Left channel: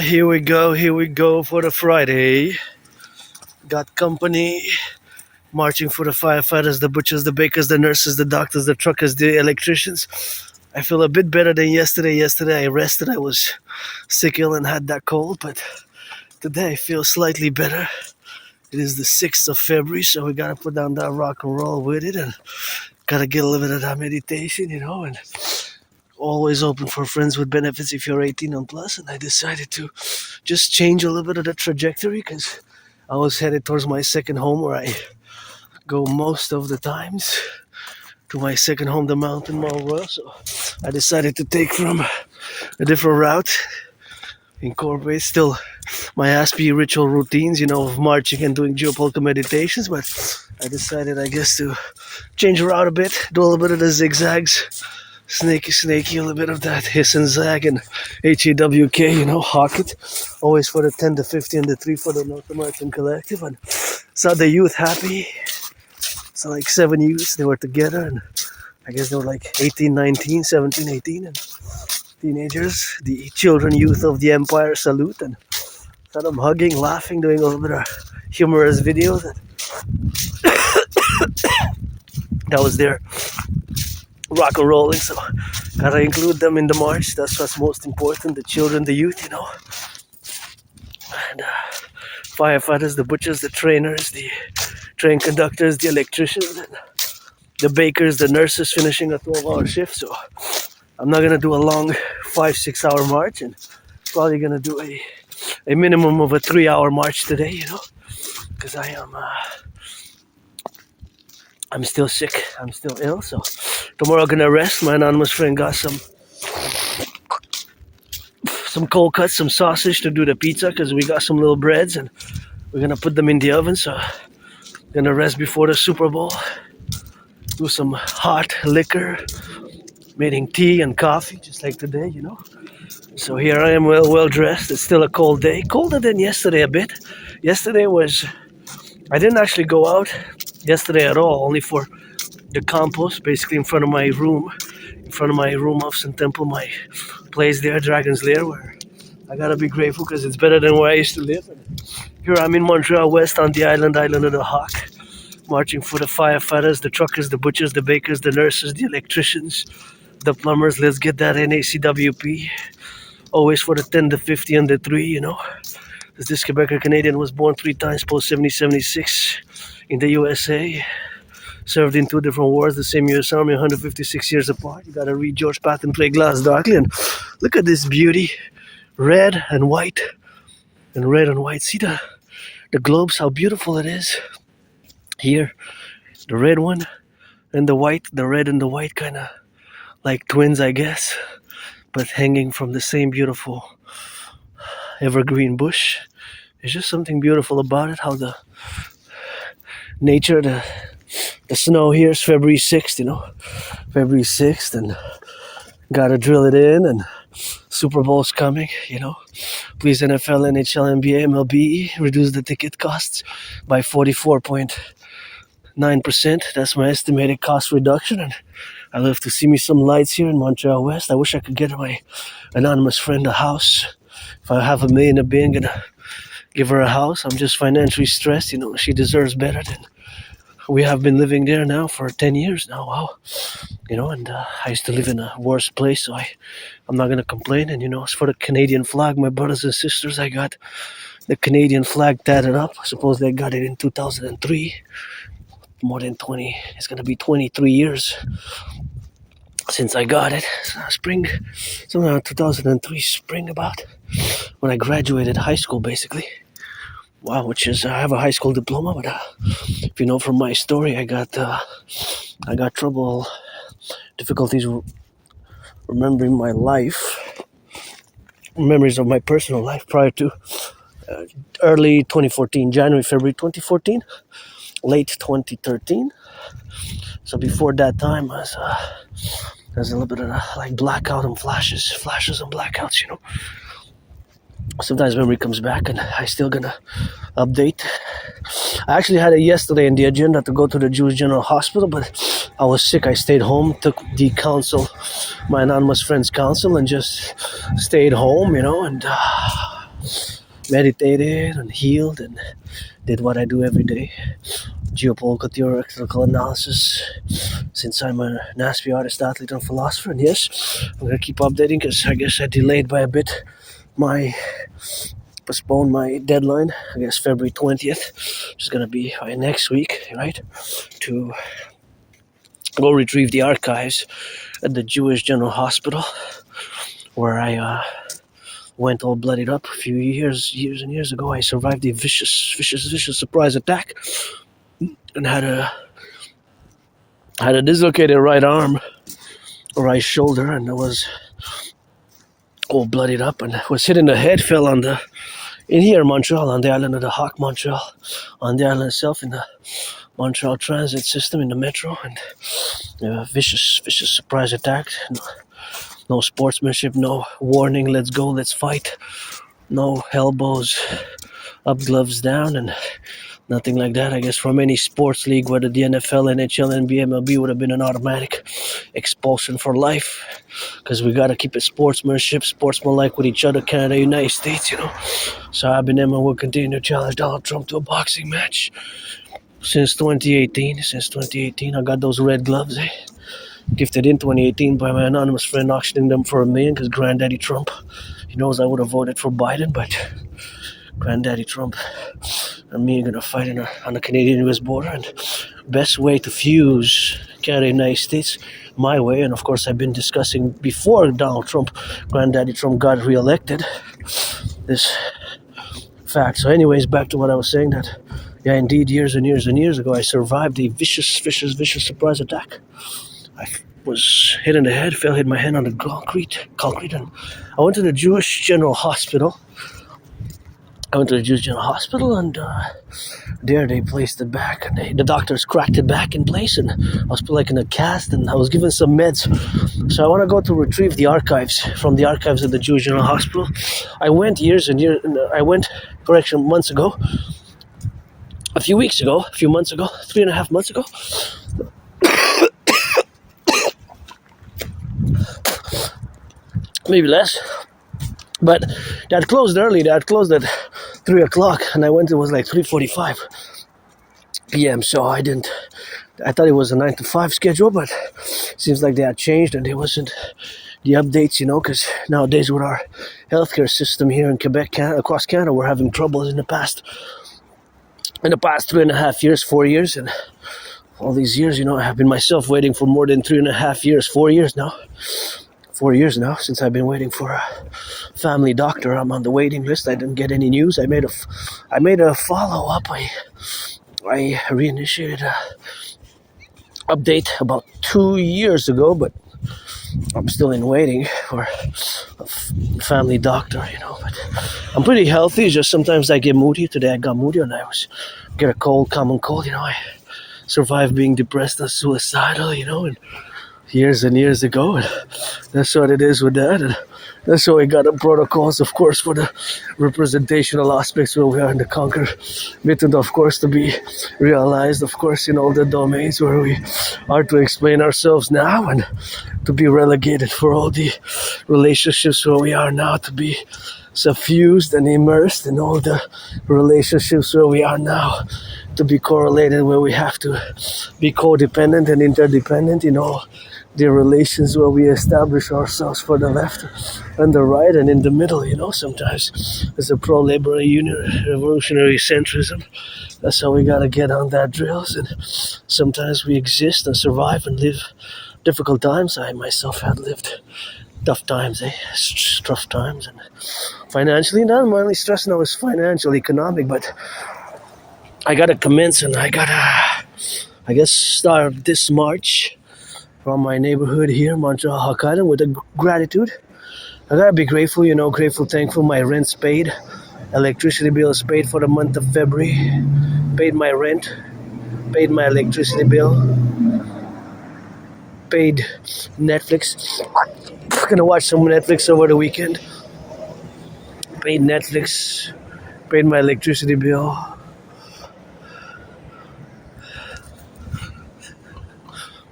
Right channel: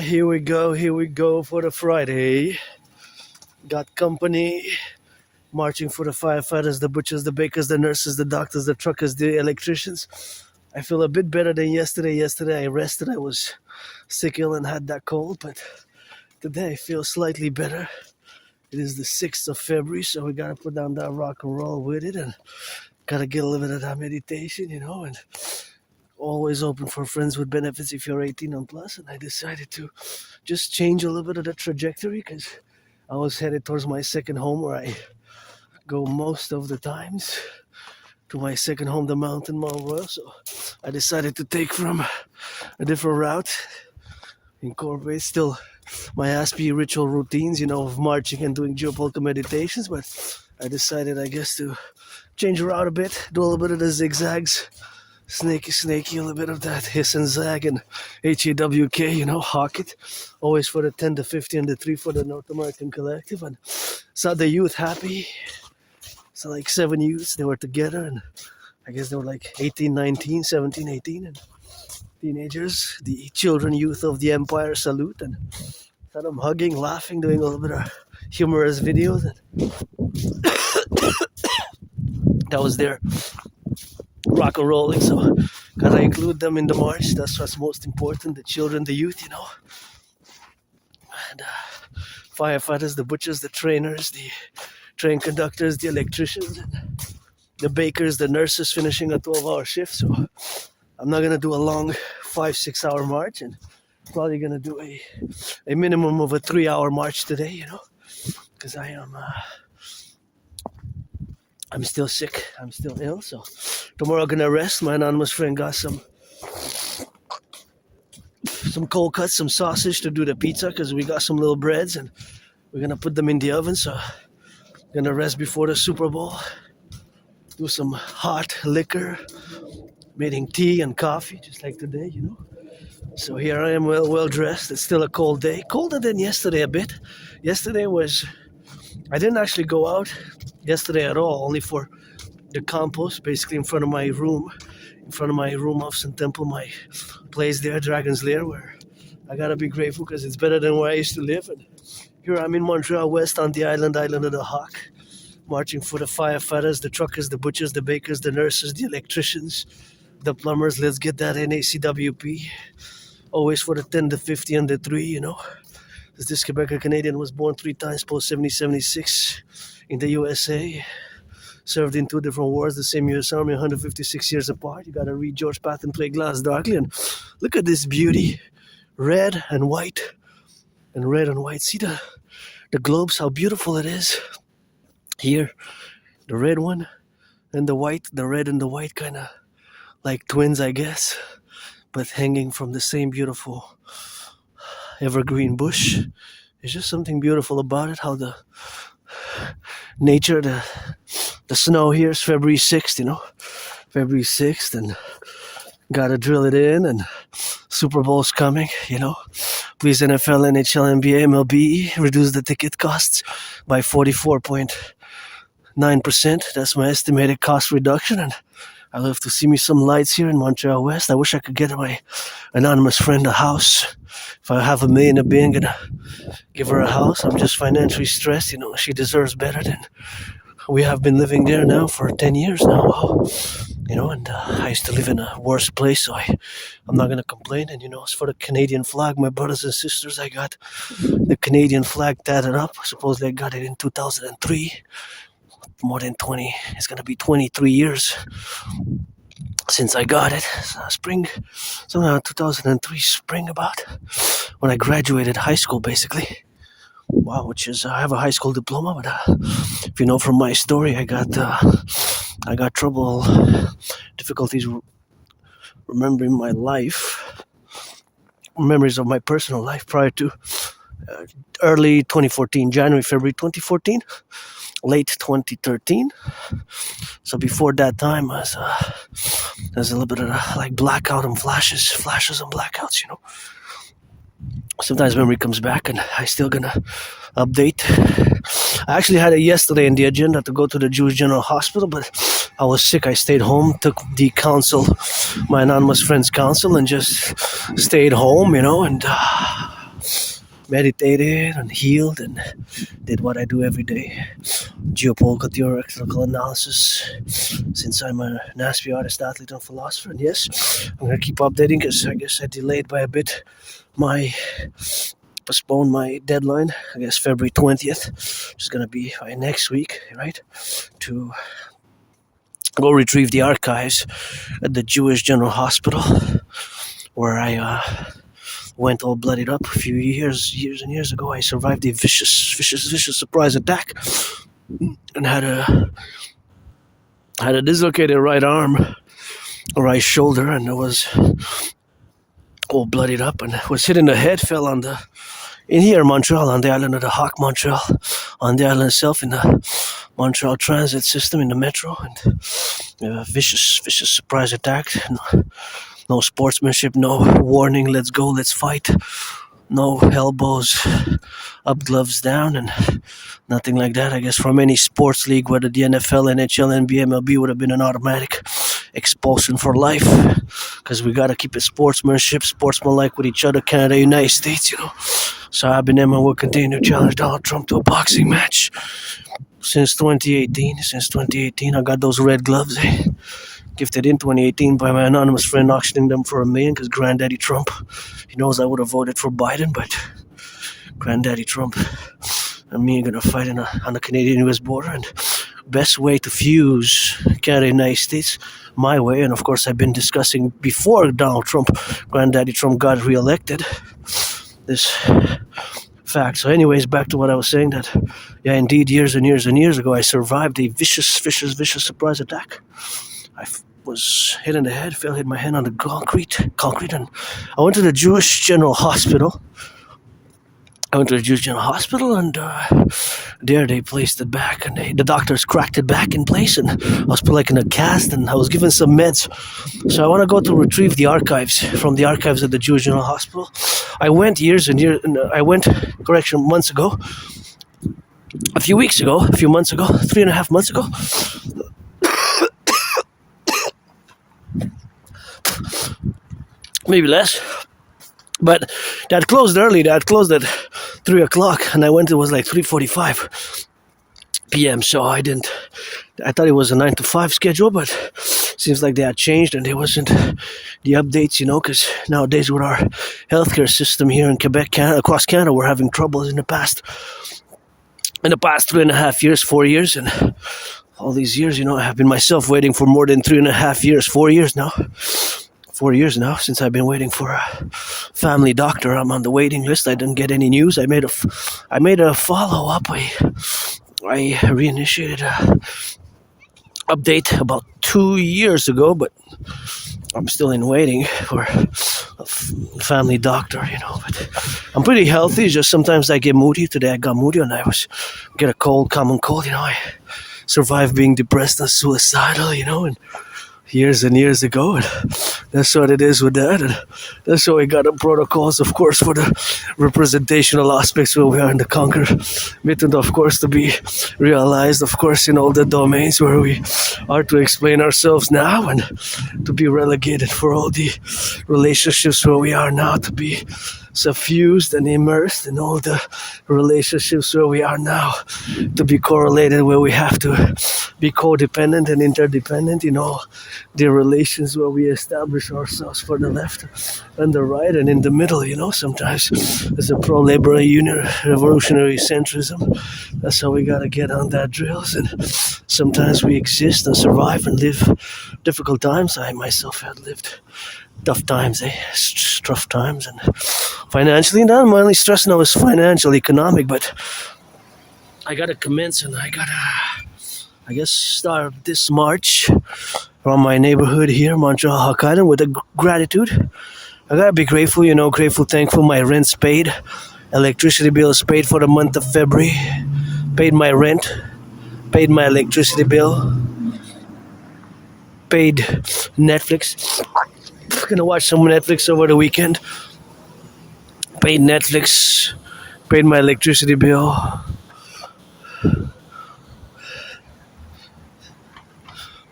Here we go for the Friday. Got company marching for the firefighters, the butchers, the bakers, the nurses, the doctors, the truckers, the electricians. I feel a bit better than yesterday. Yesterday I rested, I was sick ill and had that cold, but today I feel slightly better. It is the 6th of February, so we gotta put down that rock and roll with it and gotta get a little bit of that meditation, and always open for friends with benefits if you're 18 and plus. And I decided to just change a little bit of the trajectory because I was headed towards my second home where I go most of the times, to my second home, the mountain Royal. So I decided to take from a different route, incorporate still my Aspie ritual routines, of marching and doing geopolka meditations, but I decided, I guess, to change the route a bit, do a little bit of the zigzags, snaky, a little bit of that hiss and zag and HAWK, hawk it, always for the 10, the 50, and the 3 for the North American Collectif, and saw the youth happy. So like 7 youths, they were together, and I guess they were like 18, 19, 17, 18, and teenagers, the children, youth of the empire salute, and saw them hugging, laughing, doing a little bit of humorous videos. That was their rock and rolling, so gotta include them in the march. That's what's most important, the children, the youth, and firefighters, the butchers, the trainers, the train conductors, the electricians, and the bakers, the nurses finishing a 12-hour shift. So I'm not gonna do a long 5-6 hour march, and probably gonna do a minimum of a 3-hour march today, because I'm still sick, I'm still ill. So tomorrow I'm gonna rest. My anonymous friend got some cold cuts, some sausage to do the pizza, because we got some little breads and we're gonna put them in the oven. So I'm gonna rest before the Super Bowl, do some hot liquor, making tea and coffee just like today, So here I am, well dressed. It's still a cold day, colder than yesterday a bit. Yesterday I didn't actually go out yesterday at all, only for the compost, basically in front of my room off St. Temple, my place there, Dragon's Lair, where I gotta be grateful because it's better than where I used to live. And here I'm in Montreal West on the island of the Hawk, marching for the firefighters, the truckers, the butchers, the bakers, the nurses, the electricians, the plumbers. Let's get that NACWP. Always for the 10, the 50, and the 3, This Quebecer Canadian was born 3 times post 70-76 in the USA. Served in 2 different wars, the same US Army, 156 years apart. You gotta read George Patton Play Glass Darkly, and look at this beauty. Red and white. And red and white. See the globes, how beautiful it is. Here, the red one and the white, the red and the white kind of like twins, I guess, but hanging from the same beautiful evergreen bush. There's just something beautiful about it, how the nature, the snow here is February 6th, February 6th, and gotta drill it in, and Super Bowl's coming, Please NFL, NHL, NBA, MLB, reduce the ticket costs by 44.9%. That's my estimated cost reduction, and I love to see me some lights here in Montreal West. I wish I could get my anonymous friend a house. If I have $1 million, I'm gonna give her a house. I'm just financially stressed, she deserves better than we have been living there now for 10 years now. And I used to live in a worse place, so I'm not gonna complain. And as for the Canadian flag, my brothers and sisters, I got the Canadian flag tatted up. I suppose they got it in 2003. More than 20, it's gonna be 23 years since I got it. Spring, something around 2003 spring, about when I graduated high school, basically. Wow, which is, I have a high school diploma, but if you know from my story, I got difficulties remembering my life, memories of my personal life prior to early 2014, January, February 2014, late 2013. So before that time, there's a little bit of like blackout and flashes and blackouts, Sometimes memory comes back, and I still gonna update. I actually had it yesterday in the agenda to go to the Jewish General Hospital, but I was sick. I stayed home, took the counsel, my anonymous friend's counsel, and just stayed home, and meditated and healed and did what I do every day. Geopolitical theoretical analysis, since I'm an Aspie artist, athlete, and philosopher. And yes, I'm going to keep updating because I guess I delayed by a bit postponed my deadline, I guess February 20th, which is going to be next week, right? To go retrieve the archives at the Jewish General Hospital, where I went all bloodied up a few years and years ago. I survived a vicious surprise attack and had a dislocated right arm, or right shoulder, and I was all bloodied up and was hit in the head, fell in here in Montreal, on the island of the Hawk, Montreal, on the island itself, in the Montreal transit system, in the metro, and vicious surprise attack. No sportsmanship, no warning, let's go, let's fight, no elbows up, gloves down, and nothing like that. I guess from any sports league, whether the NFL, NHL, NBA, MLB, would have been an automatic expulsion for life, because we got to keep it sportsmanlike with each other, Canada, United States, So I've been and will continue to challenge Donald Trump to a boxing match since 2018. I got those red gloves, gifted in 2018 by my anonymous friend, auctioning them for $1 million, because Granddaddy Trump, he knows I would have voted for Biden, but Granddaddy Trump and me are going to fight on the Canadian-US border, and best way to fuse Canada and United States, my way, and of course I've been discussing before Granddaddy Trump got reelected, this fact. So anyways, back to what I was saying, that, yeah, indeed, years and years ago, I survived a vicious surprise attack. I was hit in the head, hit my head on the concrete, and I went to the Jewish General Hospital. And there they placed it back, and the doctors cracked it back in place, and I was put in a cast, and I was given some meds. So I want to go to retrieve the archives from the archives of the Jewish General Hospital. I went months ago, a few months ago, 3.5 months ago. Maybe less. But they had closed early. They had closed at 3 o'clock, and I went, it was 3:45 p.m. So I thought it was a 9 to 5 schedule, but seems like they had changed, and there wasn't the updates, because nowadays with our healthcare system here in Quebec, across Canada, we're having troubles in the past 3.5 years, 4 years, and all these years, I have been myself waiting for more than 3.5 years, 4 years now. 4 years now since I've been waiting for a family doctor. I'm on the waiting list. I didn't get any news. I made a follow-up. I reinitiated a update about 2 years ago, but I'm still in waiting for a family doctor, But I'm pretty healthy. Just sometimes I get moody. Today I got moody, and I get a common cold. I survived being depressed and suicidal, and years and years ago, and that's what it is with that, and that's why we got the protocols, of course, for the representational aspects where we are in the conquer method, of course, to be realized, of course, in all the domains where we are to explain ourselves now, and to be relegated for all the relationships where we are now, to be suffused and immersed in all the relationships where we are now, to be correlated where we have to be codependent and interdependent in all the relations where we establish ourselves for the left and the right and in the middle, sometimes there's a pro-labor revolutionary centrism. That's how we gotta get on that drills, and sometimes we exist and survive and live difficult times. I myself had lived tough times, tough times, and financially, not my only stress now is financial, economic, but I gotta commence, and I gotta, start this March from my neighborhood here, Montreal, Hawk Island, with a gratitude. I gotta be grateful, grateful, thankful. My rent's paid, electricity bill is paid for the month of February, paid my rent, paid my electricity bill, paid Netflix. I'm gonna watch some Netflix over the weekend. Paid Netflix, paid my electricity bill.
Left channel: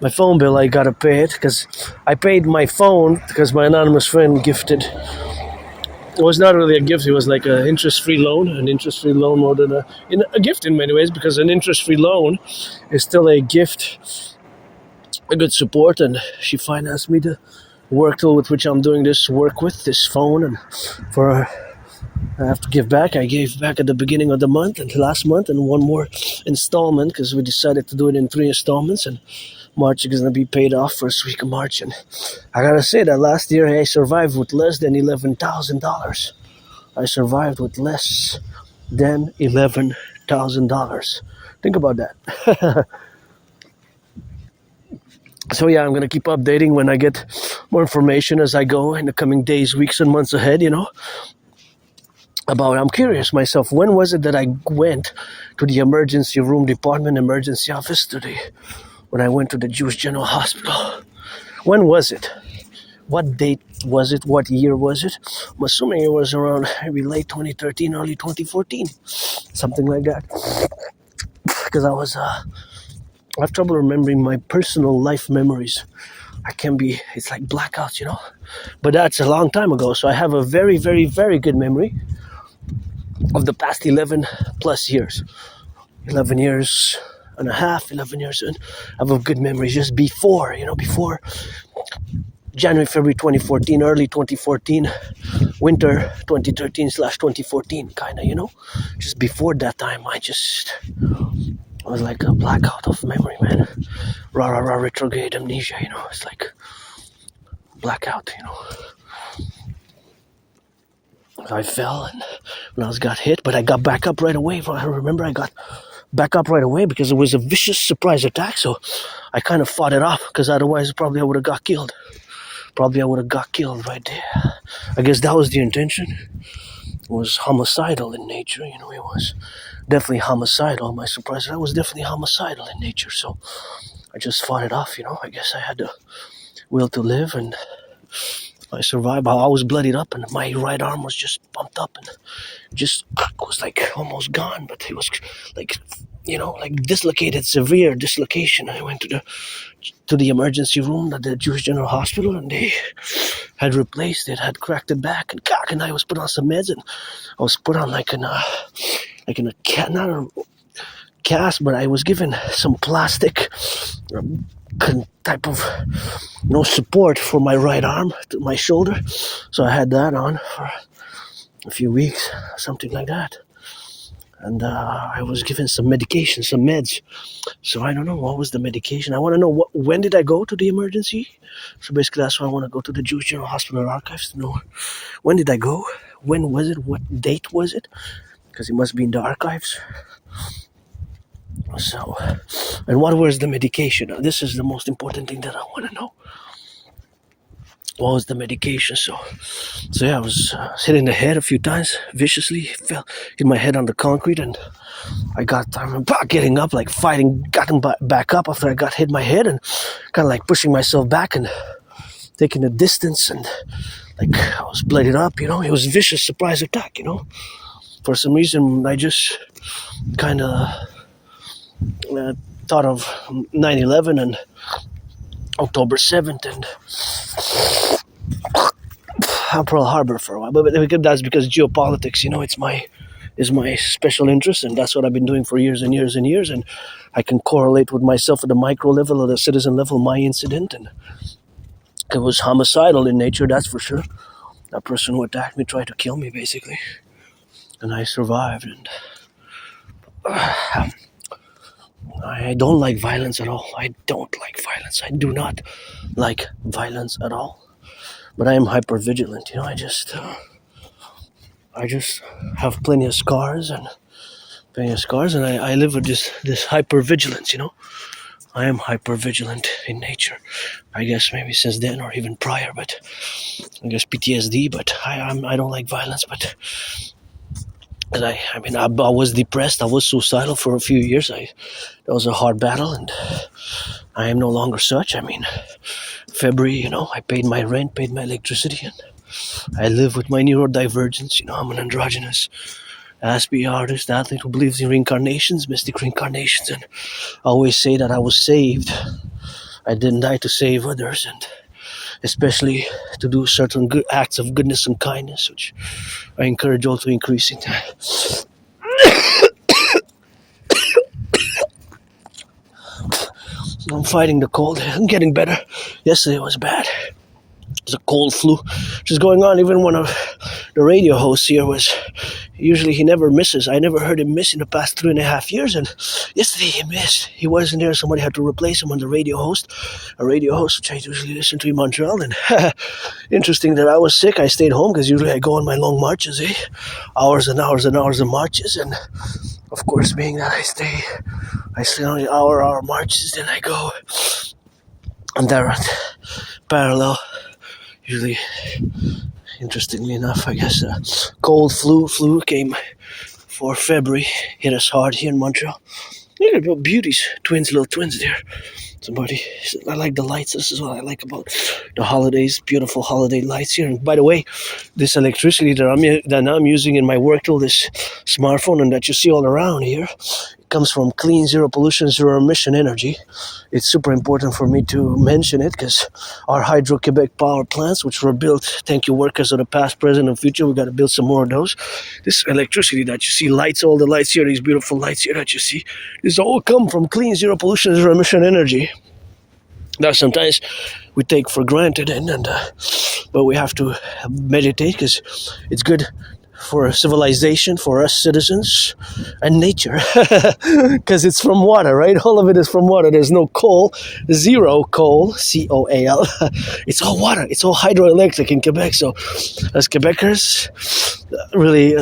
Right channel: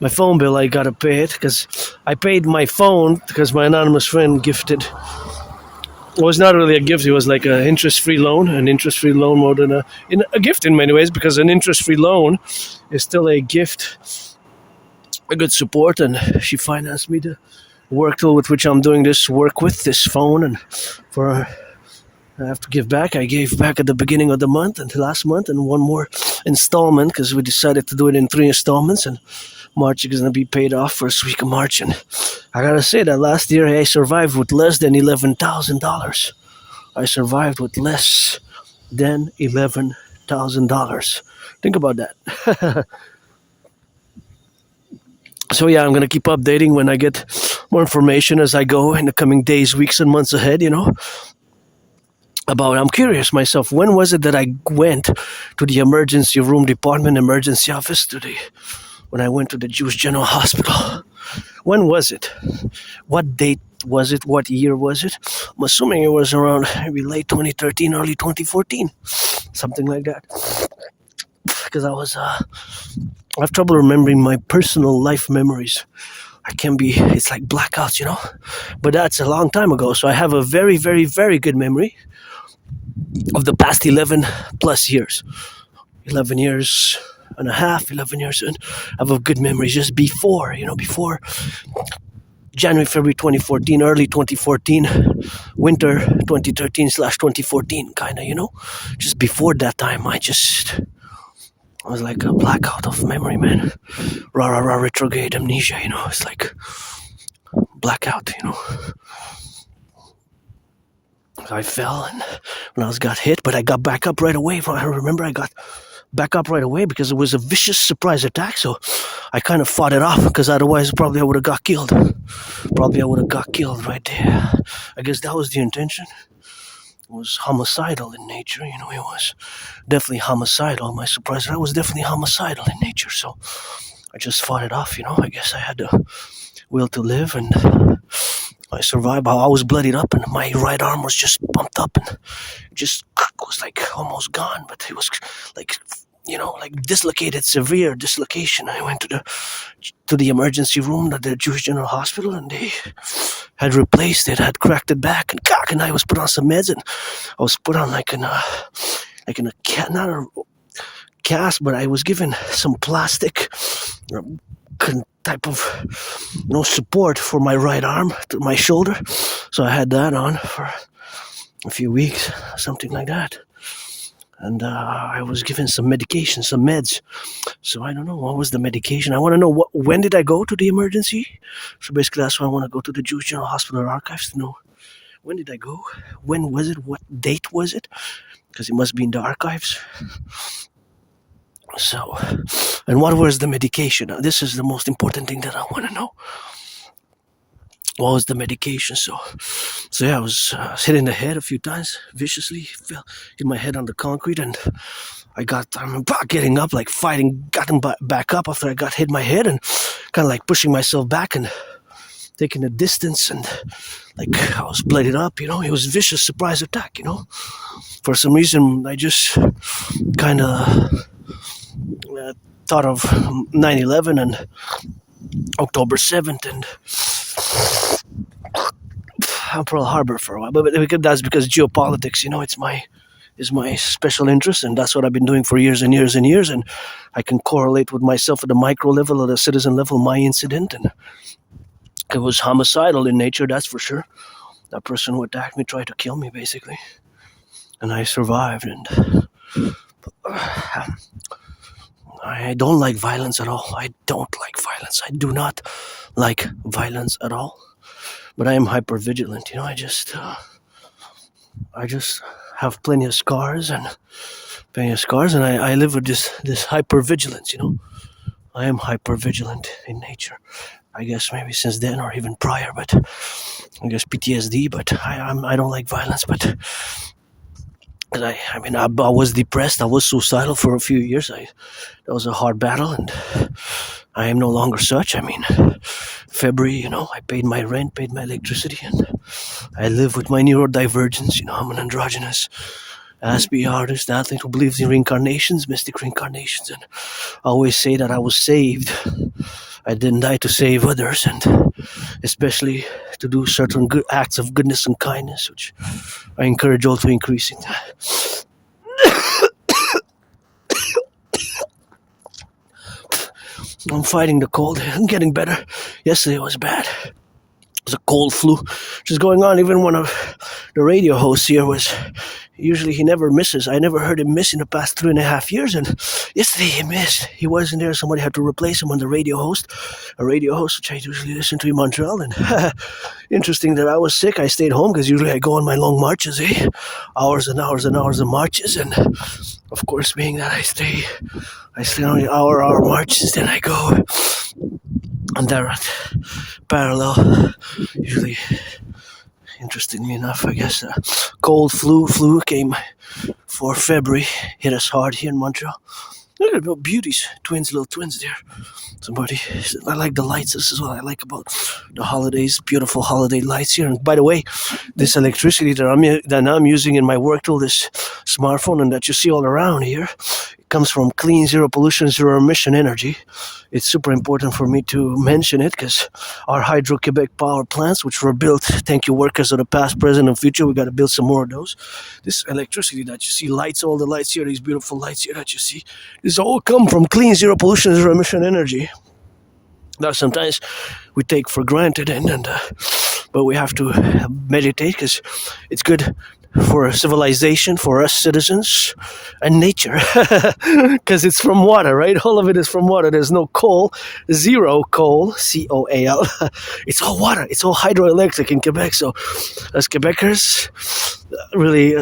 My phone bill, I gotta pay it, because I paid my phone because my anonymous friend gifted it was not really a gift. It was like an interest-free loan, more than a gift in many ways, because an interest-free loan is still a gift, a good support, and she financed me the work tool with which I'm doing this work with, this phone, and for I have to give back. I gave back at the beginning of the month and last month, and one more installment because we decided to do it in 3 installments, and March is going to be paid off first week of March. And I gotta say that last year I survived with less than $11,000. I survived with less than $11,000. Think about that. So yeah, I'm gonna keep updating when I get more information as I go in the coming days, weeks, and months ahead. I'm curious myself, when was it that I went to the emergency room department, emergency office when I went to the Jewish General Hospital? When was it? What date was it? What year was it? I'm assuming it was around maybe late 2013, early 2014, something like that. Because I have trouble remembering my personal life memories. It's like blackouts, But that's a long time ago, so I have a very, very, very good memory of the past 11 plus years. 11 years and a half, 11 years, and I have a good memory just before January, February 2014, early 2014, winter 2013/2014, kind of, Just before that time, I was like a blackout of memory, man. Retrograde amnesia, It's like blackout, I fell and when I got hit, but I got back up right away. I remember I got back up right away because it was a vicious surprise attack. So I kind of fought it off because otherwise probably I would have got killed. Probably I would have got killed right there. I guess that was the intention. It was homicidal in nature, It was definitely homicidal. My surprise attack was definitely homicidal in nature. So I just fought it off, I guess I had the will to live, and I survived. I was bloodied up, and my right arm was just bumped up and just was like almost gone, but it was like dislocated, severe dislocation. I went to the emergency room at the Jewish General Hospital, and they had replaced it, had cracked it back, and I was put on some meds, and I was put on not a cast, but I was given some plastic type of support for my right arm, to my shoulder. So I had that on for a few weeks, something like that. And I was given some medication, some meds. So I don't know, what was the medication? I want to know, when did I go to the emergency? So basically that's why I want to go to the Jewish General Hospital archives to know, when did I go? When was it? What date was it? Because it must be in the archives. So, and what was the medication? This is the most important thing that I want to know. What was the medication? So yeah, I was hit in the head a few times, viciously, hit my head on the concrete, and I remember getting up, like fighting, getting back up after I got hit my head, and kind of like pushing myself back and taking the distance, and like I was blooded up, It was a vicious surprise attack, For some reason, I just kind of thought of 9/11 and October 7th and Pearl Harbor for a while, but that's because geopolitics, is my special interest, and that's what I've been doing for years and years and years, and I can correlate with myself at the micro level, at the citizen level, my incident, and it was homicidal in nature, that's for sure. That person who attacked me tried to kill me, basically, and I survived, and I don't like violence at all. I don't like violence. I do not like violence at all. But I am hyper vigilant. I just have plenty of scars, and I live with this hyper vigilance. I am hyper vigilant in nature. I guess maybe since then or even prior, but I guess PTSD. But I don't like violence, but. I was depressed. I was suicidal for a few years. That was a hard battle, and I am no longer such. February, I paid my rent, paid my electricity, and I live with my neurodivergence. I'm an androgynous Aspie artist, athlete who believes in reincarnations, mystic reincarnations, and I always say that I was saved. I didn't die to save others, and especially to do certain good acts of goodness and kindness, which I encourage all to increase in. I'm fighting the cold. I'm getting better. Yesterday was bad. It was a cold flu, which is going on. Even one of the radio hosts here was, usually he never misses. I never heard him miss in the past 3.5 years, and yesterday he missed. He wasn't there. Somebody had to replace him on the radio host. A radio host, which I usually listen to in Montreal. And interesting that I was sick. I stayed home because usually I go on my long marches, hours and hours and hours of marches. And of course, being that I stay on the hour marches, then I go. And they're at parallel. Usually, interestingly enough, I guess cold flu came for February. Hit us hard here in Montreal. Look at little beauties, little twins there. Somebody, I like the lights. This is what I like about the holidays. Beautiful holiday lights here. And by the way, this electricity that I'm using in my work tool, this smartphone, and that you see all around here, comes from clean, zero pollution, zero emission energy. It's super important for me to mention it because our Hydro-Quebec power plants, which were built, thank you workers of the past, present, and future, we got to build some more of those. This electricity that you see, lights, all the lights here, these beautiful lights here that you see, this all come from clean, zero pollution, zero emission energy. That sometimes we take for granted, but we have to meditate because it's good for civilization, for us citizens, and nature, because it's from water, right? All of it is from water. There's no coal, zero coal, C-O-A-L. It's all water. It's all hydroelectric in Quebec. So as Quebecers, really,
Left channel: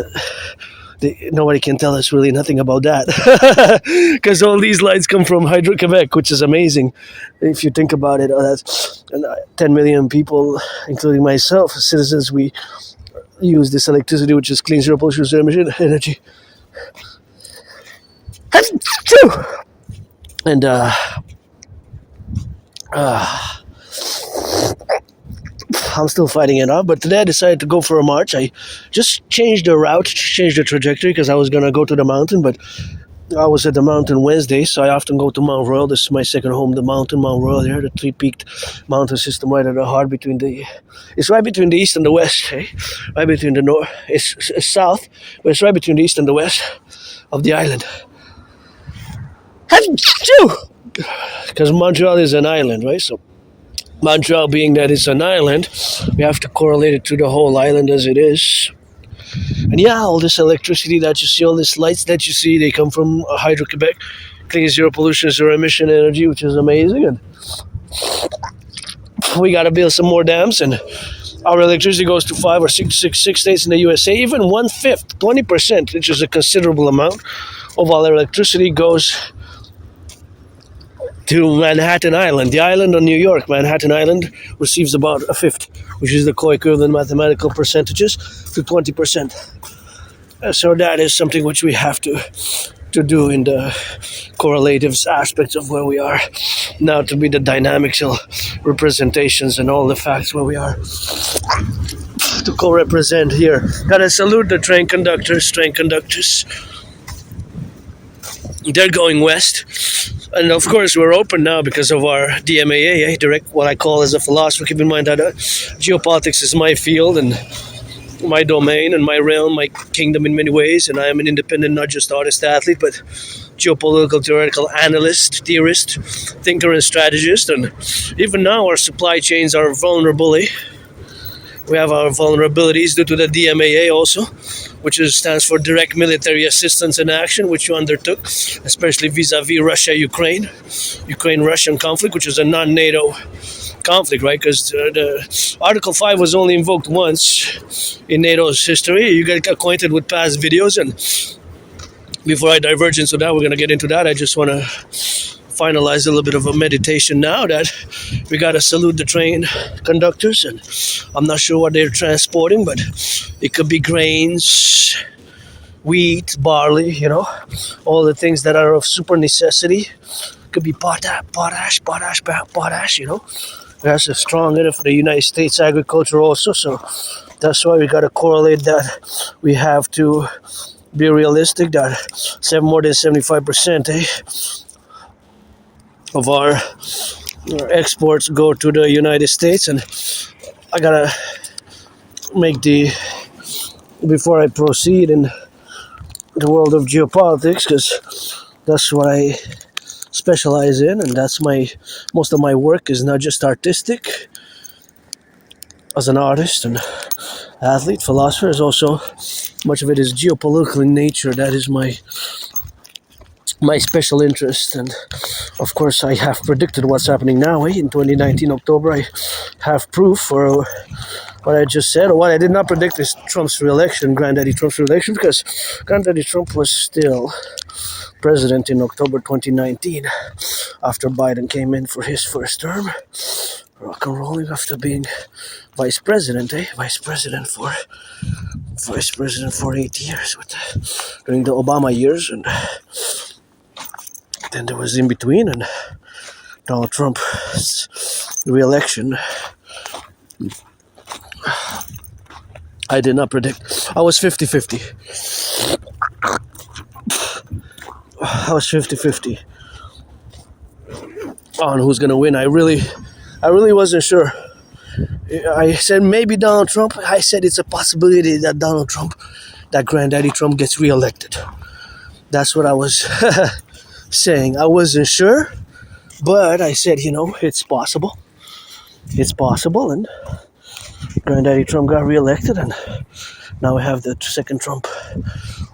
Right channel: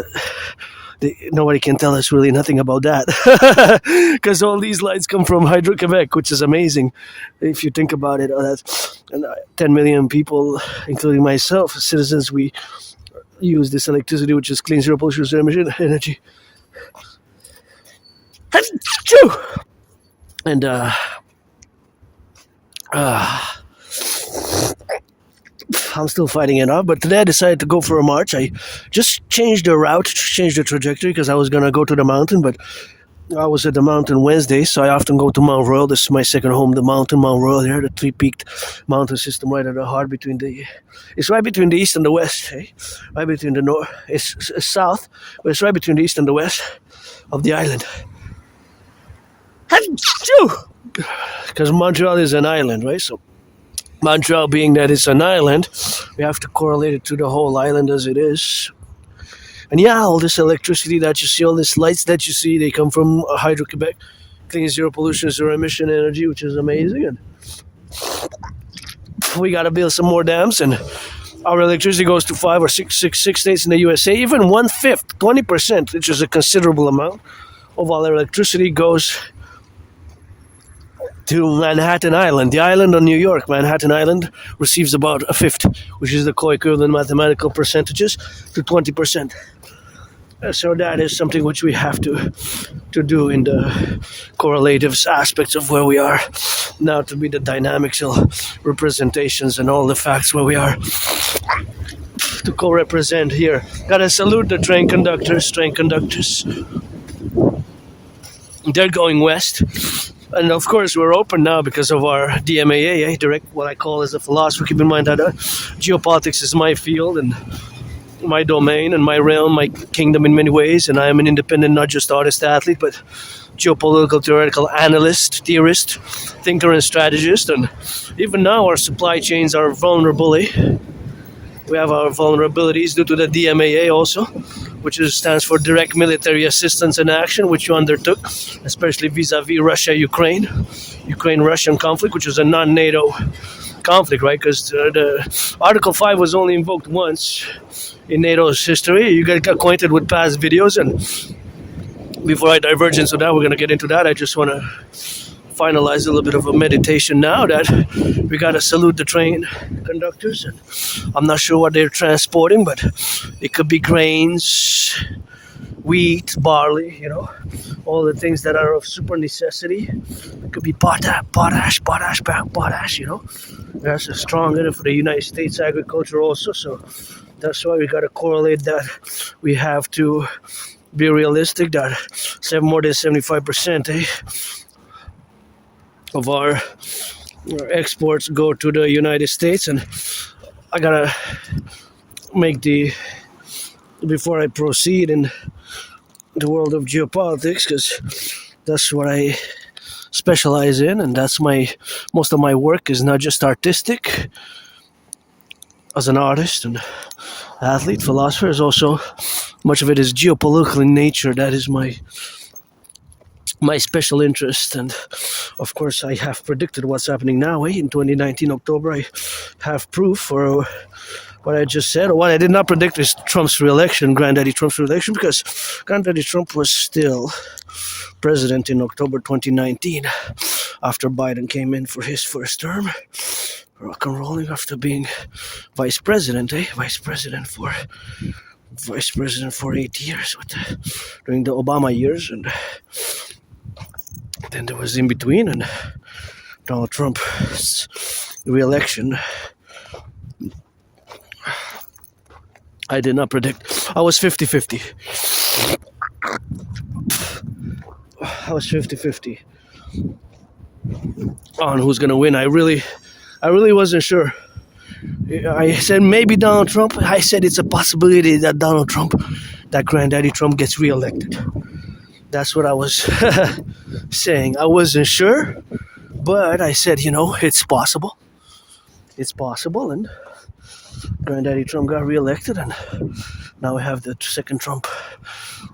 nobody can tell us really nothing about that, because all these lights come from Hydro-Quebec, which is amazing. If you think about it, that's 10 million people, including myself, citizens, we use this electricity, which is clean, zero pollution, zero emission energy. And I'm still fighting it out, but today I decided to go for a march. I just changed the route, changed the trajectory, because I was going to go to the mountain, but I was at the mountain Wednesday, so I often go to Mount Royal. This is my second home, the mountain, Mount Royal here, the three-peaked mountain system right at the heart it's right between the east and the west, right between the north, it's south, but it's right between the east and the west of the island. Because Montreal is an island, right? So Montreal being that it's an island, we have to correlate it to the whole island as it is. And yeah, all this electricity that you see, all these lights that you see, they come from Hydro-Quebec, clean, zero pollution, zero emission energy, which is amazing. And we got to build some more dams, and our electricity goes to 5 or 6 states in the USA. Even 1/5, 20%, which is a considerable amount of all electricity, goes to Manhattan Island. The island on New York, Manhattan Island, receives about 1/5, which is the co-equivalent mathematical percentages to 20%. So that is something which we have to do in the correlative aspects of where we are now, to be the dynamical representations and all the facts where we are to co-represent here. Gotta salute the train conductors. They're going west. And of course, we're open now because of our DMAA, direct, what I call as a philosopher. Keep in mind that geopolitics is my field and my domain and my realm, my kingdom in many ways. And I am an independent, not just artist, athlete, but geopolitical, theoretical analyst, theorist, thinker, and strategist. And even now, our supply chains are vulnerable. We have our vulnerabilities due to the DMAA also, which stands for Direct Military Assistance and Action, which you undertook, especially vis-a-vis Russia-Ukrainian conflict, which was a non-NATO conflict, right? Because the Article 5 was only invoked once in NATO's history. You get acquainted with past videos, and before I diverge into that, we're going to get into that. I just want to finalize a little bit of a meditation now that we got to salute the train conductors. And I'm not sure what they're transporting, but it could be grains, wheat, barley, all the things that are of super necessity. It could be potash, That's a strong area for the United States agriculture also. So that's why we got to correlate that. We have to be realistic that more than 75%, of our exports go to the United States, and I gotta make before I proceed in the world of geopolitics, because that's what I specialize in, and that's most of my work is not just artistic. As an artist and athlete, philosopher, is also much of it is geopolitical in nature. That is my special interest, and of course I have predicted what's happening now. In 2019 October, I have proof for what I just said. What I did not predict is Trump's re-election, Granddaddy Trump's re-election, because Granddaddy Trump was still president in October 2019 after Biden came in for his first term, rock and rolling after being vice president for 8 years during the Obama years, and then there was in between, and Donald Trump's re-election. I did not predict. I was 50-50. I was 50-50 on who's gonna win. I really wasn't sure. I said maybe Donald Trump. I said it's a possibility that that Granddaddy Trump gets re-elected. That's what I was saying. I wasn't sure, but I said, it's possible. It's possible, and Granddaddy Trump got re-elected, and now we have the second Trump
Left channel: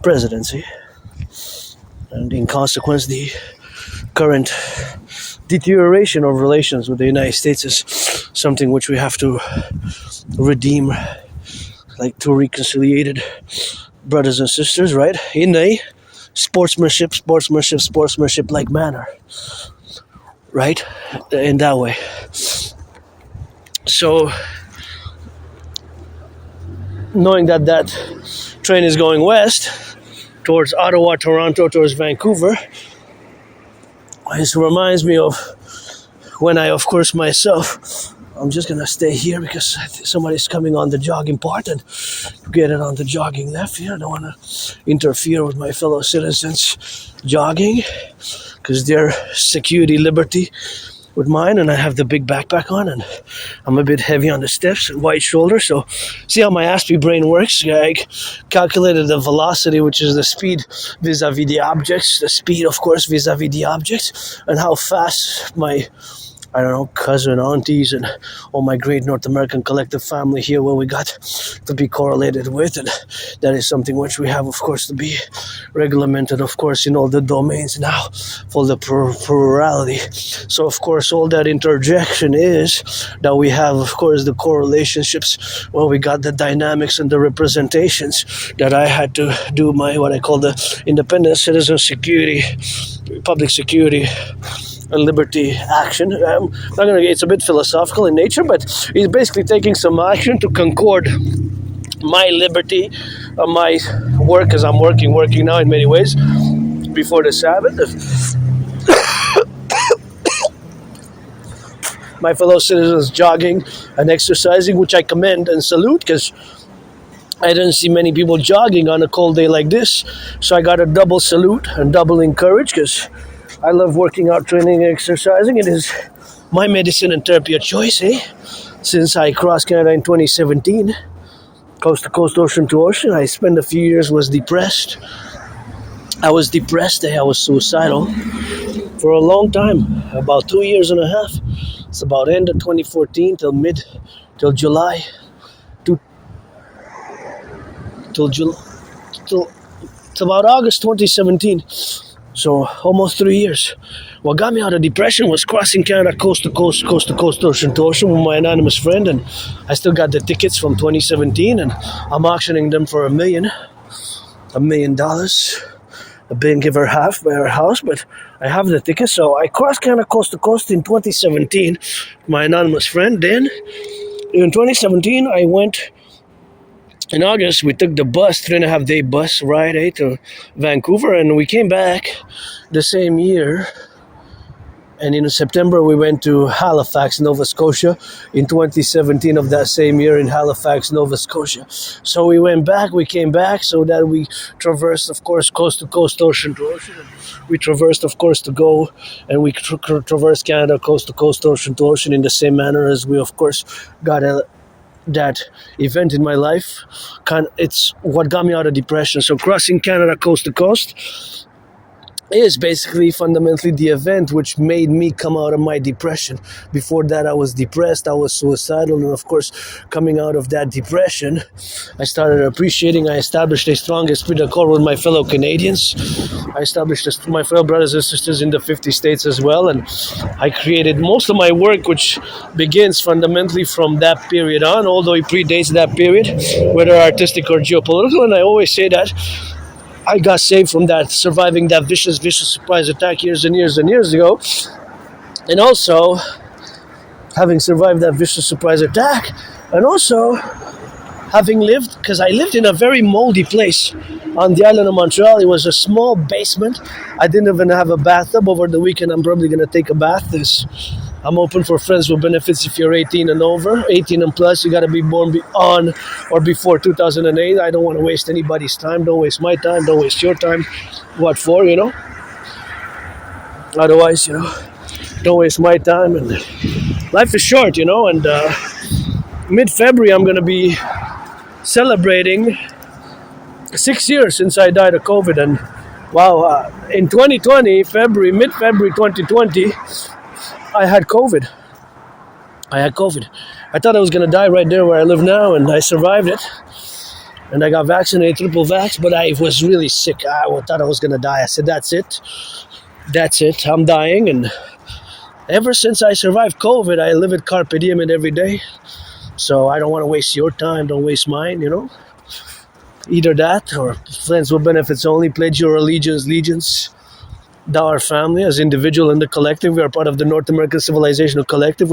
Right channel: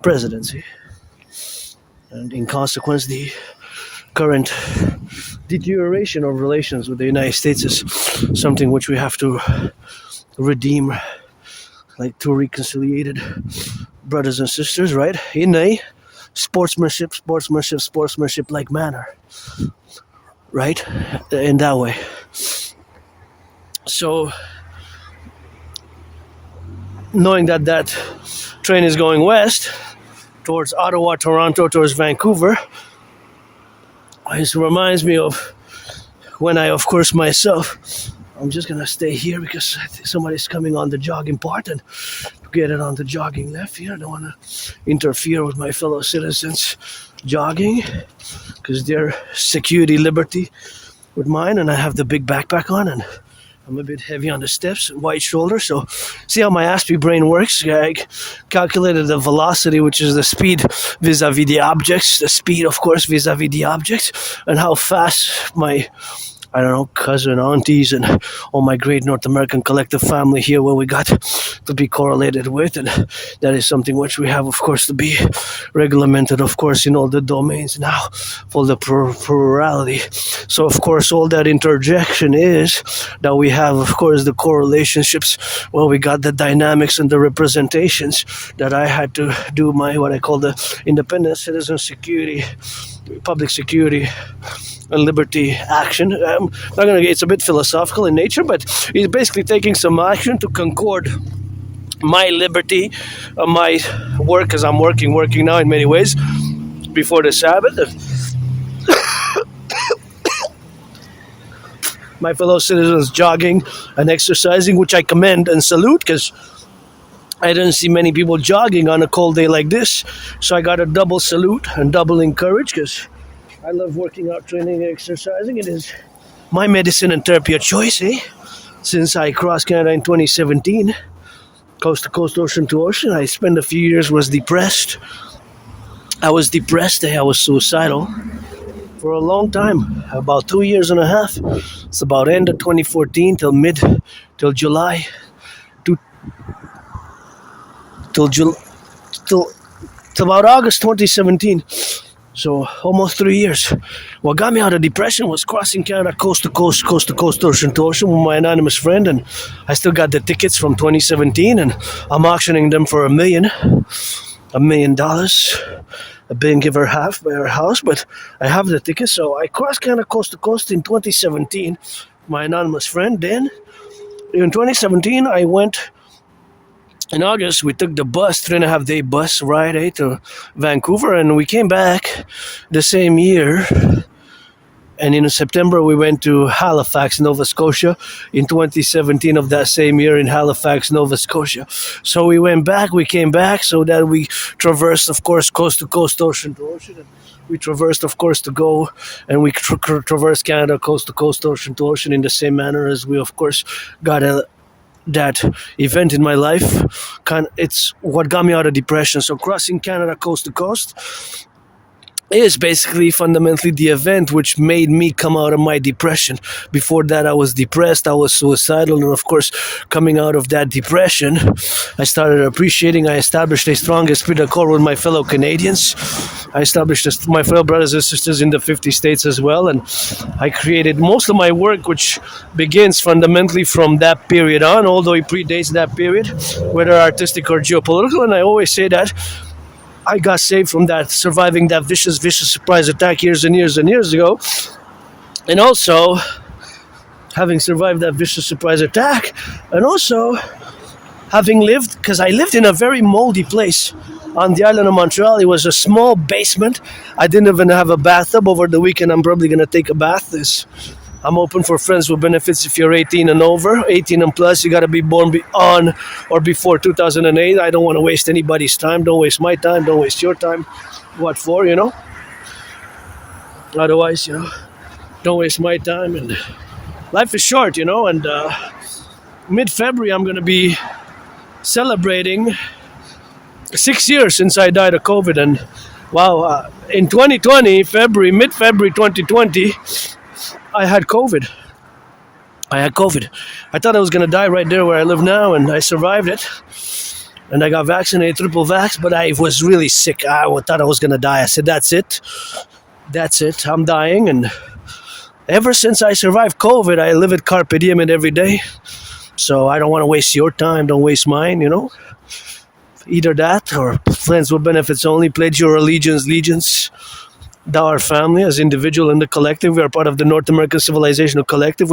presidency. And in consequence, the current deterioration of relations with the United States is something which we have to redeem, like two reconciliated brothers and sisters, right? In a sportsmanship-like manner, right? In that way. So, knowing that train is going west, towards Ottawa, Toronto, towards Vancouver, it reminds me of when I, of course, myself, I'm just going to stay here because somebody's coming on the jogging part and get it on the jogging left here. I don't want to interfere with my fellow citizens jogging because their security, liberty with mine, and I have the big backpack on, and I'm a bit heavy on the steps and wide shoulders. So see how my Aspie brain works? I calculated the velocity, which is the speed vis-a-vis the objects, the speed, of course, vis-a-vis the objects, and how fast my cousin, aunties, and all my great North American collective family here, where we got to be correlated with, and that is something which we have, of course, to be regulated, of course, in all the domains now for the plurality. So, of course, all that interjection is that we have, of course, the correlationships. Well, we got the dynamics and the representations that I had to do my what I call the independent citizen security, public security, and liberty action. It's a bit philosophical in nature, but he's basically taking some action to concord my liberty, my work, as I'm working now in many ways, before the Sabbath. My fellow citizens jogging and exercising, which I commend and salute, because I didn't see many people jogging on a cold day like this. So I got a double salute and double encourage, because I love working out, training, and exercising. It is my medicine and therapy of choice, Since I crossed Canada in 2017, coast to coast, ocean to ocean, I spent a few years, was depressed. I was suicidal for a long time, about 2 years and a half. It's about end of 2014 till July, till about August 2017. So almost 3 years. What got me out of depression was crossing Canada coast to coast, ocean to ocean with my anonymous friend, and I still got the tickets from 2017, and I'm auctioning them for $1 million. I didn't give her half by her house, but I have the tickets. So I crossed Canada coast to coast in 2017, my anonymous friend. Then in 2017, I went. In August, we took the bus, 3.5-day bus ride to Vancouver, and we came back the same year. And in September, we went to Halifax, Nova Scotia, in 2017 of that same year in Halifax, Nova Scotia. So we went back, we came back, so that we traversed, of course, coast to coast, ocean to ocean. We traversed, of course, to go, and we traversed Canada, coast to coast, ocean to ocean, in the same manner as we, of course, got that event in my life. It's what got me out of depression. So crossing Canada coast to coast is basically fundamentally the event which made me come out of my depression. Before that, I was depressed, I was suicidal, and of course, coming out of that depression, I started appreciating. I established a strong esprit de corps with my fellow Canadians. I established my fellow brothers and sisters in the 50 states as well, and I created most of my work, which begins fundamentally from that period on, although it predates that period, whether artistic or geopolitical. And I always say that I got saved from that, surviving that vicious surprise attack years and years and years ago. And also, having survived that vicious surprise attack, and also having lived, because I lived in a very moldy place on the island of Montreal. It was a small basement. I didn't even have a bathtub. Over the weekend, I'm probably going to take a bath. I'm open for friends with benefits if you're 18 and over. 18 and plus, you got to be born on or before 2008. I don't want to waste anybody's time. Don't waste my time. Don't waste your time. What for, Otherwise, don't waste my time. And life is short, and mid-February, I'm going to be celebrating 6 years since I died of COVID. And wow, in 2020, mid-February 2020, I had COVID. I thought I was going to die right there where I live now, and I survived it. And I got vaccinated, triple vax, but I was really sick. I thought I was going to die. I said, that's it. I'm dying. And ever since I survived COVID, I live at carpe diem every day. So I don't want to waste your time. Don't waste mine, Either that or friends with benefits only. Pledge your allegiance. Thou our family, as individual and the collective. We are part of the North American Civilizational Collective,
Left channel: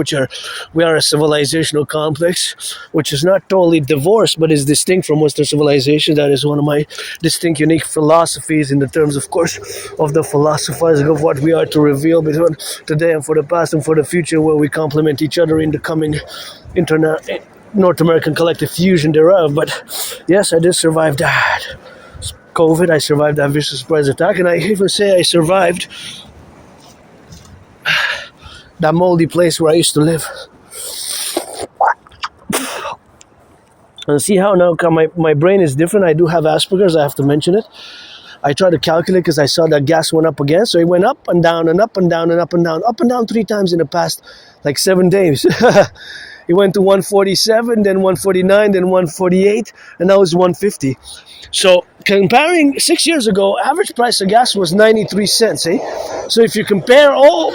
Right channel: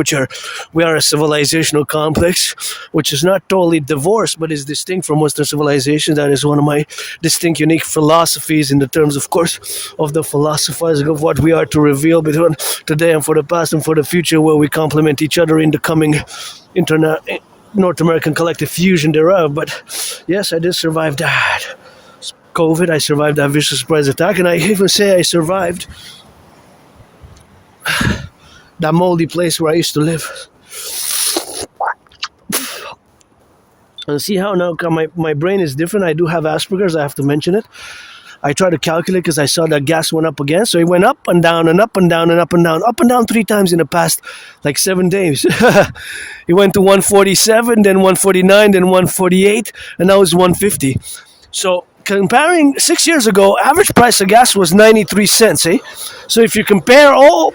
we are a civilizational complex, which is not totally divorced, but is distinct from Western civilization. That is one of my distinct, unique philosophies in the terms, of course, of the philosophizing of what we are to reveal between today and for the past and for the future, where we complement each other in the coming North American collective fusion thereof. But yes, I did survive that. COVID, I survived that vicious surprise attack, and I even say I survived that moldy place where I used to live. And see how now my brain is different. I do have Asperger's, I have to mention it. I tried to calculate because I saw that gas went up again. So it went up and down and up and down and up and down, 3 times in the past 7 days. It went to 147, then 149, then 148, and now it's 150. So comparing 6 years ago, average price of gas was 93 cents. So if you compare all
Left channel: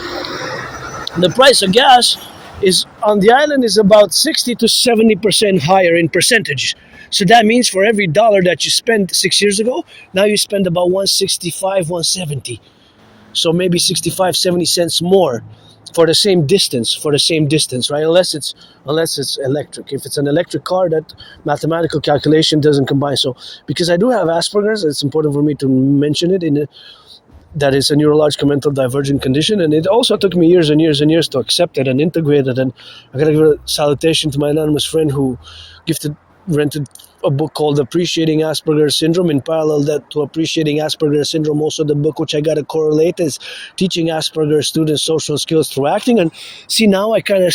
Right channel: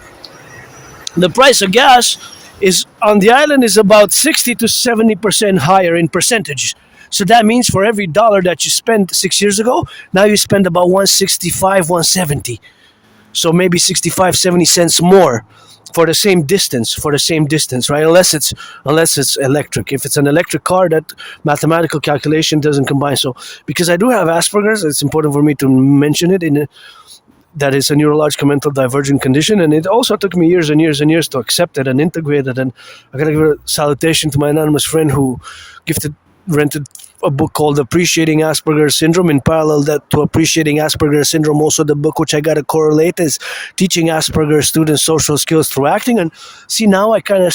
the price of gas is on the island is about 60 to 70% higher in percentage. So that means for every dollar that you spent 6 years ago, now you spend about 165, 170. So maybe 65, 70 cents more for the same distance, right? Unless it's electric. If it's an electric car, that mathematical calculation doesn't combine. So because I do have Asperger's, it's important for me to mention it that it's a neurological mental divergent condition, and it also took me years and years and years to accept it and integrate it. And I gotta give a salutation to my anonymous friend who rented a book called Appreciating Asperger's Syndrome. In parallel to Appreciating Asperger's Syndrome, also the book which I got to correlate is Teaching Asperger's Students Social Skills Through Acting. And see, now I kind of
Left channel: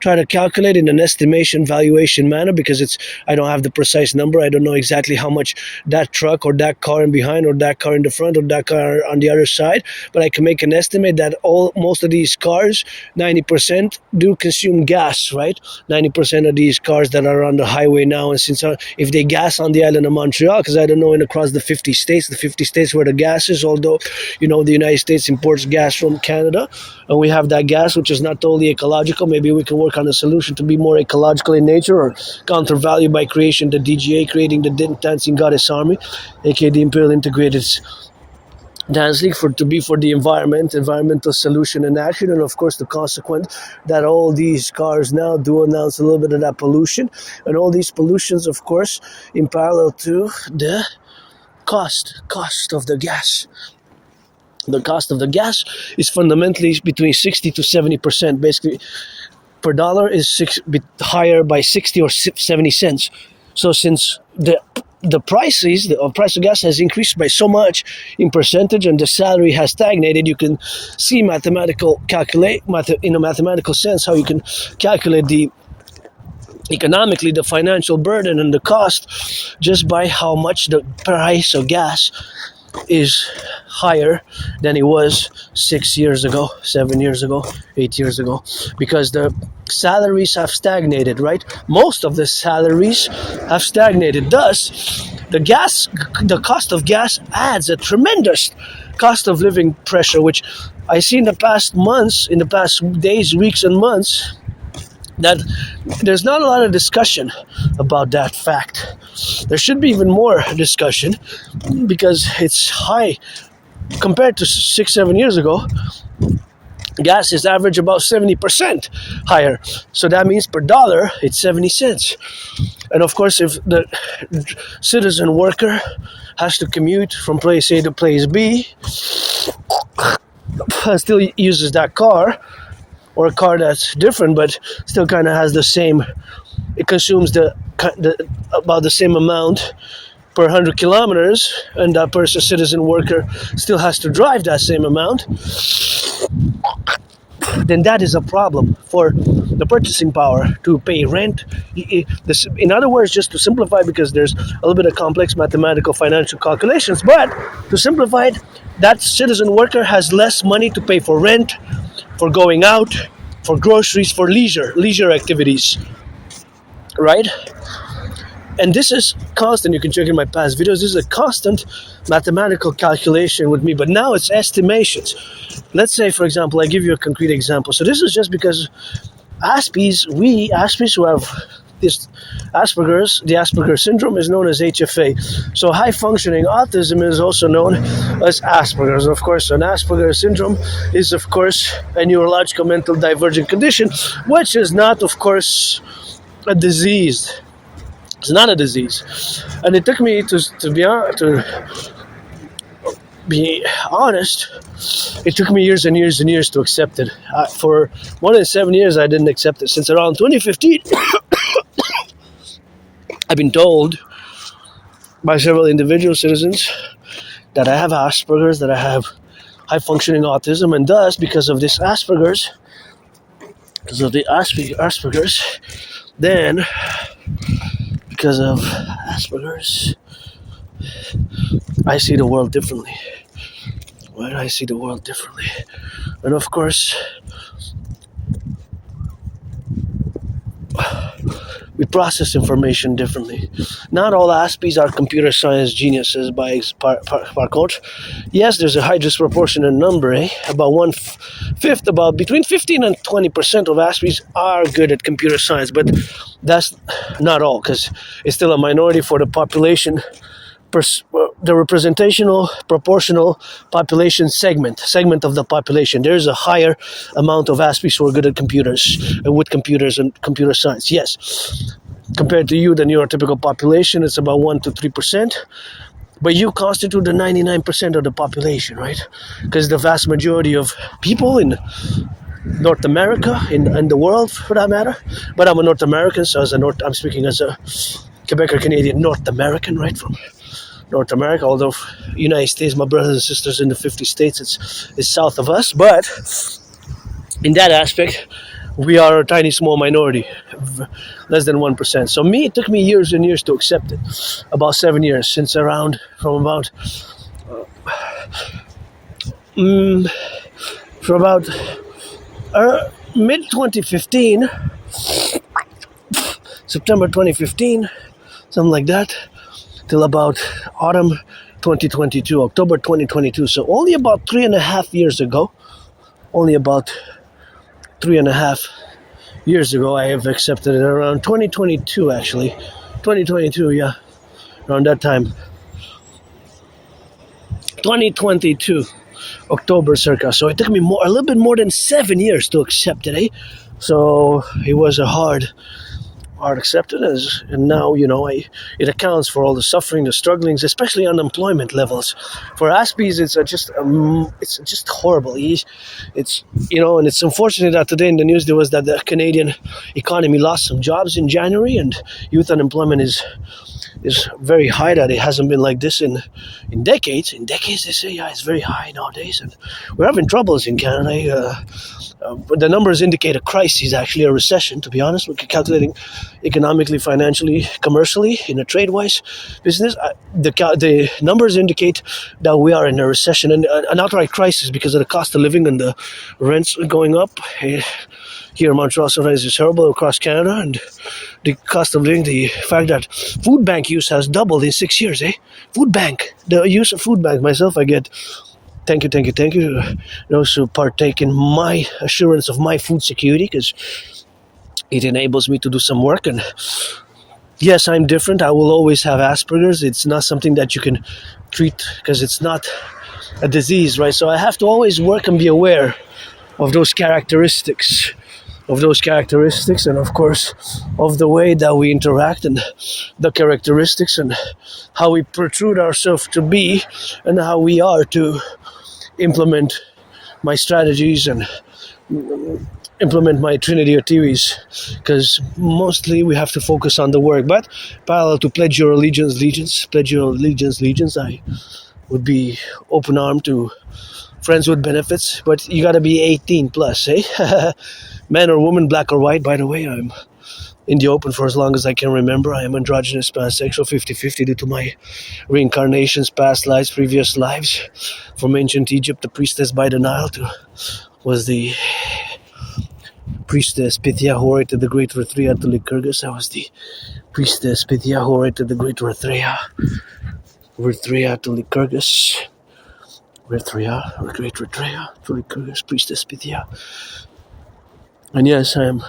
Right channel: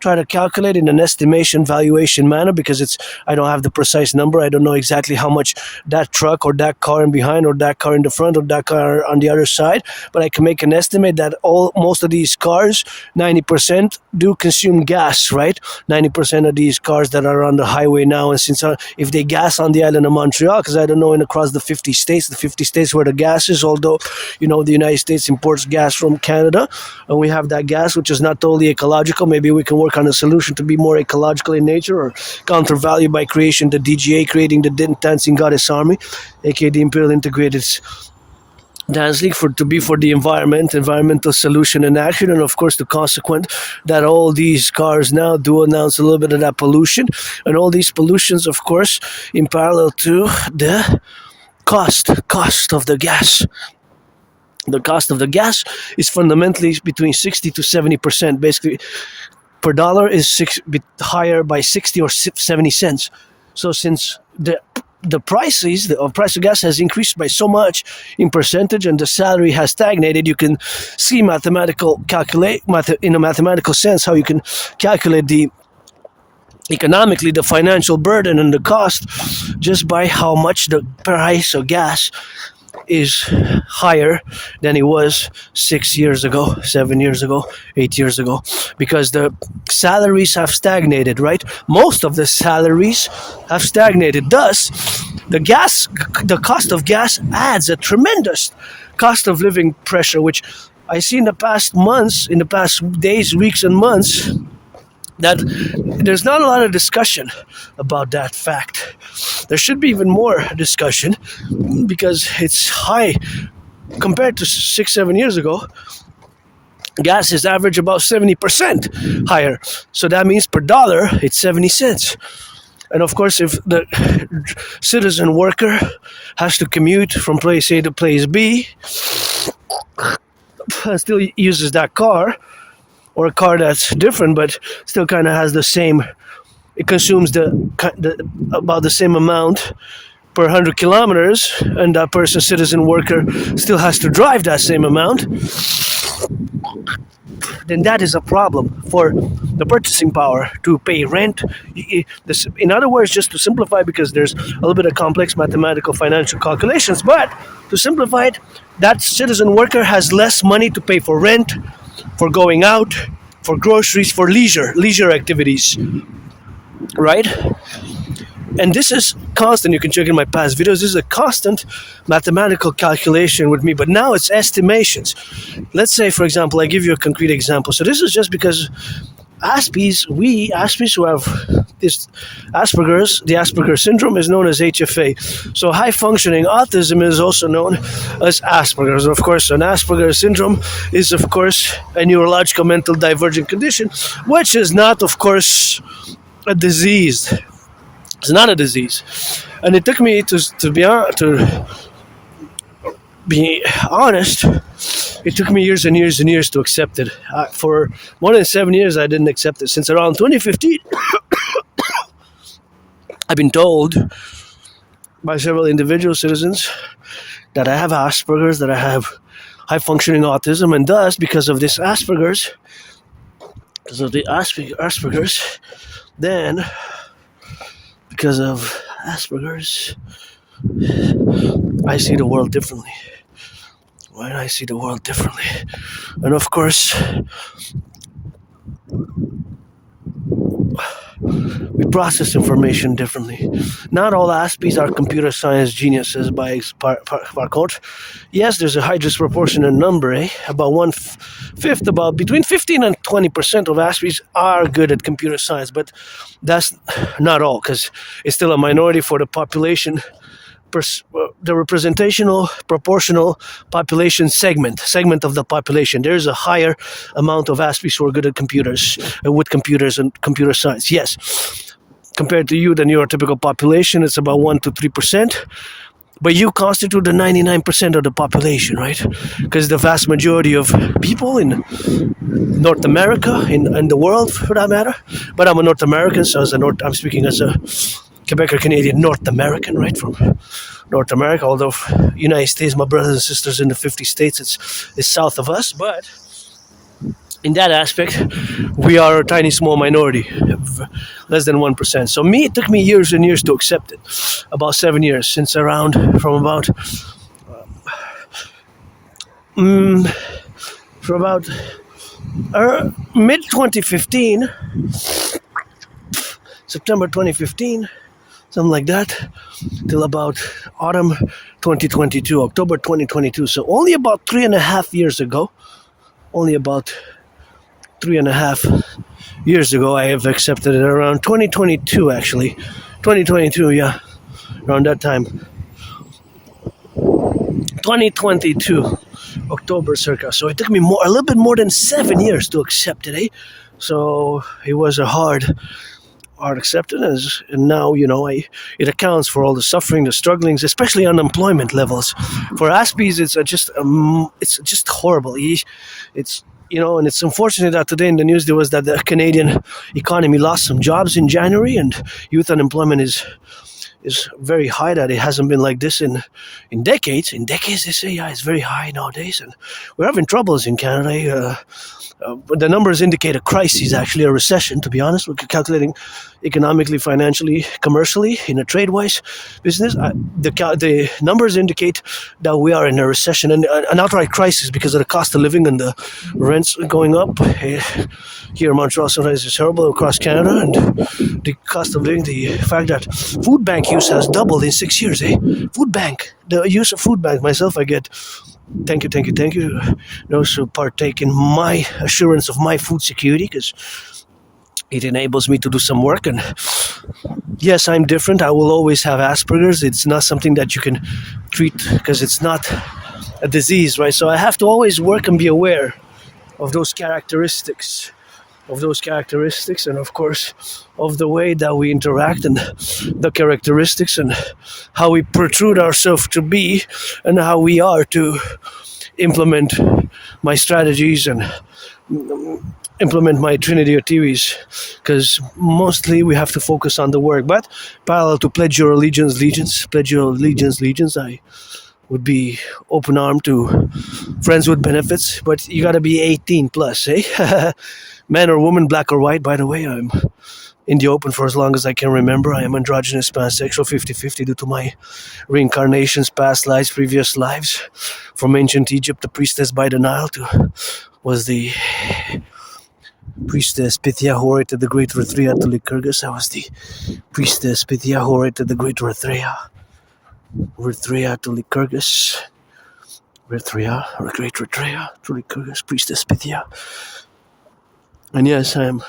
try to calculate in an estimation valuation manner, because I don't have the precise number. I don't know exactly how much that truck or that car in behind or that car in the front or that car on the other side, but I can make an estimate that most of these cars, 90% do consume gas, right? 90% of these cars that are on the highway now, and since if they gas on the island of Montreal, because I don't know across the 50 states where the gas is, although, the United States imports gas from Canada, and we have that gas, which is not totally ecological. Maybe we can work on a solution to be more ecological in nature, or counter value by creation, the DGA, creating the Dancing Goddess Army, aka the Imperial Integrated Dance League, for the environmental solution and action. And of course the consequent that all these cars now do announce a little bit of that pollution, and all these pollutions, of course, in parallel to the cost of the gas. The cost of the gas is fundamentally between 60 to 70%. Basically, per dollar is higher by 60 or 70 cents. So since the price of gas has increased by so much in percentage and the salary has stagnated, you can see in a mathematical sense how you can calculate economically the financial burden and the cost just by how much the price of gas is higher than it was 6 years ago, 7 years ago, 8 years ago, because the salaries have stagnated, right? Most of the salaries have stagnated. Thus, the cost of gas adds a tremendous cost of living pressure, which I see in the past days, weeks, and months, that there's not a lot of discussion about that fact. There should be even more discussion because it's high compared to 6-7 years ago. Gas is average about 70% higher. So that means per dollar, it's 70 cents. And of course, if the citizen worker has to commute from place A to place B and still uses that car, or a car that's different but still kind of has the same, it consumes about the same amount per 100 kilometers, and that person, citizen worker, still has to drive that same amount, then that is a problem for the purchasing power to pay rent. In other words, just to simplify, because there's a little bit of complex mathematical financial calculations, but to simplify it, that citizen worker has less money to pay for rent, for going out, for groceries, for leisure activities, right? And this is constant. You can check in my past videos. This is a constant mathematical calculation with me, but now it's estimations. Let's say, for example, I give you a concrete example. So this is just because Aspies who have this Asperger's, the Asperger syndrome is known as HFA. So high functioning autism is also known as Asperger's. Of course, an Asperger syndrome is, of course, a neurological mental divergent condition, which is not, of course, a disease. It's not a disease. And it took me to be honest, it took me years and years and years to accept it. For more than 7 years, I didn't accept it. Since around 2015, I've been told by several individual citizens that I have Asperger's, that I have high-functioning autism, and thus, because of the Asperger's, then, because of Asperger's, I see the world differently. Right? I see the world differently. And of course, we process information differently. Not all Aspies are computer science geniuses by contre. Yes, there's a high disproportionate number, about one-fifth, about between 15 and 20% of Aspies are good at computer science, but that's not all, because it's still a minority for the population, the representational proportional population segment of the population. There's a higher amount of Aspies who are good at computers, with computers and computer science. Yes, compared to you, the neurotypical population, it's about 1 to 3%. But you constitute the 99% of the population, right? Because the vast majority of people in North America, in the world for that matter, but I'm a North American, so I'm speaking as a Quebec or Canadian North American, right, from North America, although United States, my brothers and sisters in the 50 states, it's south of us, but in that aspect, we are a tiny small minority, less than 1%. So it took me years and years to accept it, about 7 years, from about mid-2015, September 2015, something like that, till about autumn 2022, October 2022. So only about 3.5 years ago, I have accepted it, around 2022 actually. 2022, yeah, around that time. 2022, October circa. So it took me a little bit more than 7 years to accept it, So it was a hard are accepted as, and now it accounts for all the suffering, the strugglings, especially unemployment levels. For Aspies, it's just horrible. It's and it's unfortunate that today in the news there was that the Canadian economy lost some jobs in January, and youth unemployment is very high. That it hasn't been like this in decades. In decades, they say, yeah, it's very high nowadays, and we're having troubles in Canada. The numbers indicate a crisis, actually a recession. To be honest, we're calculating economically, financially, commercially, in a trade-wise business. The numbers indicate that we are in a recession and an outright crisis because of the cost of living and the rents going up. Here in Montreal, sometimes it's terrible across Canada, and the cost of living, the fact that food bank use has doubled in 6 years. Food bank, the use of food bank. Myself, I get thank you those who partake in my assurance of my food security, because it enables me to do some work. And yes, I'm different. I will always have Asperger's. It's not something that you can treat because it's not a disease, right? So I have to always work and be aware of those characteristics, and of course of the way that we interact, and the characteristics, and how we protrude ourselves to be, and how we are to implement my strategies and implement my trinity of theories, because mostly we have to focus on the work. But parallel to pledge your allegiance, I would be open armed to friends with benefits, but you gotta be 18 plus, man or woman, black or white. By the way, I'm in the open for as long as I can remember. I am androgynous, pansexual, 50-50 due to my reincarnations, past lives, previous lives. From ancient Egypt, the priestess by the Nile was the priestess Pythia Hore to the great Rithria to Lycurgus. I was the priestess Pythia Hore to the great Rithria to Lycurgus. Rithria, or great Rithria to Lycurgus, priestess Pythia. And yes, I am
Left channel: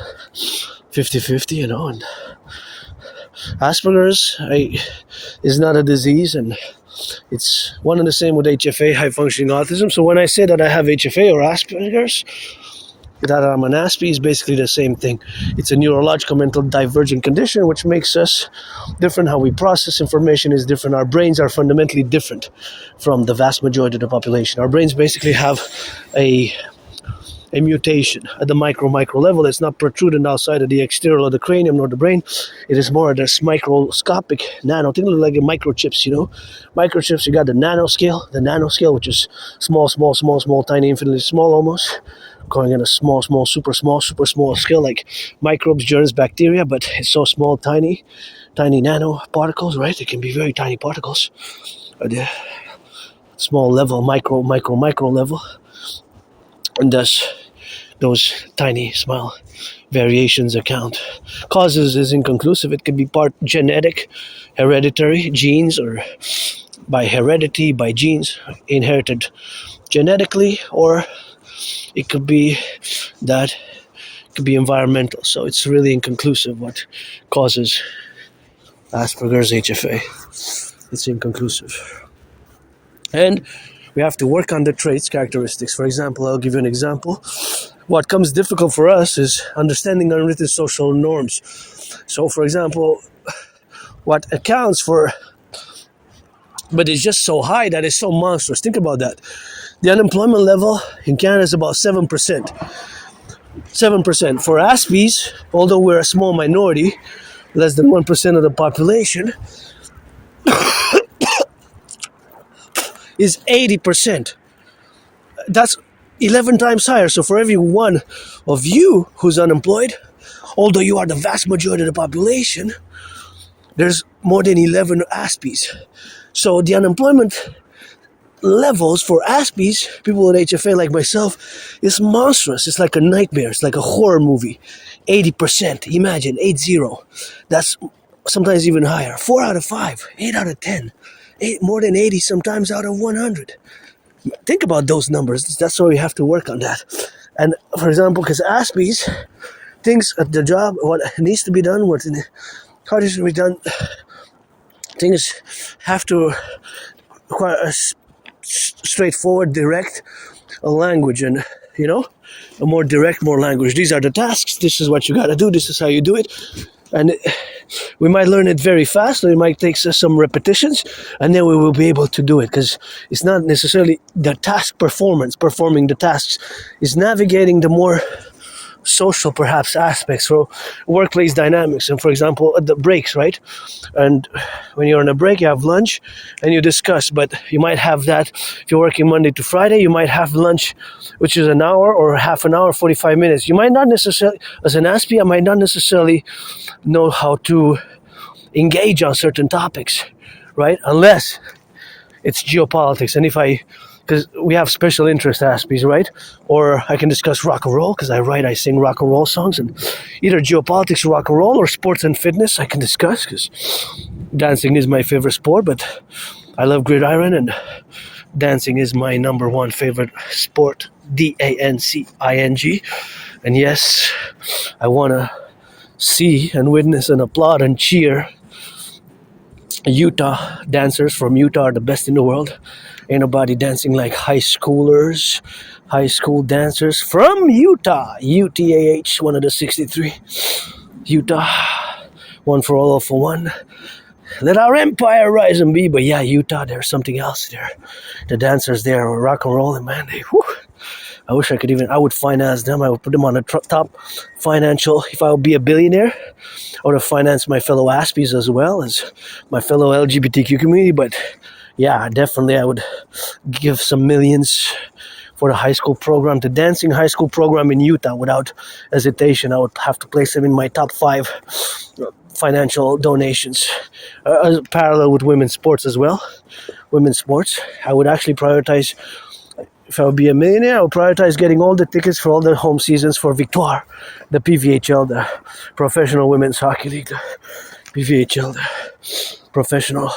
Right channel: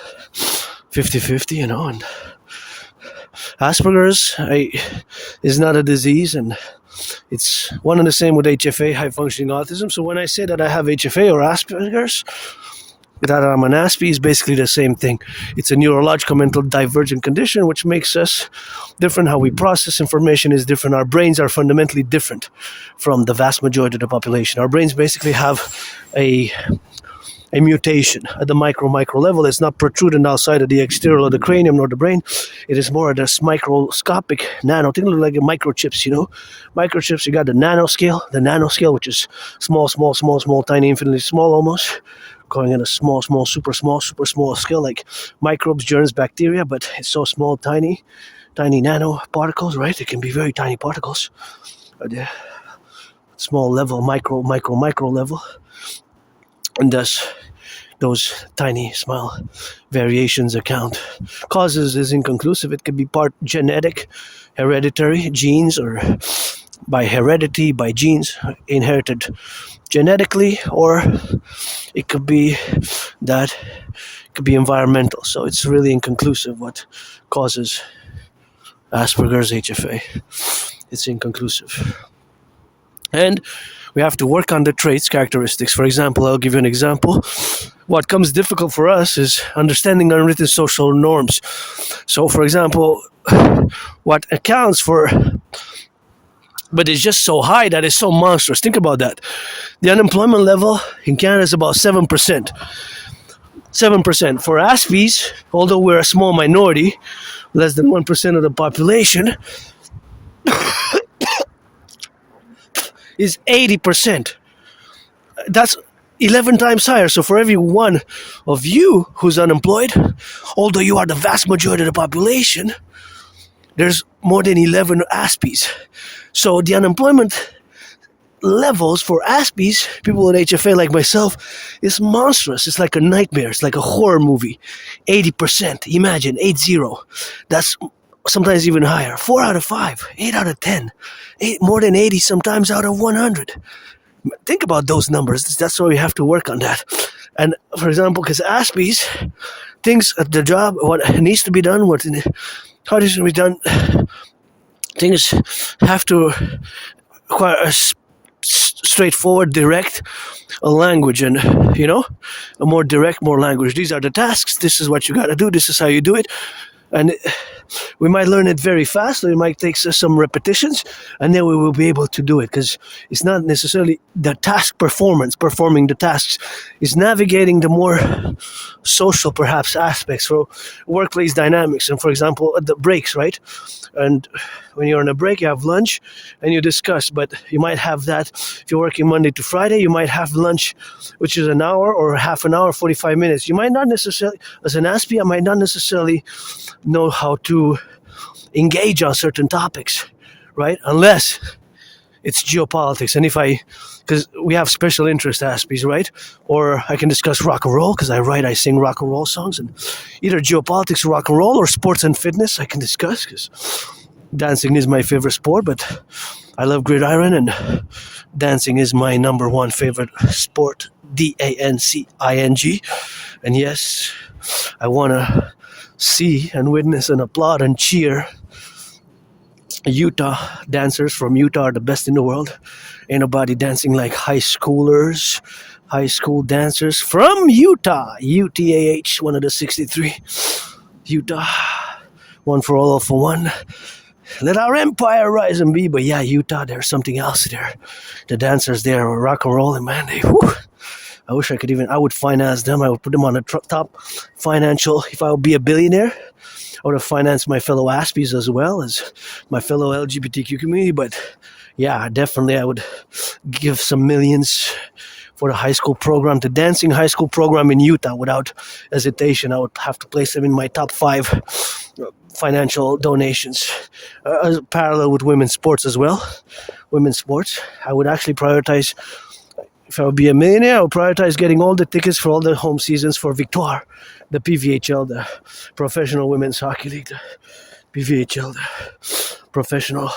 50-50, and Asperger's is not a disease, and it's one and the same with HFA, high functioning autism. So when I say that I have HFA or Asperger's, that I'm an Aspie, is basically the same thing. It's a neurological mental divergent condition which makes us different. How we process information is different. Our brains are fundamentally different from the vast majority of the population. Our brains basically have a mutation at the micro level that's not protruding outside of the exterior of the cranium nor the brain. It is more of this microscopic nano thing, like microchips, Microchips, you got the nanoscale, which is small, tiny, infinitely small almost, going in a small, super small scale, like microbes, germs, bacteria, but it's so small, tiny nano particles, right? It can be very tiny particles at the small level, micro level. And thus, those tiny, small variations account. Causes is inconclusive. It could be part genetic, hereditary, genes, or by heredity, by genes, inherited genetically, or it could be environmental. So it's really inconclusive what causes Asperger's HFA. It's inconclusive. And we have to work on the traits, characteristics. For example, I'll give you an example. What comes difficult for us is understanding unwritten social norms. So, for example, what accounts for, but it's just so high that it's so monstrous. Think about that. The unemployment level in Canada is about 7%. 7%. For Aspies, although we're a small minority, less than 1% of the population, is 80%. That's 11 times higher. So for every one of you who's unemployed, although you are the vast majority of the population, there's more than 11 Aspies. So the unemployment levels for Aspies, people with HFA like myself, is monstrous. It's like a nightmare. It's like a horror movie. 80%. Imagine, 80. That's sometimes even higher. 4 out of 5. 8 out of 10. More than 80 sometimes out of 100. Think about those numbers. That's why we have to work on that. And for example, because Aspies, things at the job, what needs to be done, how this can be done, things have to require a straightforward, direct language, and a more direct, more language. These are the tasks. This is what you got to do. This is how you do it. And we might learn it very fast, or it might take us some repetitions, and then we will be able to do it, because it's not necessarily the task performing the tasks. It's navigating the more social, perhaps, aspects for workplace dynamics. And for example, at the breaks, right? And when you're on a break, you have lunch and you discuss, but you might have that, if you're working Monday to Friday, you might have lunch, which is an hour or half an hour, 45 minutes. You might not necessarily, as an Aspie, I might not necessarily know how to engage on certain topics, right? Unless it's geopolitics. And because we have special interest Aspies, right? Or I can discuss rock and roll, because I sing rock and roll songs, and either geopolitics, rock and roll, or sports and fitness I can discuss, because dancing is my favorite sport, but I love gridiron, and dancing is my number one favorite sport, dancing. And yes, I want to see and witness and applaud and cheer. Utah dancers from Utah are the best in the world. Ain't nobody dancing like high school dancers from Utah. UTAH, one of the 63. Utah, one for all for one. Let our empire rise and be. But yeah, Utah, there's something else there. The dancers there are rock and roll, and man, I wish I would finance them. I would put them on the top financial. If I would be a billionaire, I would have financed my fellow Aspies as well as my fellow LGBTQ community. But yeah, definitely I would give some millions for the high school program, the dancing high school program in Utah, without hesitation. I would have to place them in my top 5 financial donations, parallel with women's sports as well. Women's sports, I would actually prioritize. If I would be a millionaire, I would prioritize getting all the tickets for all the home seasons for Victoire, the PVHL, the Professional Women's Hockey League, the PVHL, the Professional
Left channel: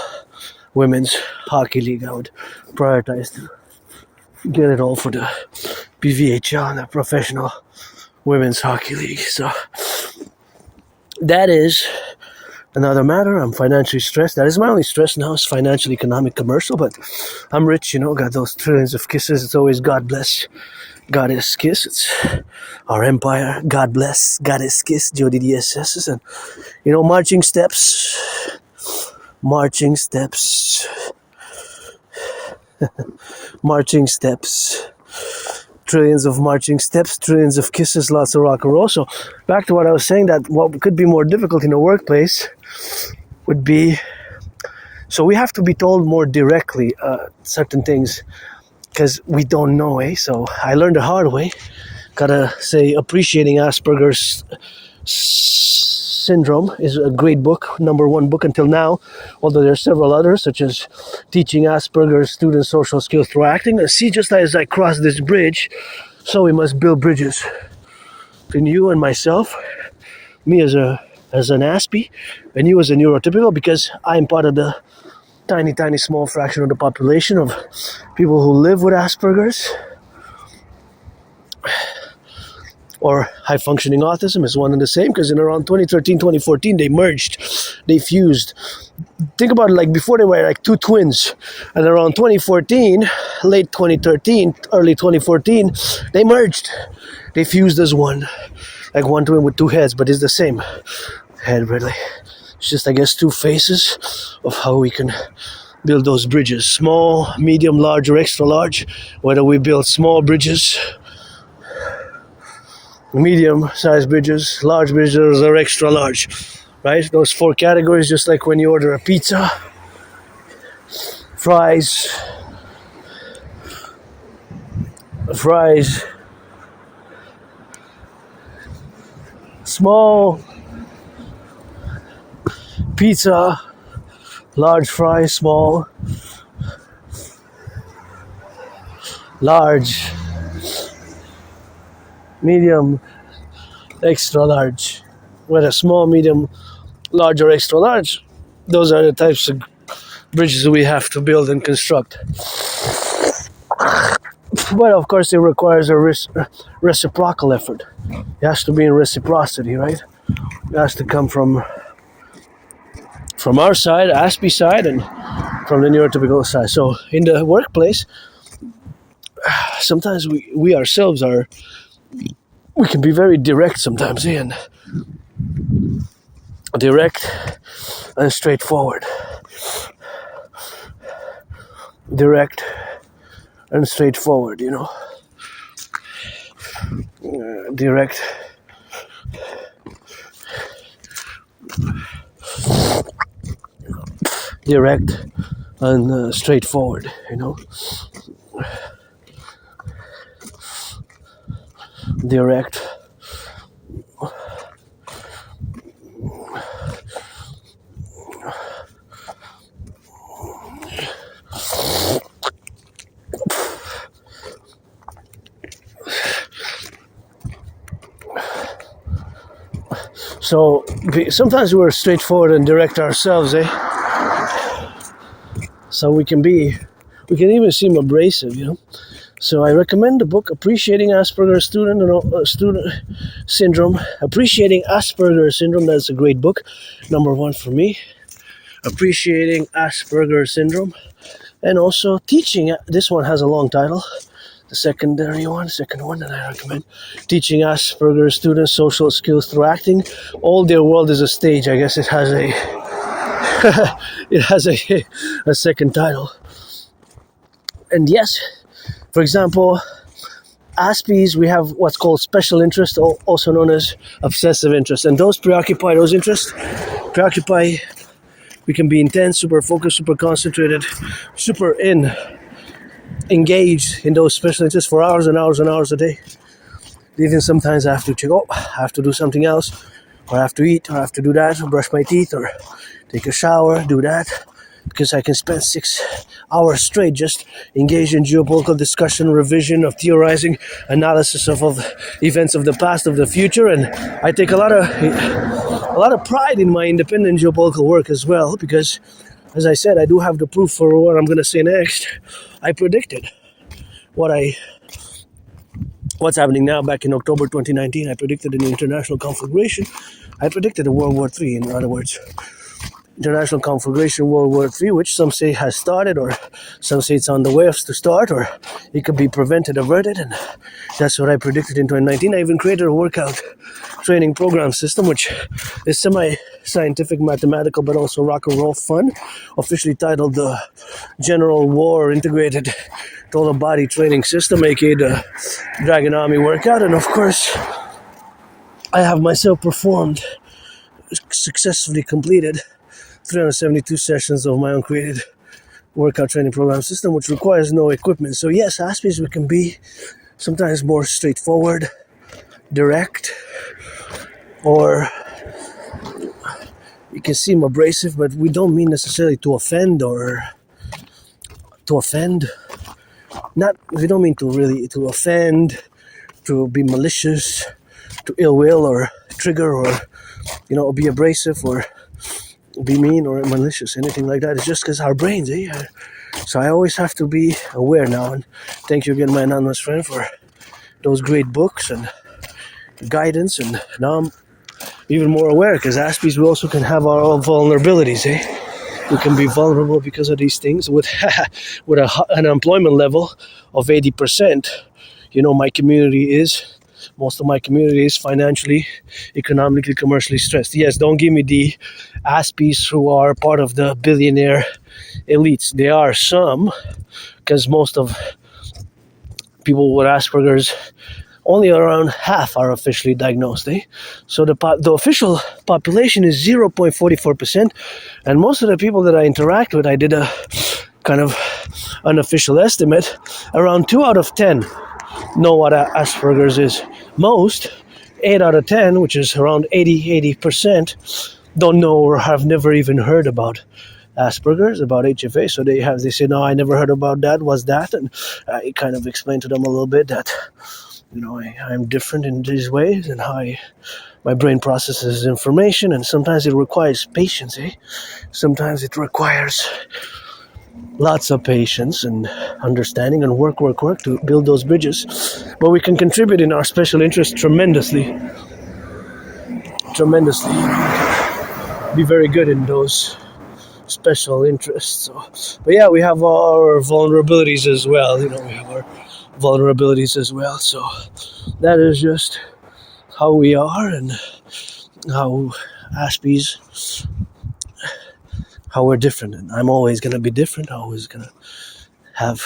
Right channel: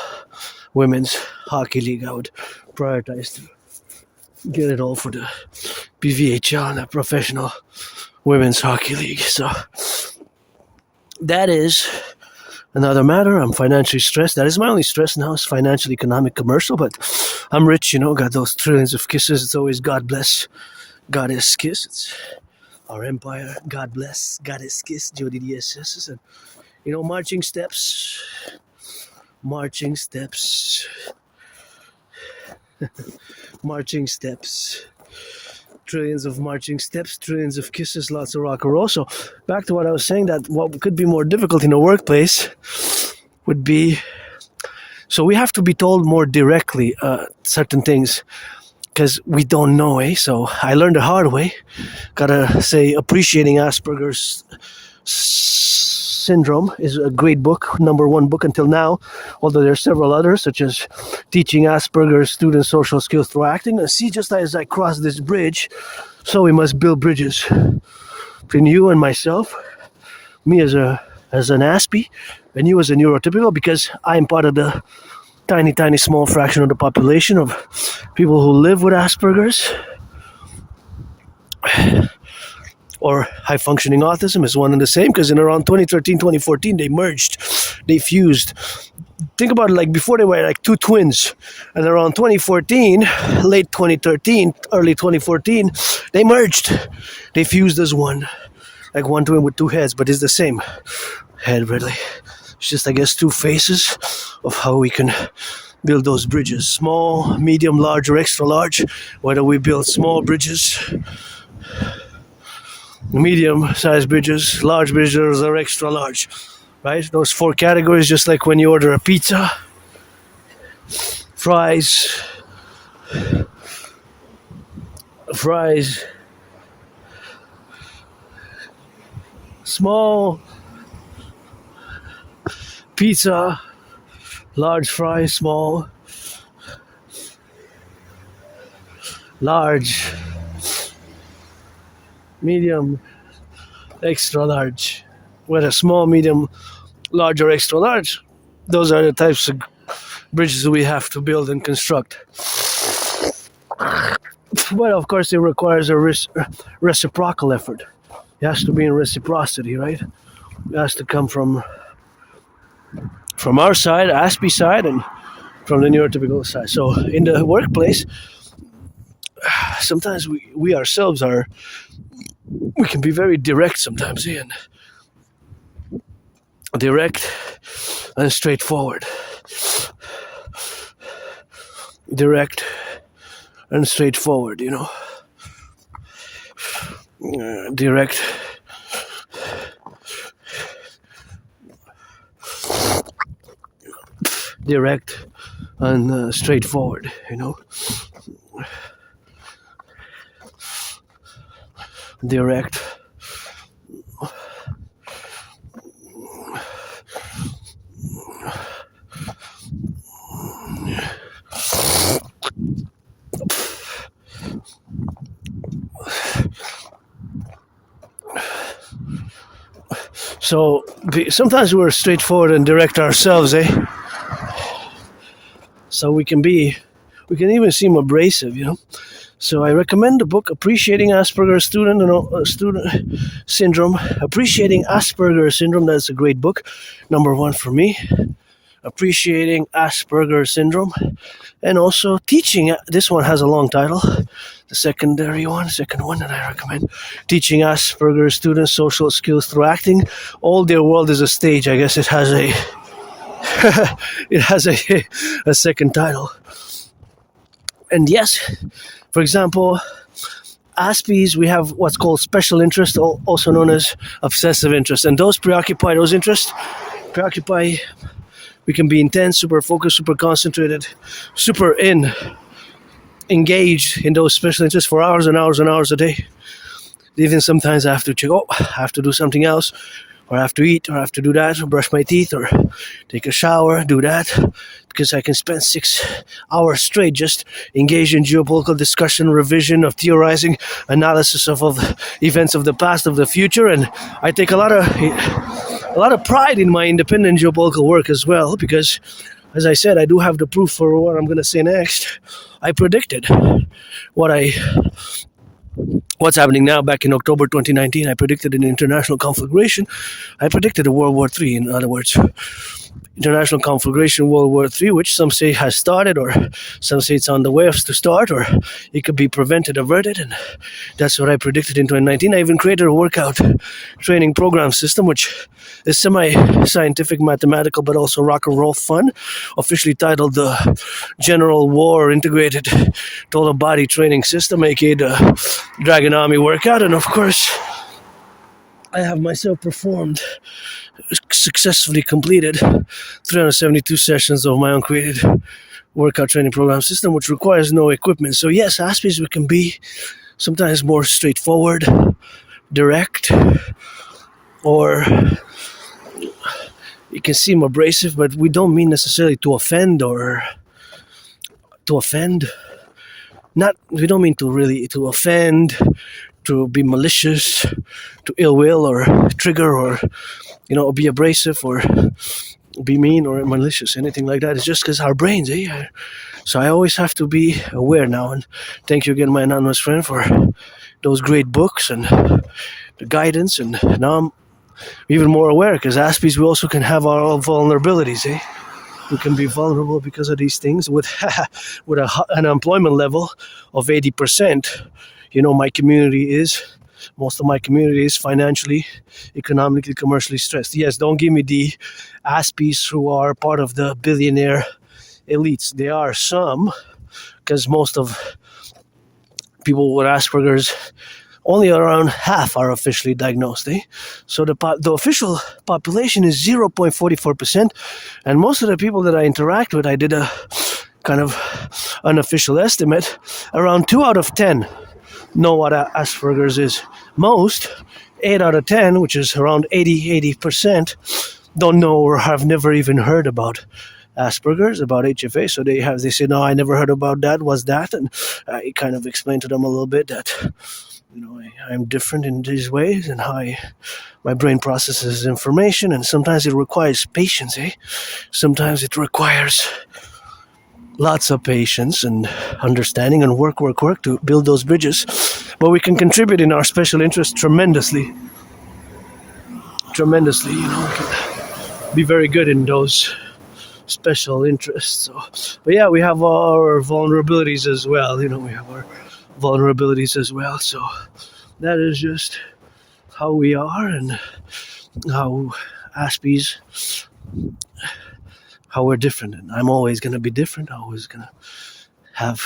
Women's Hockey League. I would prioritize to get it all for the PVHL, the Professional Women's Hockey League. So that is another matter. I'm financially stressed. That is my only stress now, is financial, economic, commercial. But I'm rich, got those trillions of kisses. It's always God bless, Goddess kiss. It's our empire. God bless, Goddess kiss, Jody DSS. And, marching steps. Marching steps. Marching steps. Trillions of marching steps, trillions of kisses, lots of rock and roll. So back to what I was saying, that what could be more difficult in a workplace would be, so we have to be told more directly certain things, because we don't know, So I learned the hard way. Gotta say, Appreciating Asperger's Syndrome is a great book, number 1 book until now, although there are several others, such as Teaching Asperger's Students Social Skills Through Acting. And see, just as I cross this bridge, so we must build bridges between you and myself, me as an Aspie, and you as a neurotypical, because I'm part of the tiny small fraction of the population of people who live with Asperger's. Or high-functioning autism is one and the same, because in around 2013, 2014, they fused. Think about it, like before they were like 2 twins, and around 2014, late 2013, early 2014, they merged. They fused as one, like one twin with 2 heads, but it's the same head, really. It's just, I guess, 2 faces of how we can build those bridges. Small, medium, large, or extra large. Whether we build small bridges, medium-sized bridges, large bridges, or extra large, right? Those 4 categories, just like when you order a pizza, fries, small pizza, large fries, small, large, medium, extra large. Whether small, medium, large, or extra large, those are the types of bridges we have to build and construct. But of course, it requires a reciprocal effort. It has to be in reciprocity, right? It has to come from our side, Aspie side, and from the neurotypical side. So in the workplace, sometimes we ourselves we can be very direct sometimes, and direct and straightforward. Direct and straightforward, direct and straightforward, direct So sometimes we're straightforward and direct ourselves, So we can even seem abrasive, So I recommend the book Appreciating Asperger's Student Syndrome. Appreciating Asperger's Syndrome, that's a great book. Number 1 for me. Appreciating Asperger's Syndrome. And also Teaching, this one has a long title. The second one that I recommend. Teaching Asperger's Students Social Skills Through Acting. All Their World is a Stage. I guess it has a second title. And yes, for example, Aspies, we have what's called special interest, also known as obsessive interest. And those interests, we can be intense, super focused, super concentrated, super engaged in those special interests for hours and hours and hours a day. Even sometimes I have to check, I have to do something else, or I have to eat, or I have to do that, or brush my teeth, or take a shower, do that, because I can spend 6 hours straight just engaged in geopolitical discussion, revision of theorizing, analysis of events of the past, of the future, and I take a lot of pride in my independent geopolitical work as well, because, as I said, I do have the proof for what I'm going to say next. I predicted what's happening now. Back in October 2019, I predicted an international conflagration. I predicted a World War III, in other words. International conflagration, World War III, which some say has started, or some say it's on the way to start, or it could be prevented, averted, and that's what I predicted in 2019. I even created a workout training program system, which is semi-scientific, mathematical, but also rock-and-roll fun, officially titled the General War Integrated Total Body Training System, aka the Dragon Army Workout. And of course, I have myself successfully completed 372 sessions of my own created workout training program system, which requires no equipment. So yes, Aspies, we can be sometimes more straightforward, direct, or it can seem abrasive, but we don't mean necessarily to offend. We don't mean to offend, to be malicious, to ill will, or trigger, or be abrasive, or be mean, or malicious, anything like that. It's just because our brains, So I always have to be aware now, and thank you again, my anonymous friend, for those great books and the guidance. And now I'm even more aware, because Aspies, we also can have our own vulnerabilities, We can be vulnerable because of these things. With an employment level of 80%, most of my community is financially, economically, commercially stressed. Yes, don't give me the Aspies who are part of the billionaire elites. There are some, because most of people with Asperger's, only around half are officially diagnosed. So the official population is 0.44%, and most of the people that I interact with, I did a kind of unofficial estimate, around 2 out of 10 know what Asperger's is. Most, 8 out of 10, which is around 80%, don't know or have never even heard about Asperger's, about HFA. So they say, no, I never heard about that. What's that? And I kind of explained to them a little bit that, I'm different in these ways, and how my brain processes information, and sometimes it requires patience, Sometimes it requires lots of patience and understanding, and work to build those bridges. But we can contribute in our special interest tremendously. We can be very good in those special interests. So, but yeah, we have our vulnerabilities as well. So that is just how we are, and how Aspies, how we're different, and I'm always gonna be different. I'm always gonna have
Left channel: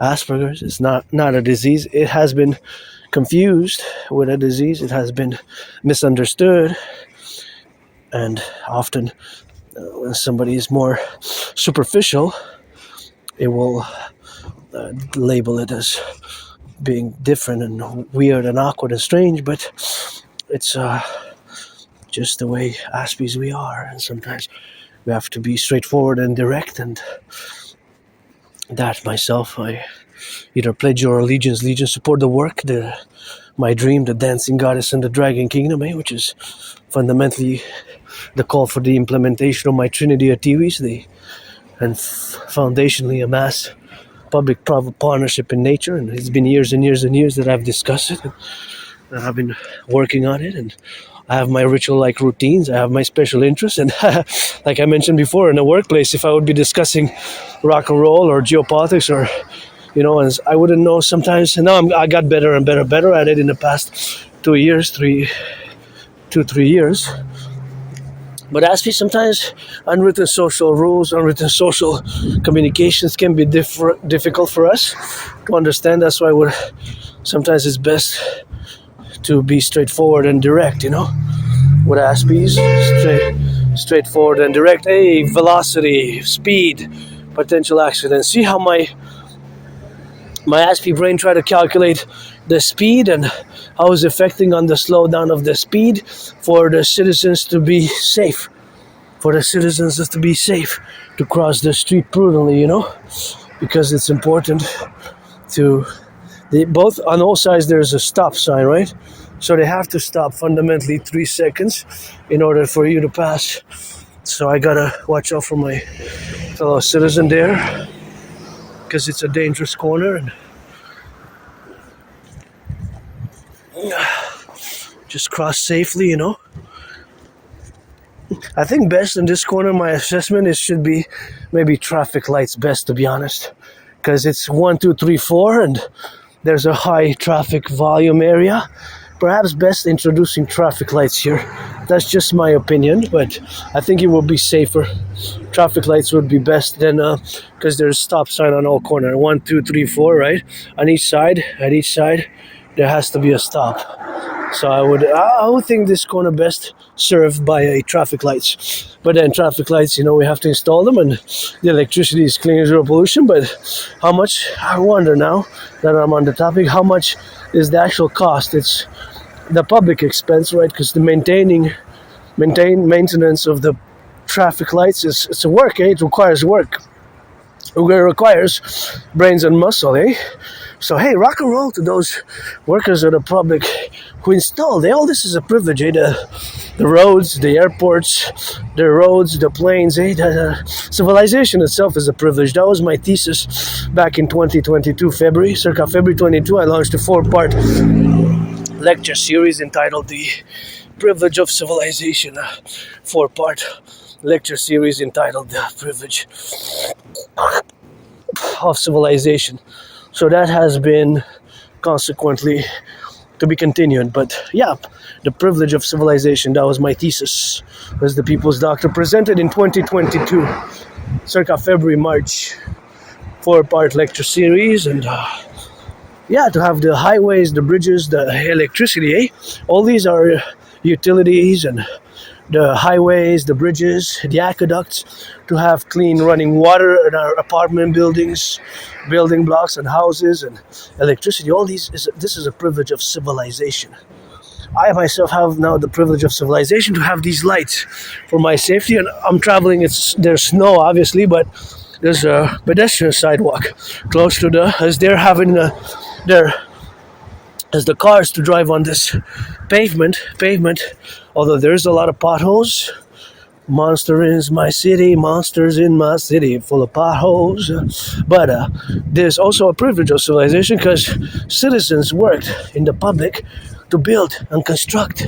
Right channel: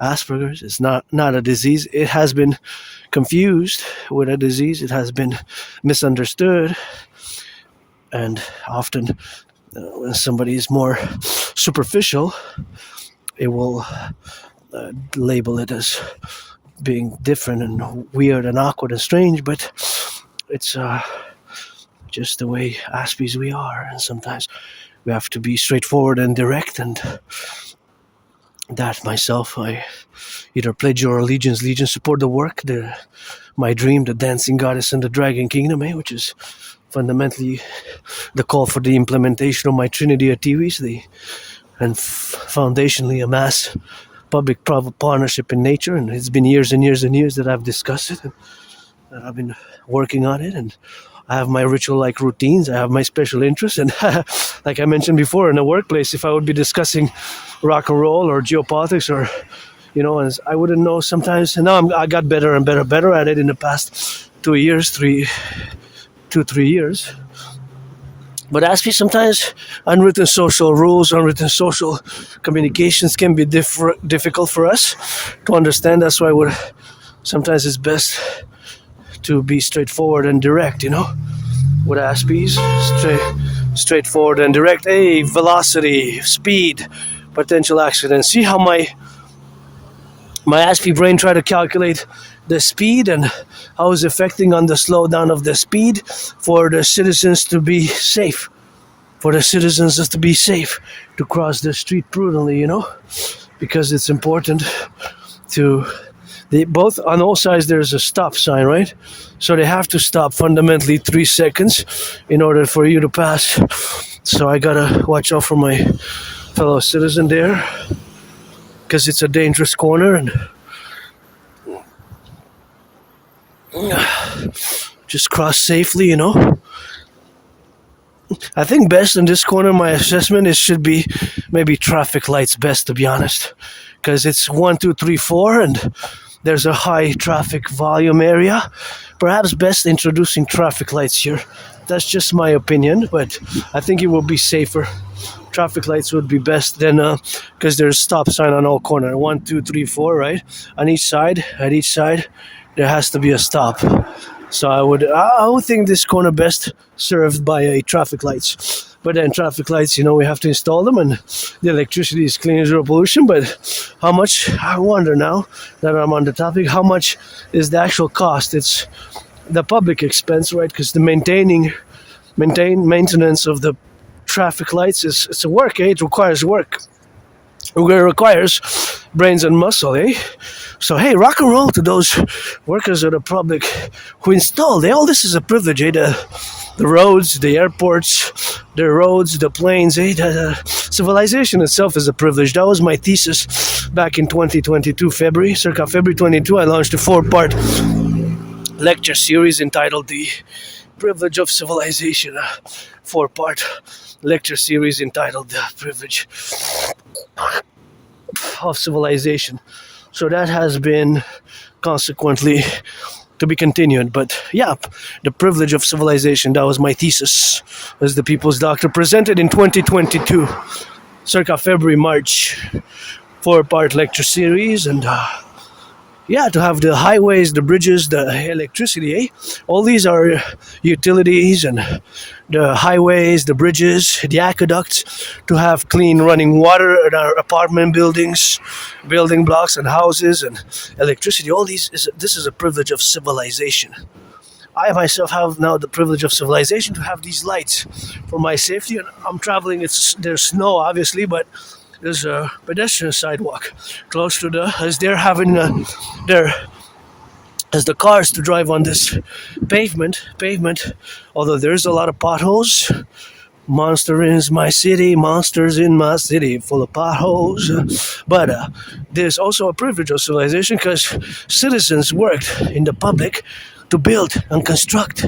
Asperger's. It's not a disease. It has been confused with a disease. It has been misunderstood, and often when somebody is more superficial, it will label it as being different and weird and awkward and strange, but it's just the way Aspies we are, and sometimes we have to be straightforward and direct, and that myself, I either pledge your allegiance, support the work, my dream, the dancing goddess and the dragon kingdom, which is fundamentally the call for the implementation of my Trinity of theories, and foundationally a mass public-private partnership in nature. And it's been years and years and years that I've discussed it, and I've been working on it, and I have my ritual-like routines, I have my special interests, and like I mentioned before, in the workplace, if I would be discussing rock and roll or geopolitics or, and I wouldn't know sometimes, and now I got better and better at it in the past 3 years. But ask me, sometimes unwritten social rules, unwritten social communications can be difficult for us to understand. That's why sometimes it's best to be straightforward and direct, with Aspies, straightforward and direct. Hey, velocity, speed, potential accident. See how my Aspie brain try to calculate the speed and how it's affecting on the slowdown of the speed for the citizens to be safe. To cross the street prudently, because it's important to both on all sides. There's a stop sign, right? So they have to stop fundamentally 3 seconds in order for you to pass. So I gotta watch out for my fellow citizen there, because it's a dangerous corner, and just cross safely, I think best in this corner, my assessment, it should be maybe traffic lights best, to be honest, because it's 1, 2, 3, 4, and there's a high traffic volume area. Perhaps best introducing traffic lights here. That's just my opinion, but I think it will be safer. Traffic lights would be best than, because there's stop sign on all corners. 1, 2, 3, 4, right? At each side, there has to be a stop. So I would think this corner best served by a traffic lights. But then traffic lights, we have to install them, and the electricity is clean, zero pollution. But how much? I wonder now that I'm on the topic. How much is the actual cost? It's the public expense, right? Because the maintenance of the traffic lights it's a work. It requires work. It requires brains and muscle, So, hey, rock and roll to those workers of the public who installed. All this is a privilege, The roads, the airports, the roads, the planes, The civilization itself is a privilege. That was my thesis back in 2022, circa February 22. I launched a 4-part lecture series entitled The Privilege of Civilization. A 4-part lecture series entitled The Privilege of Civilization. So that has been consequently to be continued. But yeah, the privilege of civilization, that was my thesis as the People's Doctor, presented in 2022, circa February, March, 4-part lecture series. And to have the highways, the bridges, the electricity, all these are utilities, and the highways, the bridges, the aqueducts, to have clean running water in our apartment buildings, building blocks and houses, and electricity. All this is a privilege of civilization. I myself have now the privilege of civilization to have these lights for my safety, and I'm traveling. There's snow, obviously, but there's a pedestrian sidewalk close to as they're having as the cars to drive on this pavement, although there's a lot of potholes. Monsters in my city, full of potholes. But there's also a privilege of civilization, because citizens worked in the public to build and construct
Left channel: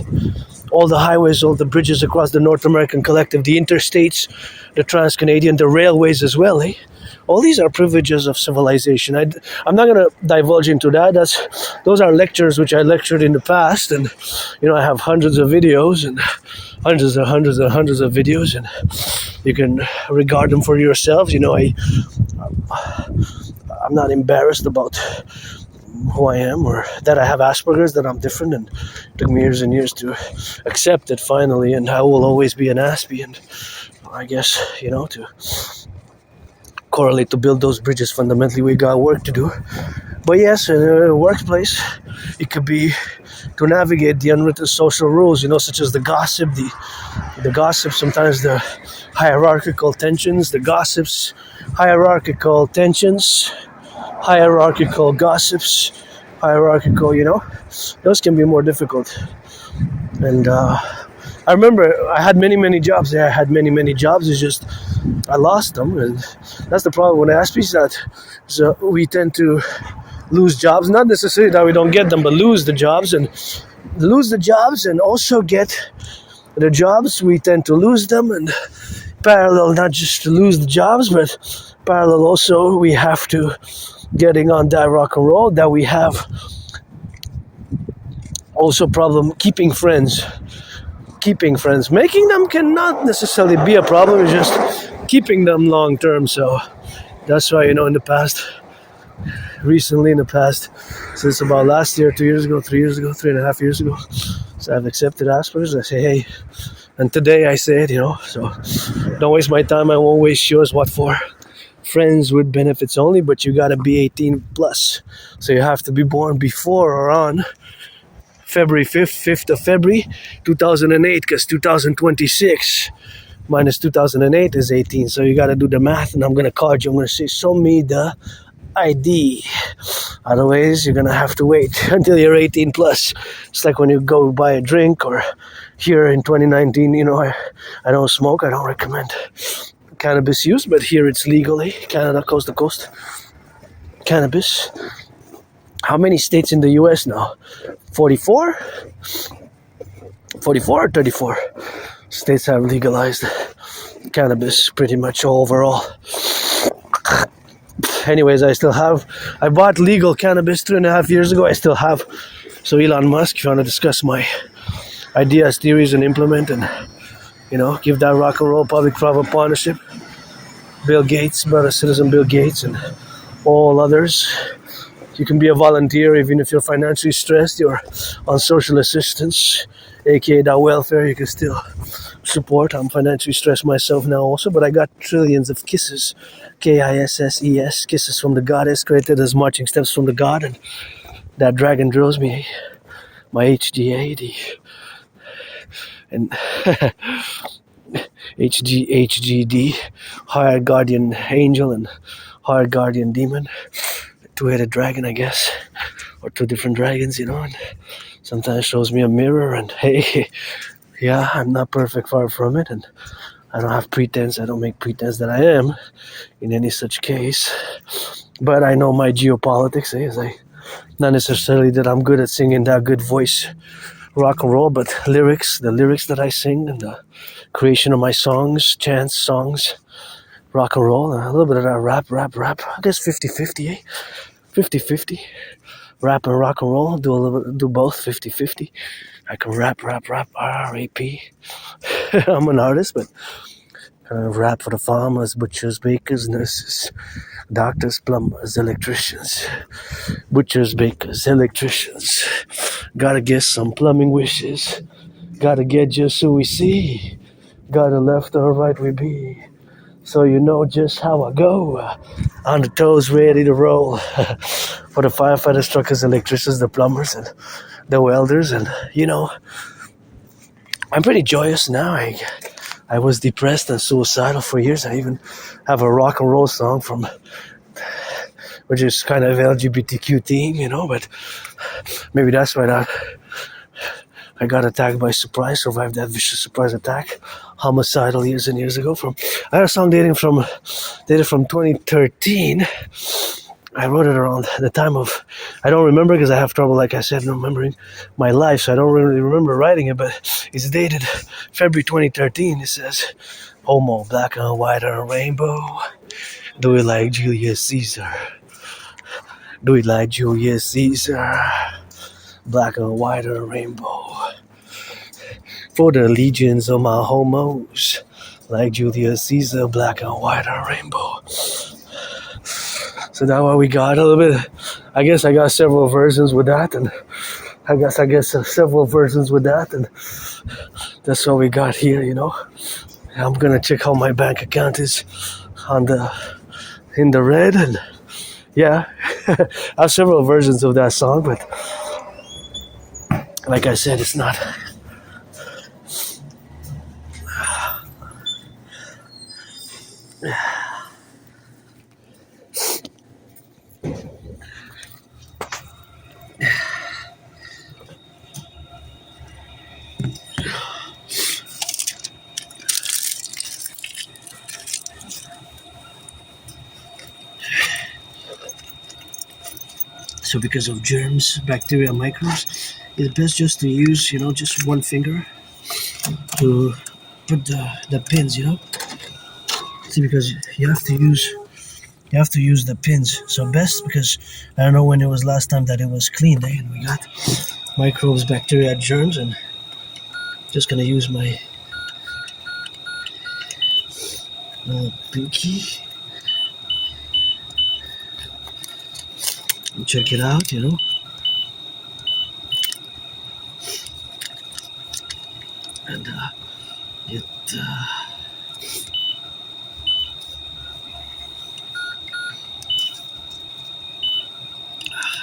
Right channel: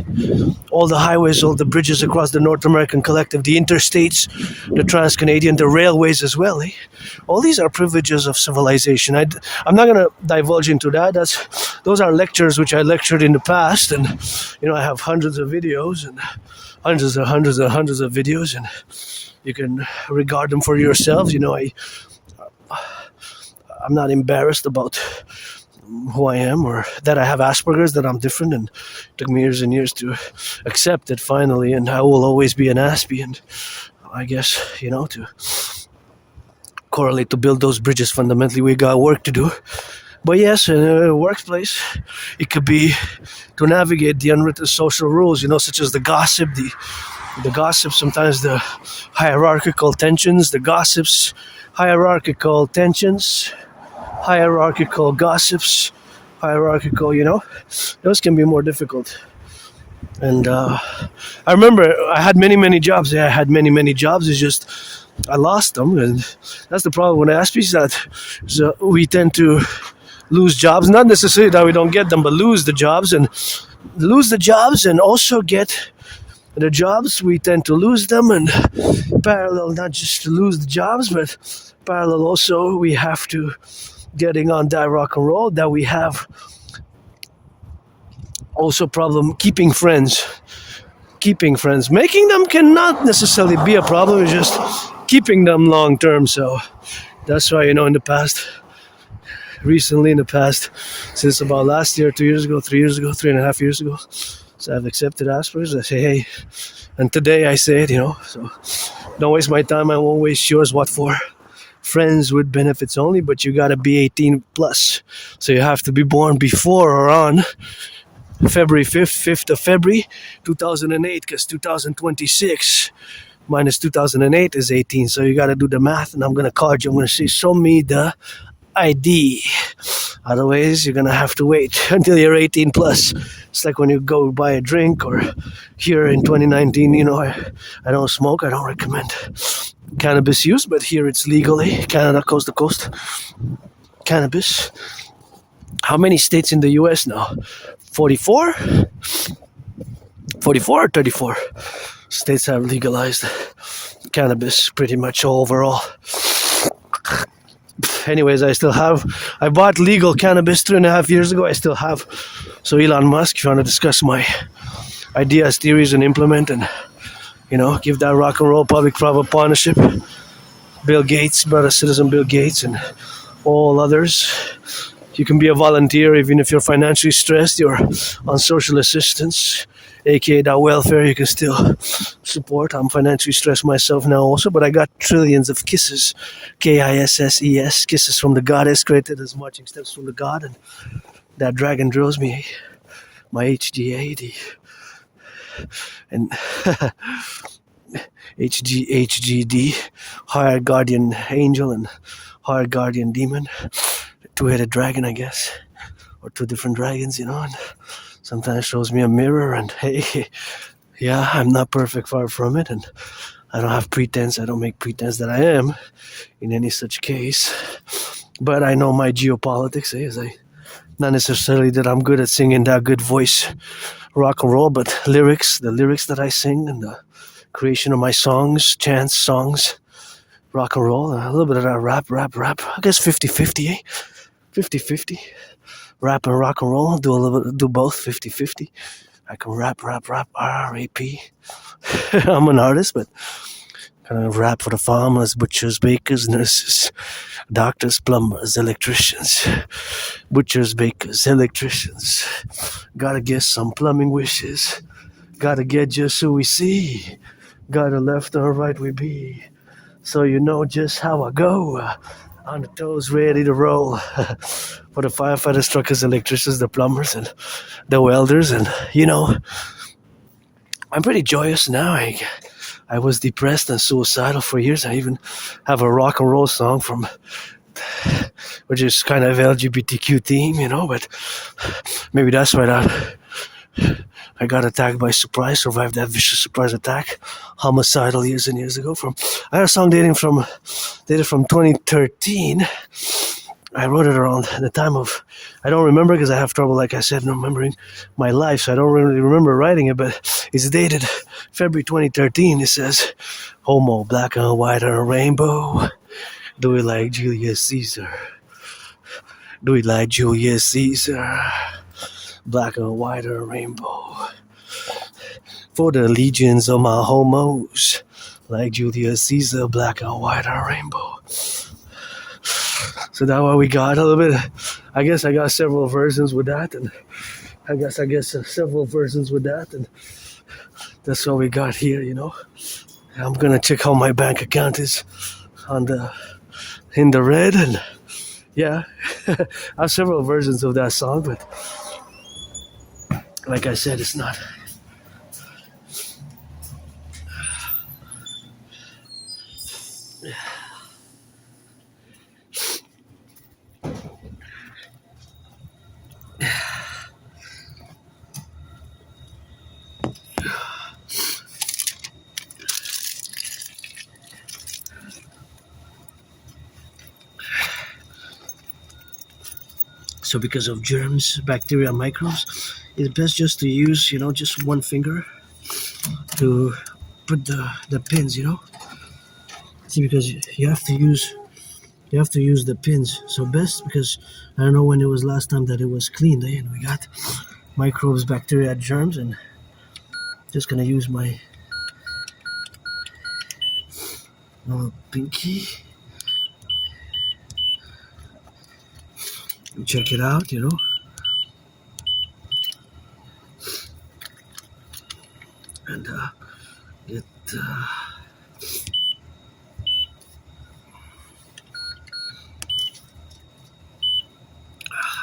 all the highways, all the bridges across the North American Collective, the interstates, the trans-Canadian, the railways as well. Eh? All these are privileges of civilization. I'm not going to divulge into that. Those are lectures which I lectured in the past, and I have hundreds of videos and hundreds of videos, and you can regard them for yourselves. I'm not embarrassed about who I am or that I have Asperger's, that I'm different, and it took me years and years to accept it finally, and I will always be an Aspie, and I guess, to correlate to build those bridges, fundamentally we got work to do. But yes, in a workplace, it could be to navigate the unwritten social rules, such as the gossip, the gossip, sometimes the hierarchical tensions, the gossips, hierarchical tensions, hierarchical gossips, hierarchical, those can be more difficult. And I remember I had many jobs. It's just I lost them, and that's the problem with Aspies, that we tend to lose jobs. Not necessarily that we don't get them, but lose the jobs and also get the jobs. We tend to lose them, and parallel, not just to lose the jobs, but parallel also we have to getting on that rock and roll, that we have also problem keeping friends. Making them cannot necessarily be a problem. It's just keeping them long term. So that's why, recently in the past, since about last year, 2 years ago, 3 years ago, 3.5 years ago, so I've accepted Asperger's. I say, hey, and today I say it, so don't waste my time. I won't waste yours. What for? Friends with benefits only, but you gotta be 18 plus. So you have to be born before or on February 5th of February 2008, because 2026 minus 2008 is 18. So you gotta do the math, and I'm gonna call you. I'm gonna say, show me the ID. Otherwise, you're gonna have to wait until you're 18 plus. It's like when you go buy a drink, or here in 2019, I don't smoke. I don't recommend cannabis use, but here it's legally, Canada, coast to coast, cannabis. How many states in the US now? 44? 44 or 34 states have legalized cannabis pretty much overall. Anyways, I bought legal cannabis 3.5 years ago. I still have. So Elon Musk, if you want to discuss my ideas, theories, and implement, and give that rock and roll public-private partnership, Bill Gates, brother citizen Bill Gates, and all others. You can be a volunteer even if you're financially stressed, you're on social assistance, aka that welfare, you can still support. I'm financially stressed myself now also, but I got trillions of kisses, KISSES, kisses from the goddess, created as marching steps from the god, and that dragon drills me, my HDA, and HGD, higher guardian angel and higher guardian demon, two-headed dragon, I guess, or two different dragons, and sometimes shows me a mirror, and hey, yeah, I'm not perfect, far from it, and I don't have pretense. I don't make pretense that I am in any such case, but I know my geopolitics, not necessarily that I'm good at singing that good voice rock and roll, but the lyrics that I sing, and the creation of my songs, chants, songs, rock and roll, and a little bit of that rap, I guess 50-50, 50-50, rap and rock and roll, do both, 50-50. I can rap, R-A-P. I'm an artist, but kind of rap for the farmers, butchers, bakers, nurses, doctors, plumbers, electricians, butchers, bakers, electricians. Gotta get some plumbing wishes. Gotta get just who we see. Gotta left or right we be. So you know just how I go. On the toes, ready to roll. For the firefighters, truckers, electricians, the plumbers, and the welders. And, I'm pretty joyous now. I was depressed and suicidal for years. I even have a rock and roll song which is kind of LGBTQ theme, but maybe that's why I got attacked by surprise, survived that vicious surprise attack, homicidal years and years ago. I had a song dated from 2013, I wrote it around the time of, I don't remember because I have trouble, like I said, remembering my life, so I don't really remember writing it, but it's dated February 2013. It says, homo, black and white and a rainbow. Do we like Julius Caesar? Do we like Julius Caesar? Black and white and a rainbow. For the legions of my homos, like Julius Caesar, black and white and a rainbow. So that's what we got a little bit. I guess I got several versions with that, and I guess several versions with that, and that's what we got here, you know. I'm gonna check how my bank account is in the red, and yeah, I have several versions of that song, but like I said, it's not. So because of germs, bacteria, microbes, it's best just to use, you know, just one finger to put the pins, you know. See, because you have to use the pins. So best, because I don't know when it was last time that it was cleaned, eh? And we got microbes, bacteria, germs, and just gonna use my little pinky. Check it out, you know. And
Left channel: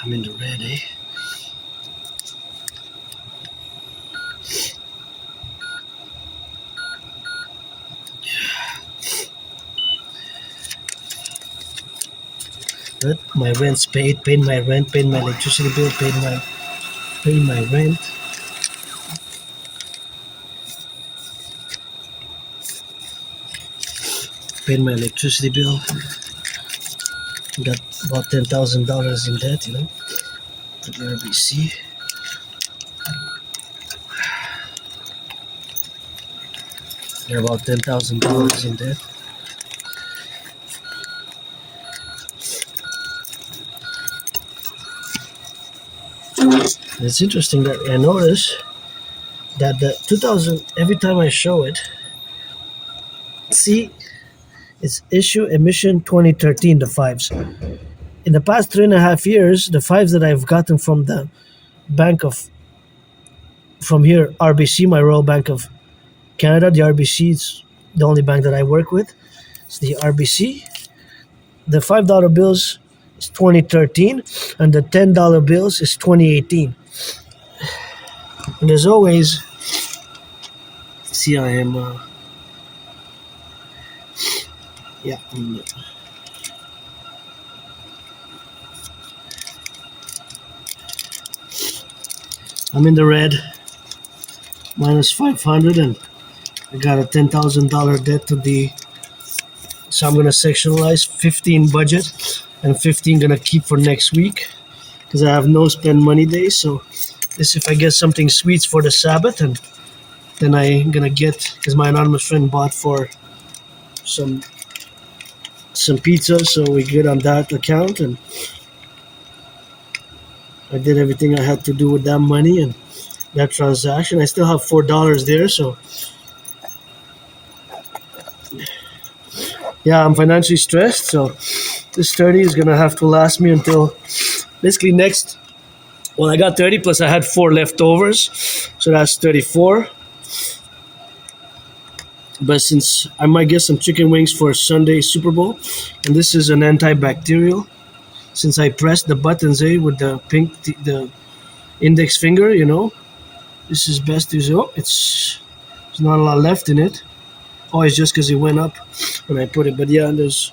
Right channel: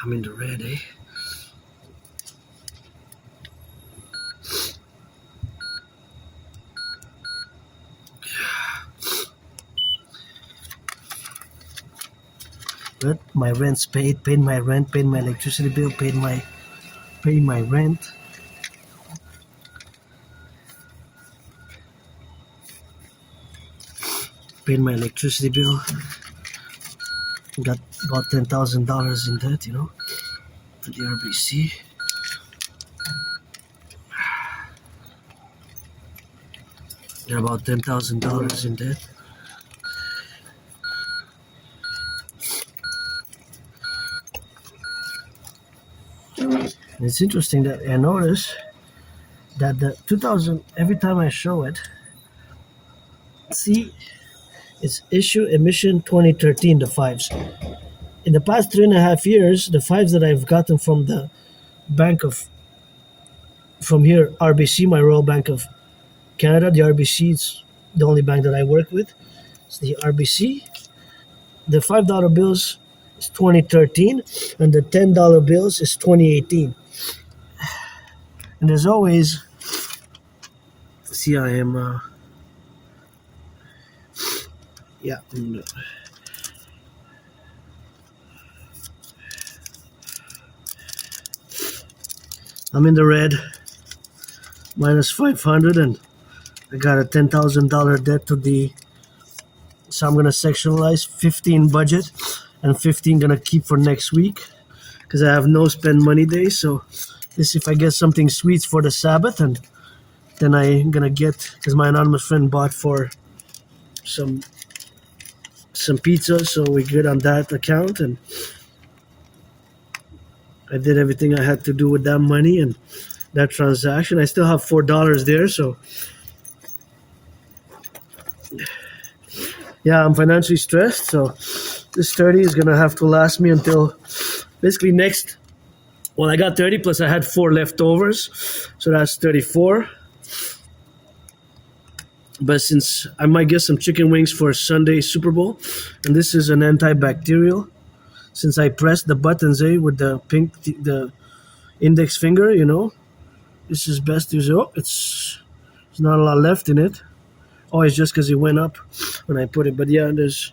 I'm in the red, eh? But my rent's paid my rent, paid my electricity bill, paid my rent. Paid my electricity bill. Got about $10,000 in debt, you know, to the RBC. They're about $10,000 in debt. It's interesting that I notice that the 2000, every time I show it, see, it's issue emission 2013, the fives. In the past 3.5 years, the fives that I've gotten from the from here, RBC, my Royal Bank of Canada, the RBC is the only bank that I work with. It's the RBC. The $5 bills is 2013, and the $10 bills is 2018. And there's always, see, I am, yeah. I'm in the red, minus 500, and I got a $10,000 debt to the, so I'm gonna sectionalize 15 budget and 15 gonna keep for next week because I have no spend money days. So this, if I get something sweets for the Sabbath, and then I'm gonna get, because my anonymous friend bought for some pizza, so we good on that account, and I did everything I had to do with that money and that transaction. I still have $4 there, so yeah, I'm financially stressed. So this 30 is gonna have to last me until basically next. Well, I got 30 plus I had 4 leftovers, so that's 34. But since I might get some chicken wings for Sunday Super Bowl, and this is an antibacterial, since I pressed the buttons with the the index finger, you know, this is best to use. Oh, there's not a lot left in it. Oh, it's just because it went up when I put it. But yeah, there's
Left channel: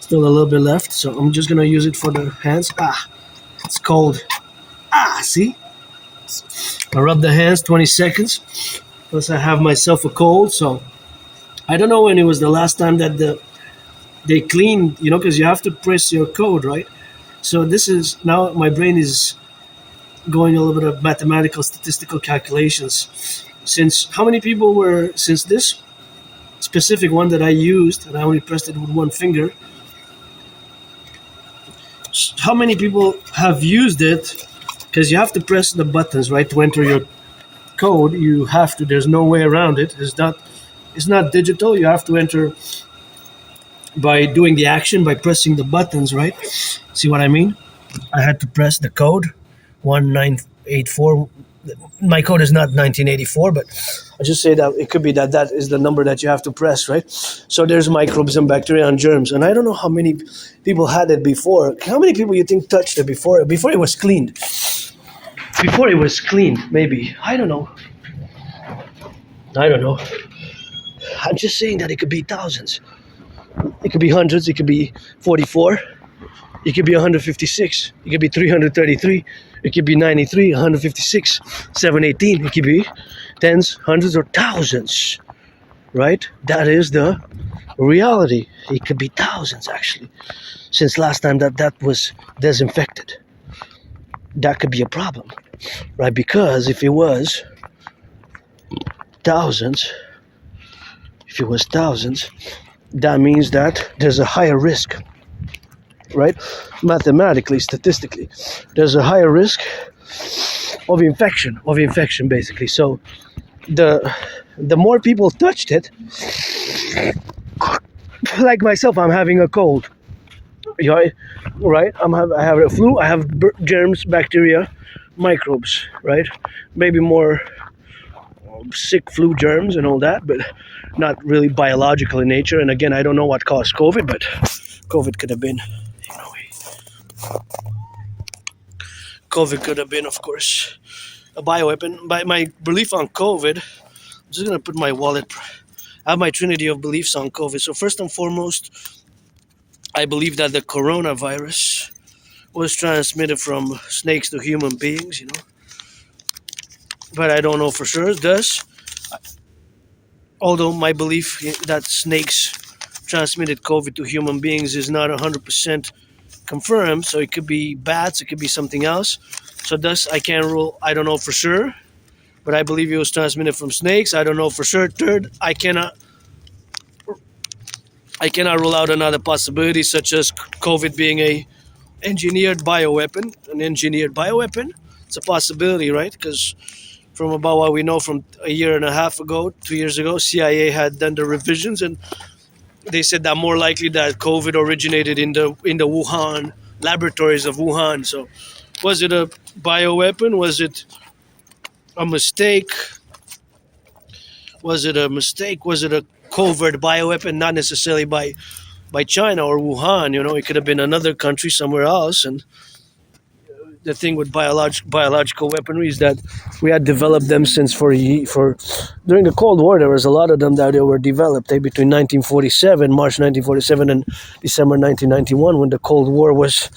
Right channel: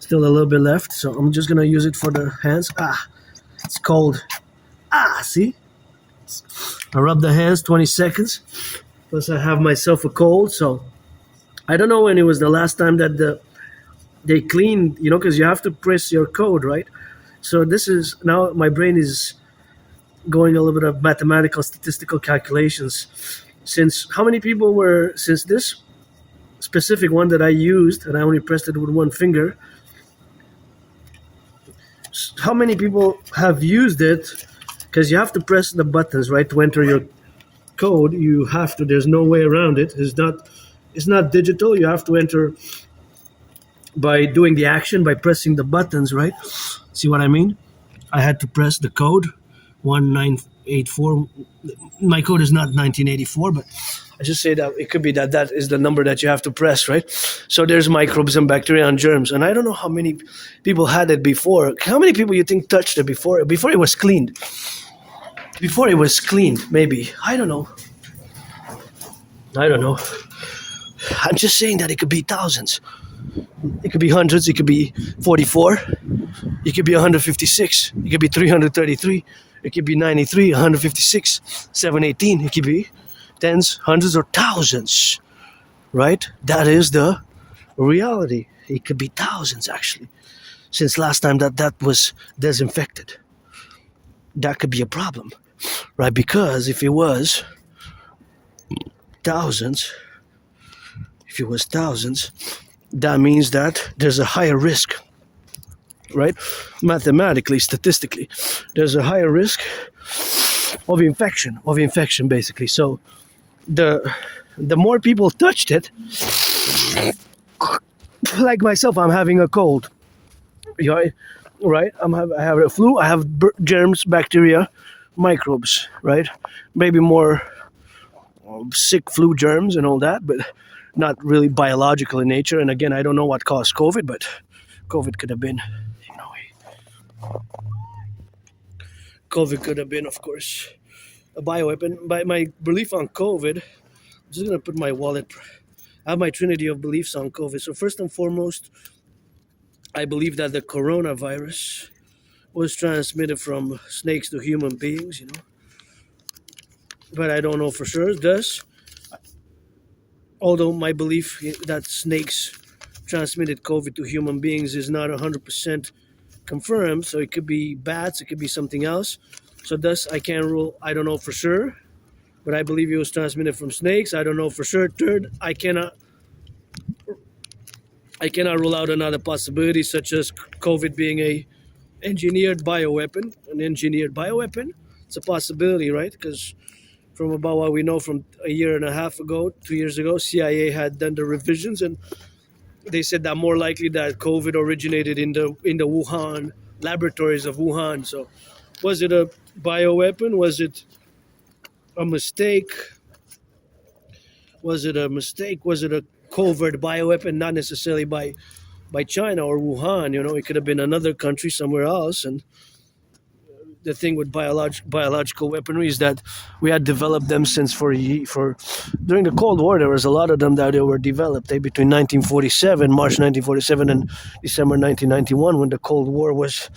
still a little bit left, so I'm just gonna use it for the hands. Ah, it's cold. Ah, see? I rub the hands 20 seconds. Plus I have myself a cold, so I don't know when it was the last time that they cleaned, you know, because you have to press your code, right? So this is now my brain is going a little bit of mathematical statistical calculations. Since how many people were since this specific one that I used and I only pressed it with one finger, how many people have used it? Because you have to press the buttons, right, to enter your code. You have to. There's no way around it. It's not digital. You have to enter by doing the action by pressing the buttons, right? See what I mean? I had to press the code 1984. My code is not 1984, but I just say that it could be that is the number that you have to press, right? So there's microbes and bacteria and germs, and I don't know how many people had it before. How many people you think touched it before it was cleaned? Before it was cleaned, maybe. I don't know. I'm just saying that it could be thousands. It could be hundreds. It could be 44. It could be 156. It could be 333. It could be 93, 156, 718. It could be tens, hundreds, or thousands. Right? That is the reality. It could be thousands, actually. Since last time that was disinfected. That could be a problem. Right? Because if it was thousands, that means that there's a higher risk, right? Mathematically, statistically, there's a higher risk of infection, basically. So the more people touched it, like myself, I'm having a cold, right? I have a flu, I have germs, bacteria, microbes, right? Maybe more sick flu germs and all that, but not really biological in nature. And again, I don't know what caused COVID, but COVID could have been, of course, a bioweapon. By my belief on COVID, I'm just gonna put my wallet. I have my trinity of beliefs on COVID. So first and foremost, I believe that the coronavirus was transmitted from snakes to human beings, but I don't know for sure. Thus, although my belief that snakes transmitted COVID to human beings is not 100% confirmed, so it could be bats, it could be something else. So thus, I can't rule. I don't know for sure, but I believe it was transmitted from snakes. I don't know for sure. Third, I cannot rule out another possibility, such as COVID being an engineered bioweapon. It's a possibility, right? Because from about what we know from a year and a half ago, 2 years ago, CIA had done the revisions, and they said that more likely that COVID originated in the Wuhan laboratories of Wuhan. So, was it a bioweapon? Was it a mistake? Was it a covert bioweapon? Not necessarily by China or Wuhan. It could have been another country somewhere else. And the thing with biological weaponry is that we had developed them since for during the Cold War. There was a lot of them that were developed between March 1947 and December 1991, when the Cold War was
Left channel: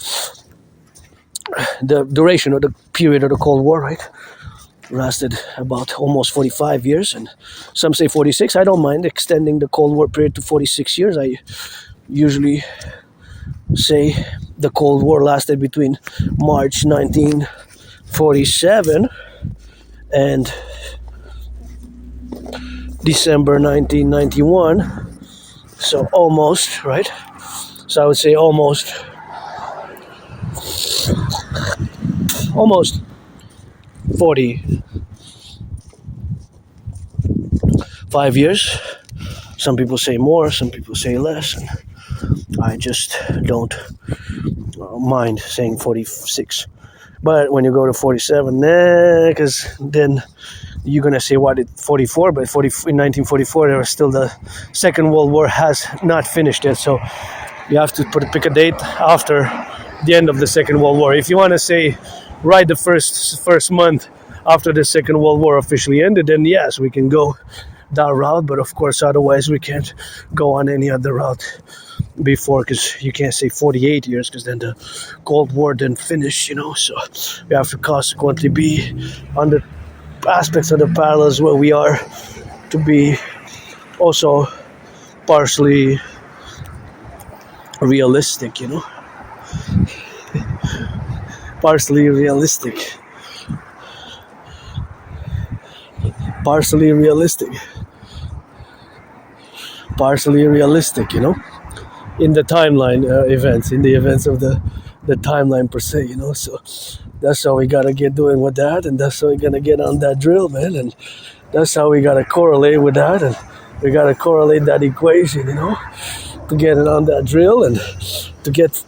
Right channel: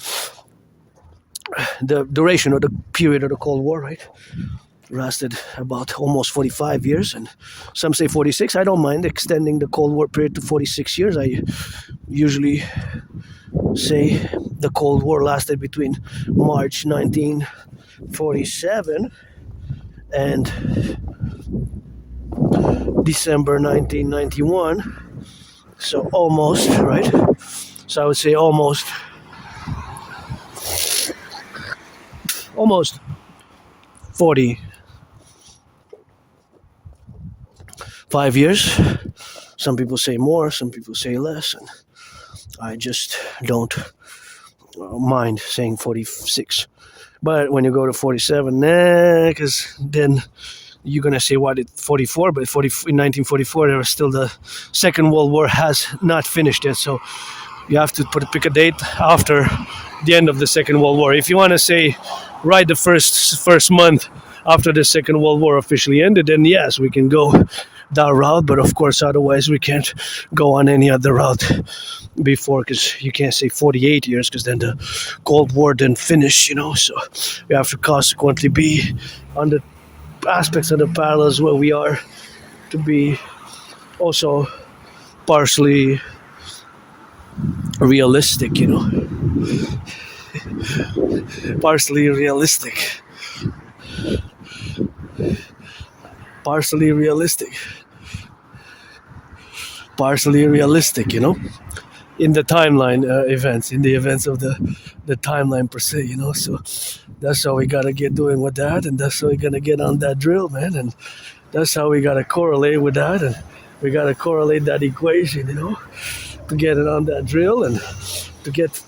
the duration of the period of the Cold War, right? Lasted about almost 45 years, and some say 46. I don't mind extending the Cold War period to 46 years. I usually say the Cold War lasted between March 1947 and December 1991. So almost, right? So I would say almost 45 years. Some people say more, some people say less, and I just don't mind saying 46. But when you go to 47, because then you're going to say, what, 44? But in 1944, there was still the Second World War has not finished yet. So you have to pick a date after the end of the Second World War. If you want to say right the first month after the Second World War officially ended, then yes, we can go that route. But of course, otherwise we can't go on any other route before, because you can't say 48 years, because then the Cold War didn't finish, So we have to consequently be on the aspects of the parallels where we are to be also partially realistic, partially realistic. Partially realistic. Partially realistic, you know, in the timeline events, in the events of the timeline per se, you know. So that's how we gotta get doing with that, and that's how we gotta get on that drill, man. And that's how we gotta correlate with that, and we gotta correlate that equation, you know, to get it on that drill and to get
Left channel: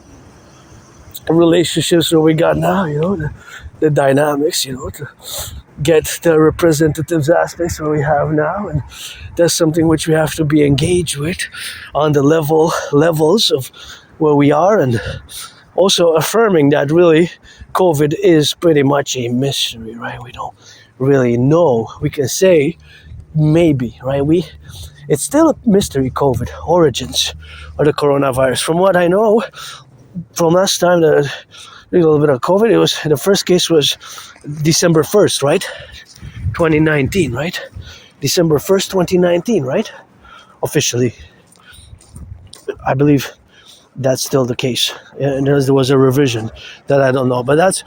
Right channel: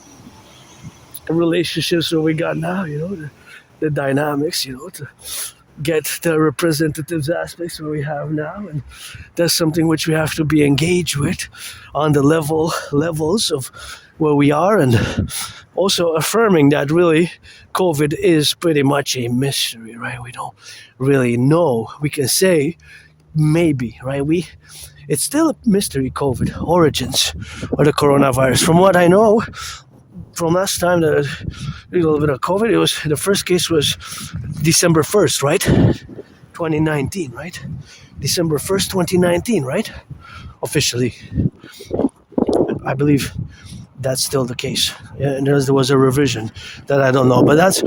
relationships where we got now, you know, the dynamics, you know, to get the representative aspects where we have now. And that's something which we have to be engaged with on the levels of where we are, and also affirming that really COVID is pretty much a mystery, right? We don't really know. We can say maybe, right? It's still a mystery, COVID origins of the coronavirus. From what I know, from last time that a little bit of COVID, it was the first case was December 1st, right? 2019, right? December 1st, 2019, right? Officially. I believe that's still the case. Yeah, and there was a revision that I don't know, but that's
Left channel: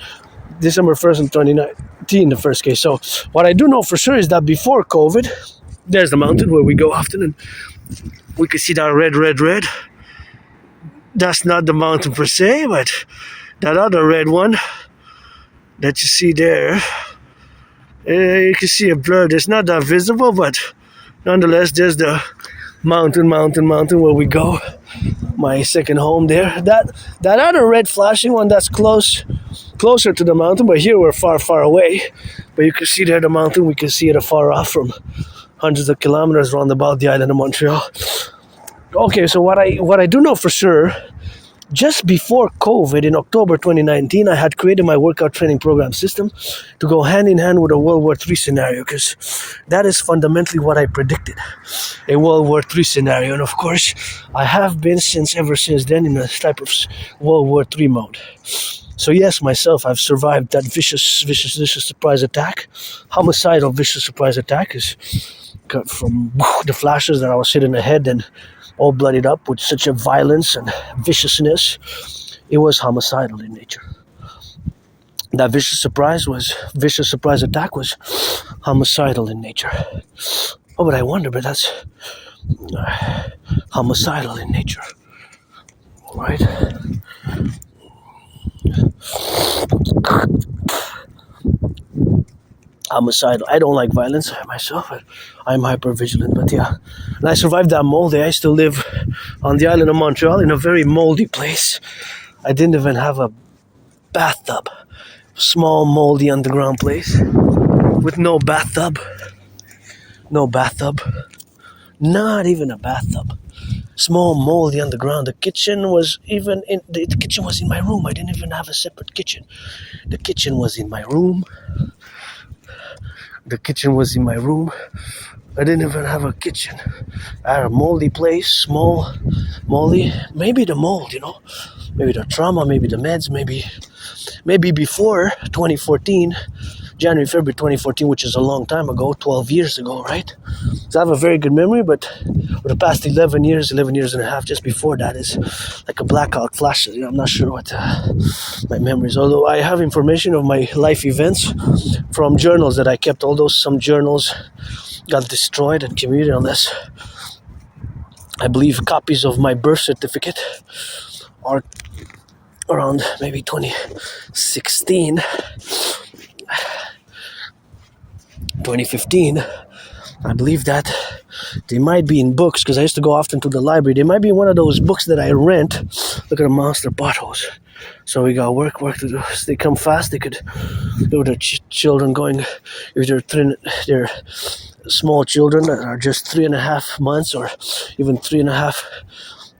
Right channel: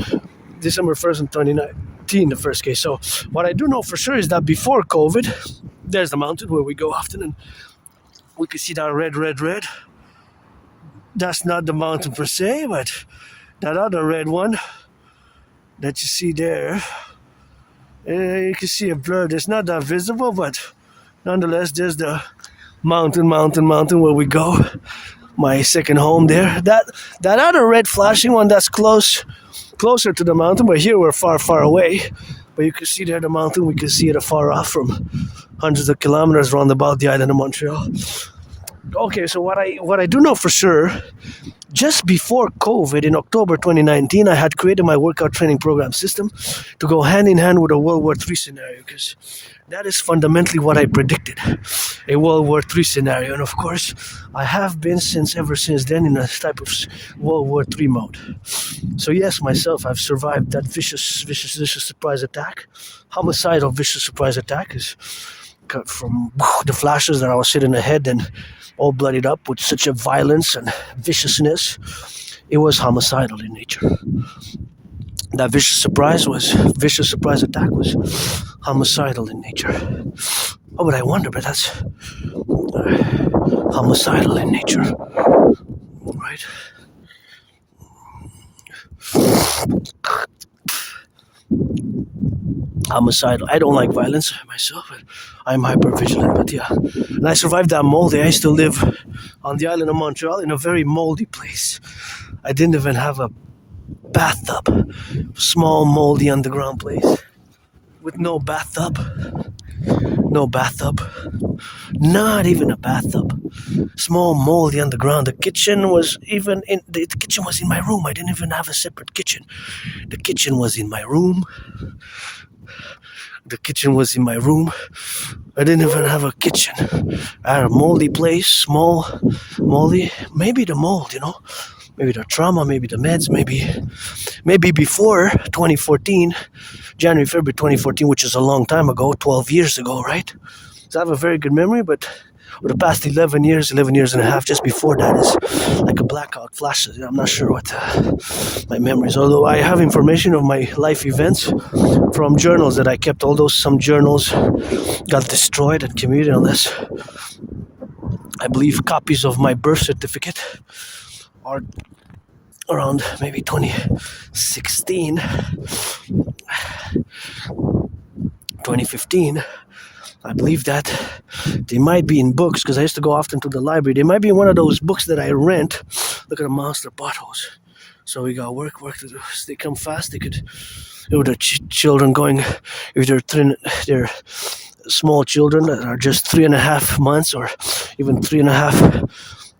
December 1st in 2019, the first case. So what I do know for sure is that before COVID, there's the mountain where we go often, and we can see that red. That's not the mountain per se, but that other red one that you see there, you can see it blurred. It's not that visible, but nonetheless, there's the mountain where we go. My second home there. That other red flashing one, that's closer to the mountain, but here we're far away. But you can see there the mountain. We can see it afar off from hundreds of kilometers around about the island of Montreal. Okay, so what I do know for sure, just before COVID in October 2019, I had created my workout training program system to go hand in hand with a World War III scenario, because that is fundamentally what I predicted, a World War III scenario. And of course, I have been ever since then in a type of World War III mode. So yes, myself, I've survived that vicious surprise attack. Homicidal vicious surprise attack is cut from the flashes that I was hitting the head and all bloodied up with such a violence and viciousness. It was homicidal in nature. That vicious surprise attack was homicidal in nature. Oh, but I wonder, but that's homicidal in nature, right? Homicidal. I don't like violence myself, but I'm hyper-vigilant. But yeah, and I survived that mold. I used to live on the island of Montreal in a very moldy place. I didn't even have a bathtub. Small, moldy, underground place with no bathtub. Not even a bathtub. Small, moldy, underground. The kitchen was in my room. I didn't even have a separate kitchen. The kitchen was in my room. I didn't even have a kitchen. I had a moldy place, small, moldy. Maybe the mold, you know. Maybe the trauma, maybe the meds, maybe before 2014, January, February 2014, which is a long time ago, 12 years ago, right? So I have a very good memory, but for the past 11 years and a half, just before that is like a blackout flash. I'm not sure what my memories, although I have information of my life events from journals that I kept, although some journals got destroyed and community unless I believe copies of my birth certificate are around maybe 2016, 2015. I believe that they might be in books, because I used to go often to the library. They might be in one of those books that I rent. Look at the monster potholes. So we got work to do. If they come fast, they could, with their children going, if they're small children that are just 3.5 months or even 3.5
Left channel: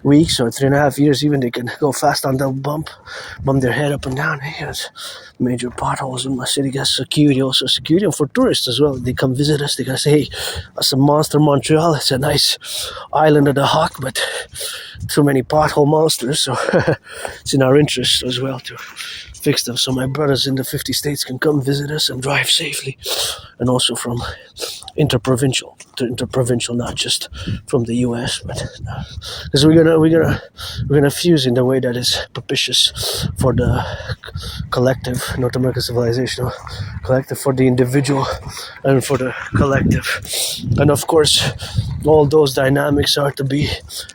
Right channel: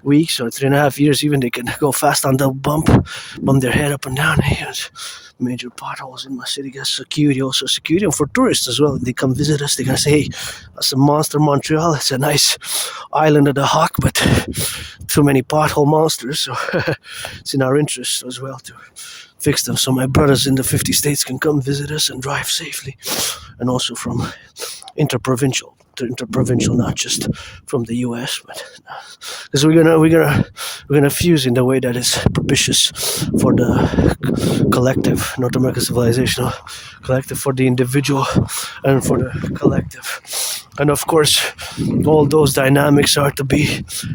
weeks or 3.5 years, even they can go fast on the bump their head up and down. Hey, there's major potholes in my city. Got security, also security, and for tourists as well. They come visit us. They gotta say, hey, that's a monster Montreal. It's a nice island of the Hawk, but too many pothole monsters. So it's in our interest as well to fix them, so my brothers in the 50 states can come visit us and drive safely and also from interprovincial to interprovincial, not just from the U.S., but because we're gonna fuse in the way that is propitious for the collective, North American civilizational collective, for the individual, and for the collective, and of course, all those dynamics are to be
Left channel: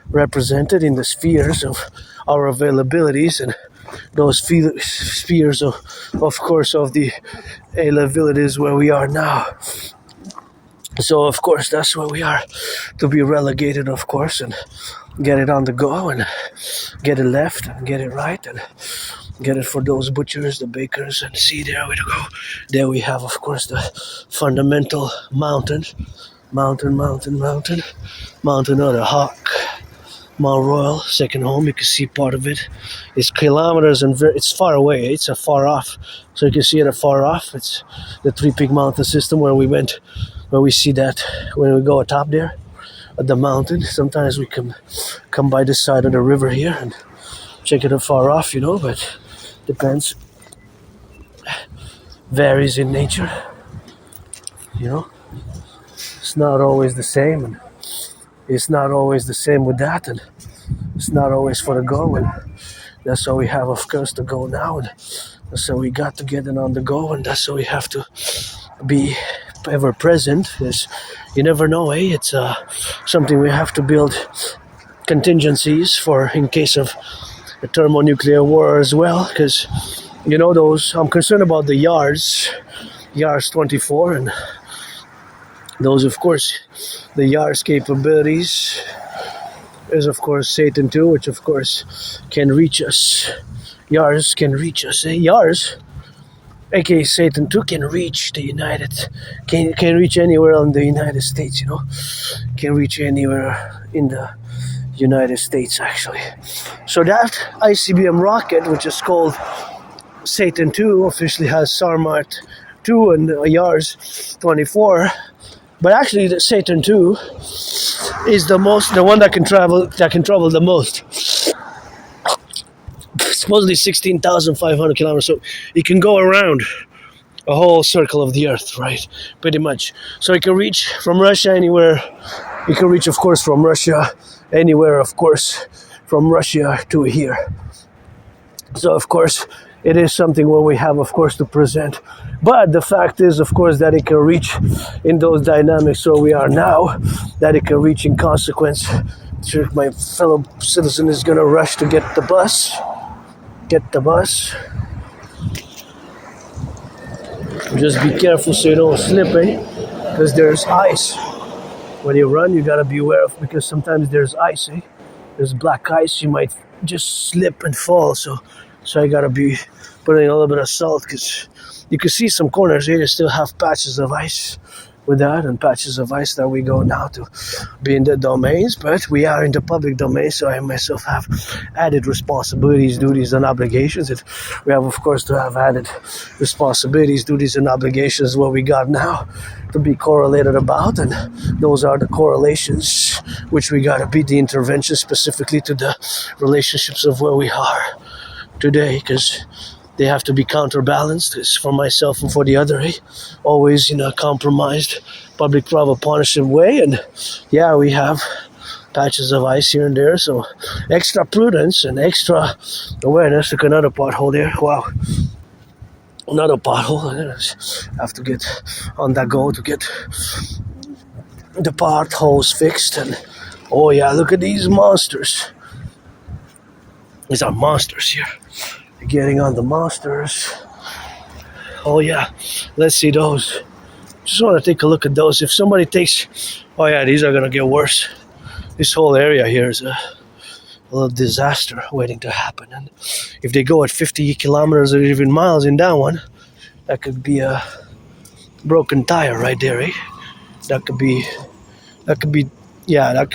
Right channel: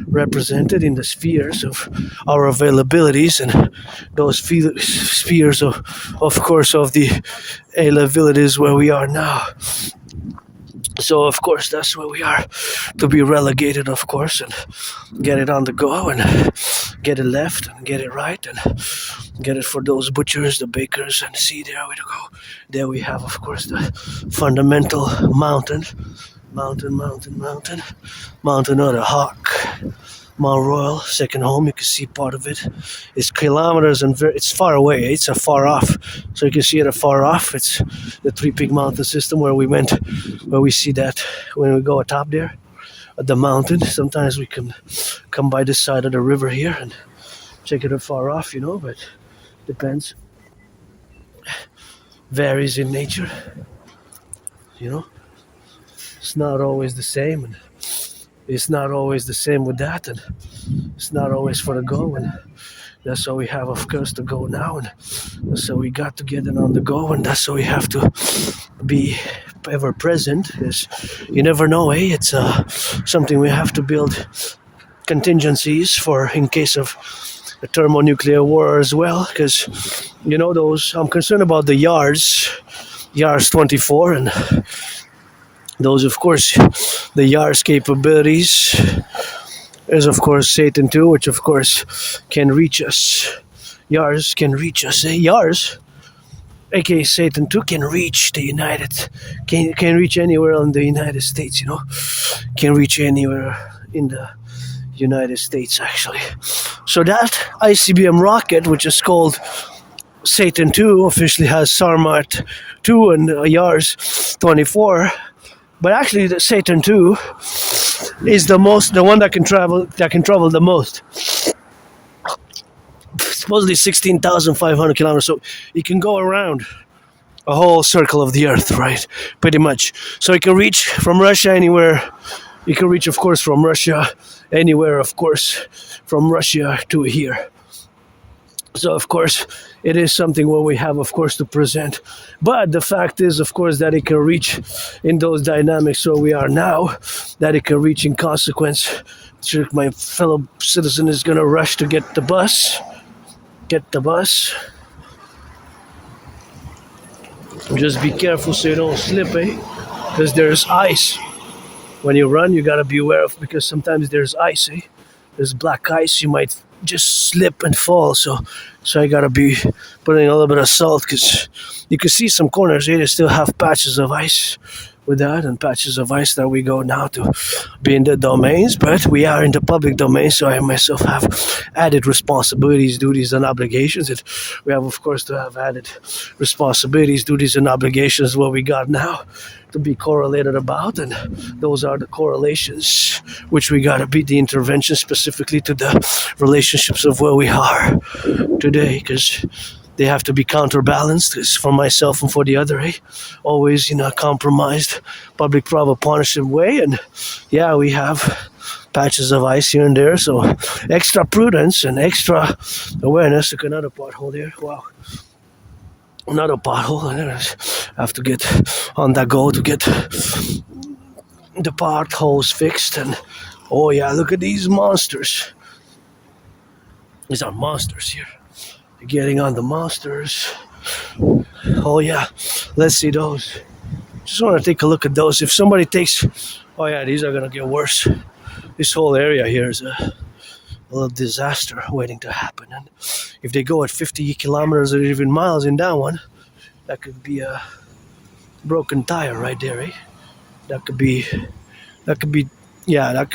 represented in the spheres of our availabilities, and those spheres of course, of the availabilities where we are now. So of course that's where we are to be relegated, of course, and get it on the go and get it left and get it right and get it for those butchers, the bakers, and see there we go. There we have, of course, the fundamental mountain of the Hawk. Mount Royal, second home. You can see part of it. It's kilometers and it's far away. It's far off, so you can see it afar off. It's the Three Peak Mountain System where we went, where we see that when we go atop there at the mountain. Sometimes we can come by this side of the river here and check it afar off, but depends. Varies in nature, It's not always the same, and it's not always the same with that, and it's not always for the go, and that's how we have, of course, to go now, and that's how we got to get it on the go, and that's how we have to be ever present, because you never know, it's something we have to build contingencies for in case of a thermonuclear war as well, because, those, I'm concerned about the YARS 24, and those, of course, the YARS capabilities is, of course, Satan 2, which, of course, can reach us. YARS can reach us. YARS, aka Satan 2, can reach the can reach anywhere in the United States, Can reach anywhere in the United States, actually. So that ICBM rocket, which is called Satan 2, officially has Sarmat 2 and YARS 24. But actually, the Satan 2 is the one that can travel the most. Supposedly 16,500 kilometers, so it can go around a whole circle of the Earth, right? Pretty much. So it can reach from Russia anywhere. It can reach, of course, from Russia anywhere, of course, from Russia to here. So, of course, it is something where we have, of course, to present. But the fact is, of course, that it can reach in those dynamics where we are now, that it can reach in consequence. Sure, my fellow citizen is going to rush to get the bus. Just be careful so you don't slip, because there's ice. When you run, you got to be aware of, because sometimes there's ice, There's black ice, you might just slip and fall, so I gotta be putting a little bit of salt, because you can see some corners here, they still have patches of ice with that, and patches of ice that we go now to be in the domains, but we are in the public domain, so I myself have added responsibilities, duties, and obligations, and we have, of course, to have added responsibilities, duties, and obligations what we got now to be correlated about, and those are the correlations which we got to be the intervention specifically to the relationships of where we are today, because they have to be counterbalanced. It's for myself and for the other, always in a compromised public-private partnership way, and yeah, we have patches of ice here and there, so extra prudence and extra awareness. Look, another pothole there. Wow. Another pothole. I have to get on that go to get the potholes fixed. And oh yeah, look at these monsters. These are monsters here. Getting on the monsters. Oh yeah, let's see those. Just want to take a look at those. If somebody takes, oh yeah, these are gonna get worse. This whole area here is a little disaster waiting to happen. And if they go at 50 kilometers or even miles in that one, that could be a broken tire right there, That could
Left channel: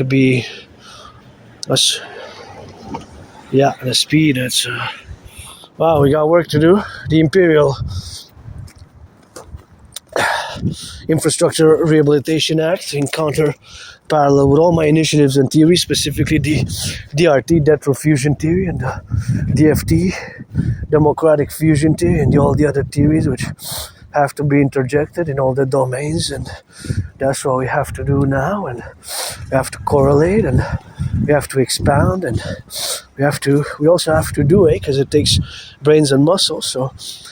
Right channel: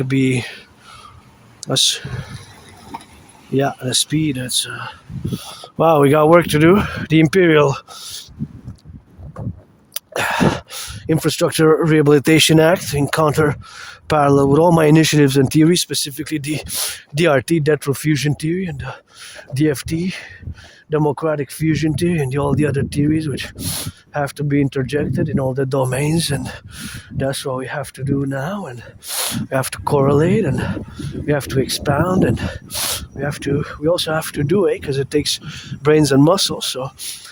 be us. Yeah, the speed. That's wow. We got work to do. The Imperial Infrastructure Rehabilitation Act in counter parallel with all my initiatives and theories, specifically the DRT, Death Fusion Theory, and the DFT, Democratic Fusion Theory, and all the other theories which have to be interjected in all the domains, and that's what we have to do now. And we have to correlate, and we have to expound, and we also have to do it because it takes brains and muscles. So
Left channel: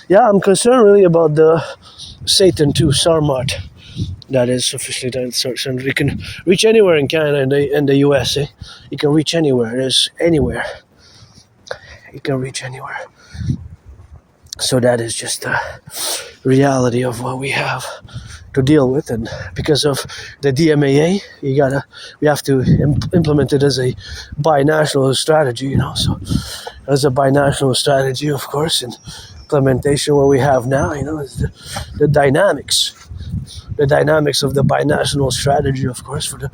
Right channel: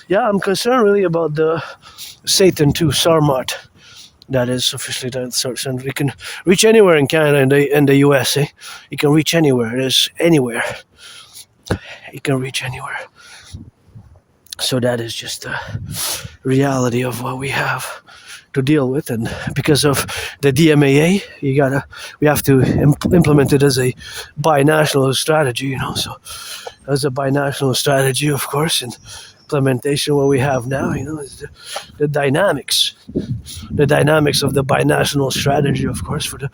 yeah, I'm concerned really about the Satan 2 Sarmat. That is officially titled search, and we can reach anywhere in Canada and the US. You can reach anywhere. There's anywhere. You can reach anywhere. So that is just the reality of what we have to deal with, and because of the DMAA, we have to implement it as a binational strategy. So as a binational strategy, of course, and implementation, what we have now, is the dynamics of the binational strategy, of course, for the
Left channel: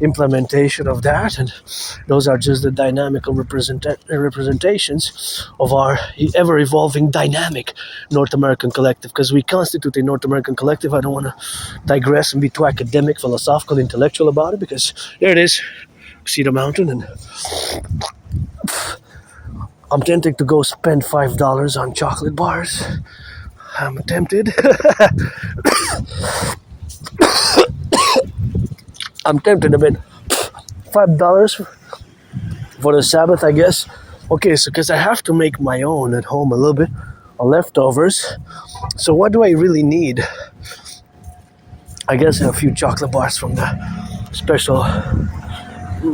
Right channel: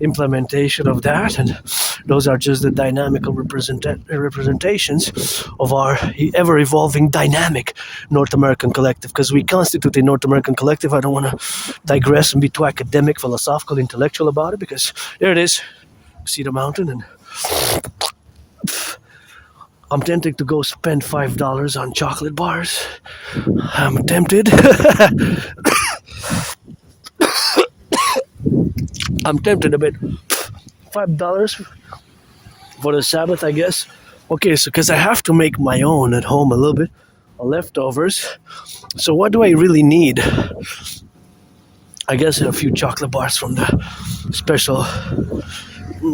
implementation of that. And those are just the dynamical representations of our ever-evolving dynamic North American collective, because we constitute a North American collective. I don't want to digress and be too academic, philosophical, intellectual about it, because there it is. See the mountain, and I'm tempted to go spend $5 on chocolate bars. I'm tempted. I'm tempted a bit. $5 for the Sabbath, I guess. Okay, so because I have to make my own at home a little bit on leftovers. So what do I really need? I guess a few chocolate bars from the special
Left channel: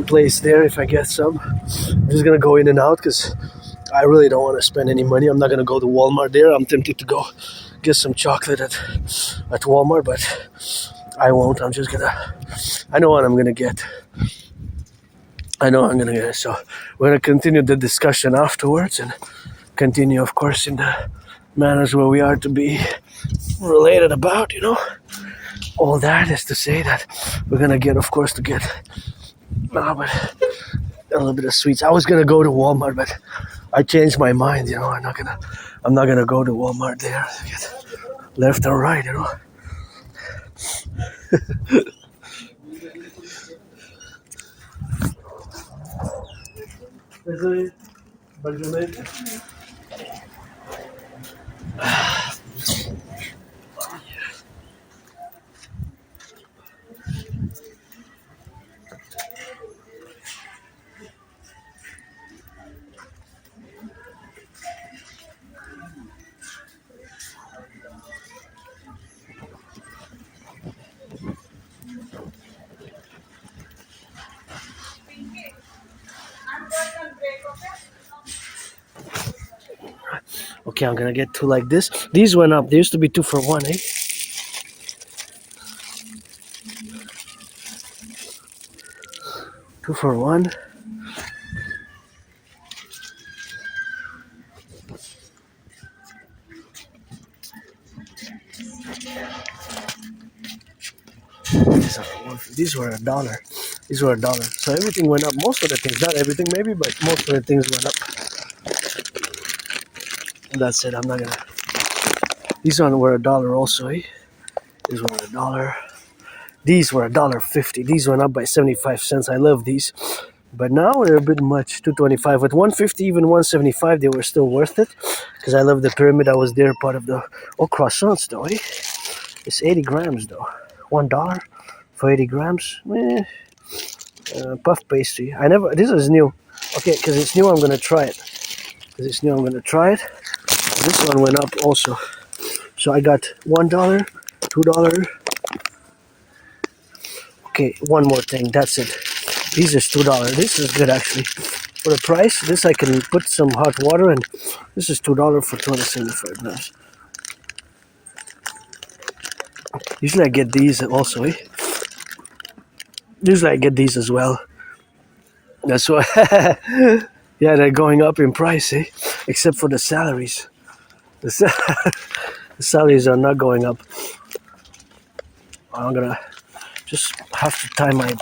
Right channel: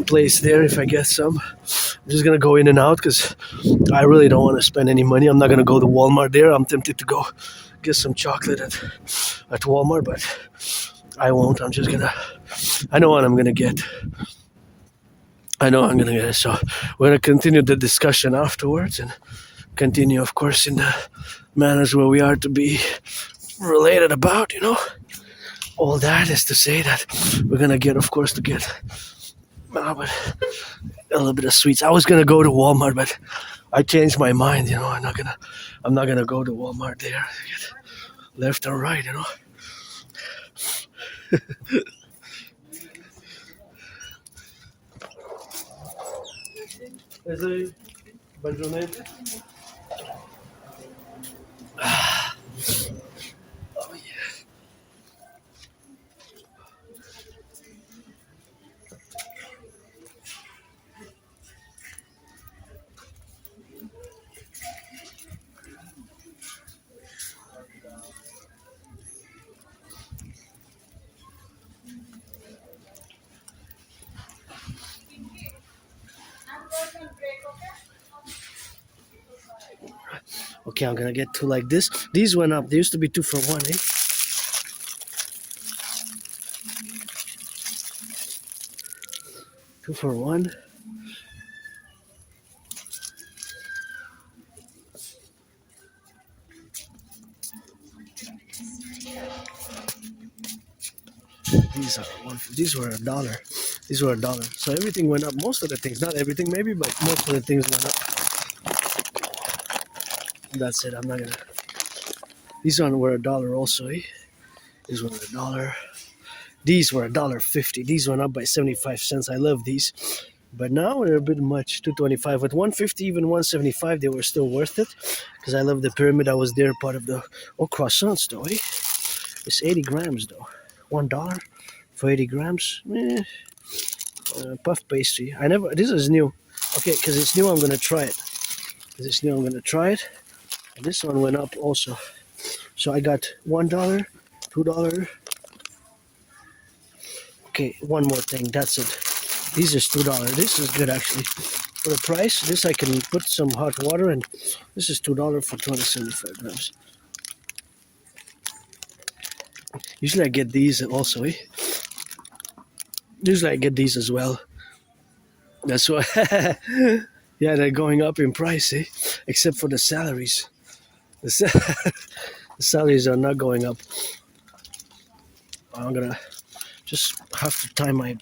place there, if I get some. I'm just gonna go in and out because I really don't want to spend any money. I'm not gonna go to Walmart there. I'm tempted to go get some chocolate at Walmart, but I won't. I know what I'm gonna get. So we're gonna continue the discussion afterwards, and continue, of course, in the manners where we are to be related about. All that is to say that we're gonna get, of course, a little bit of sweets. I was gonna go to Walmart, but I changed my mind. I'm not gonna go to Walmart there. Left or right, Okay, I'm gonna get two like this. These went up. There used to be 2 for 1, eh? Two for 1. These were $1. These were $1. So everything went up. Most of the things, not everything maybe, but most of the things went up. And that's it. I'm not gonna. These ones were $1 also, eh? These were $1. These were $1.50. These went up by 75 cents. I love these. But now they're a bit much, $2.25. With $1.50, even $1.75, they were still worth it. Because I love the pyramid. I was there, part of the croissants though, eh? It's 80 grams though. $1 for 80 grams. Puff pastry. This is new. Okay, because it's new, I'm gonna try it. This one went up also. So I got $1, $2. Okay, one more thing. That's it. These is $2. This is good actually. For the price, this I can put some hot water, and this is $2 for 275 grams. Usually I get these also, eh? Usually I get these as well. That's why. Yeah, they're going up in price, eh? Except for the salaries. The salaries are not going up. I'm gonna just have to tie my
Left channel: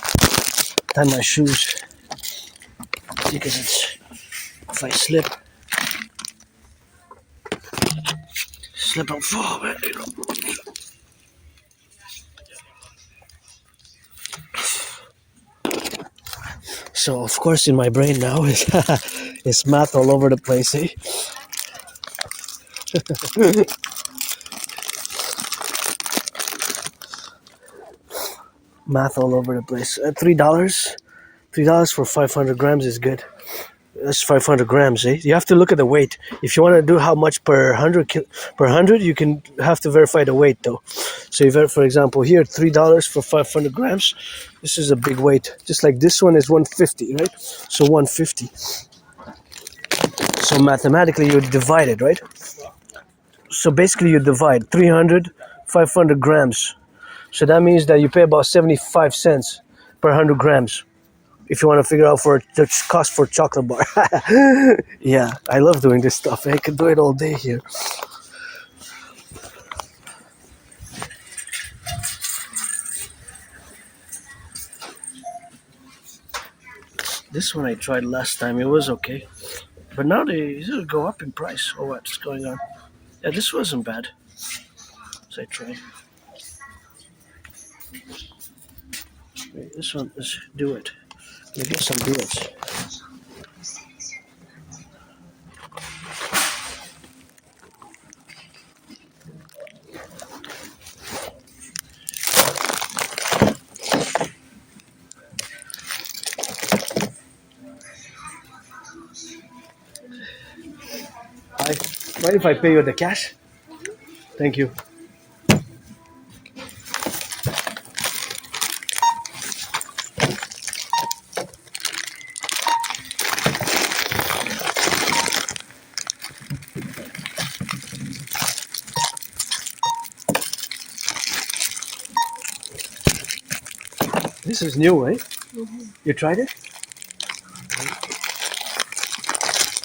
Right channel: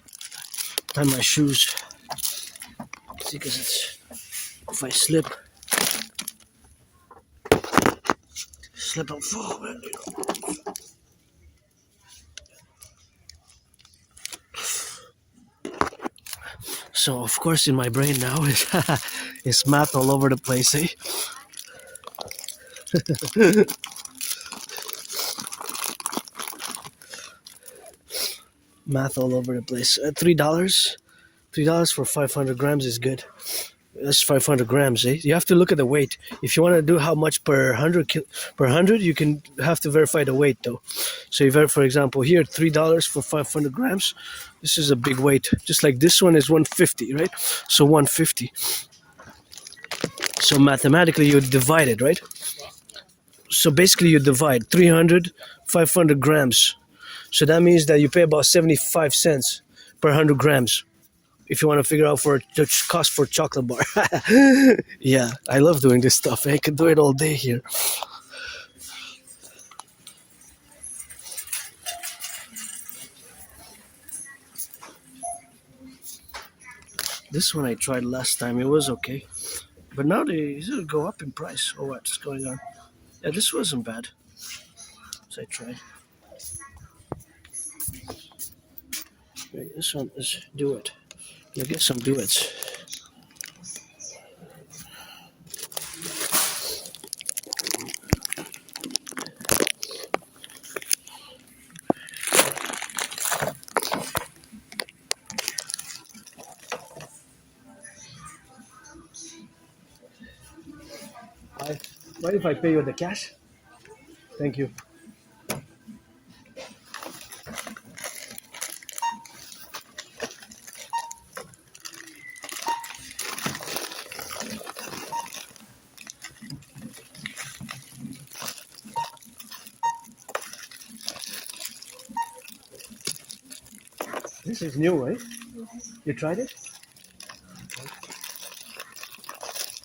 shoes, because if I slip and fall, man, So of course in my brain now is math all over the place, eh? Math all over the place. $3 for 500 grams is good. That's 500 grams, eh? You have to look at the weight. If you want to do how much per 100, you can have to verify the weight though. So you for example here, $3 for 500 grams. This is a big weight. Just like this one is 150, right? So 150. So mathematically you divide it, right? So basically you divide 300, 500 grams. So that means that you pay about 75 cents per 100 grams. If you want to figure out for the cost for chocolate bar. Yeah, I love doing this stuff. I can do it all day here. This one I tried last time. It was okay. But now they go up in price. Or what's going on? Yeah, this wasn't bad. So I tried. This one is do it. Let me get some duets. Mind if I pay you with the cash? Thank you. This is new, eh? Mm-hmm. You tried it?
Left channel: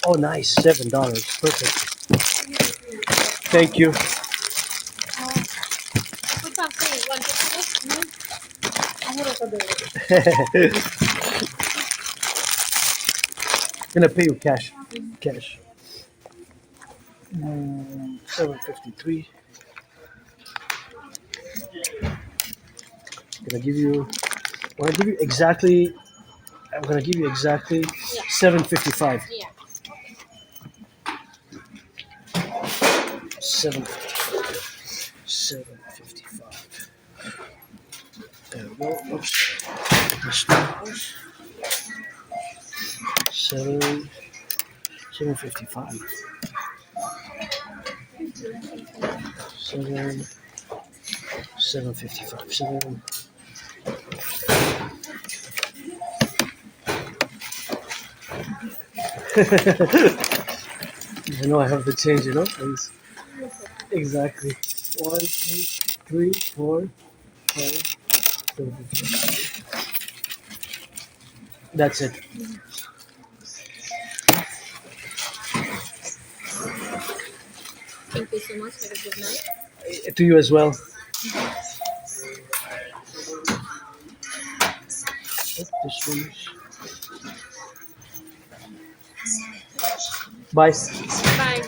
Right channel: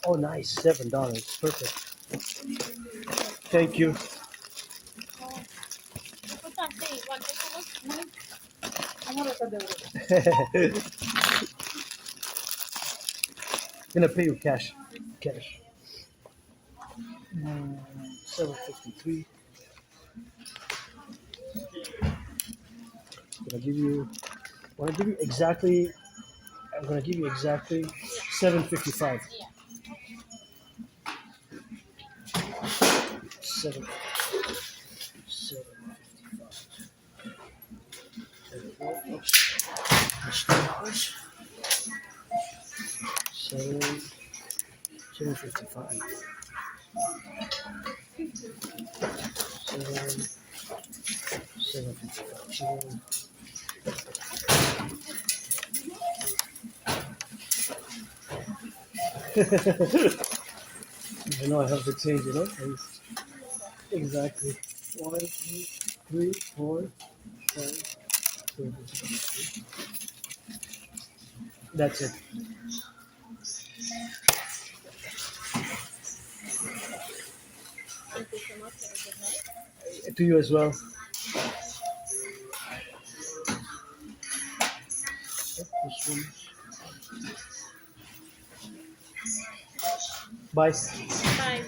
Oh, nice. $7. Perfect. Thank you. Gonna pay you cash. Cash. 753. Gonna give you. I'm gonna give you exactly. I'm gonna give you exactly 755. Yeah. 755. There we go. Oops. 755. 755. I know I have to change it up. Exactly. 1, 2, 3, 4, 5, 7. That's it. Thank you so much. Have a good night. To you as well. This one. Bye. Bye.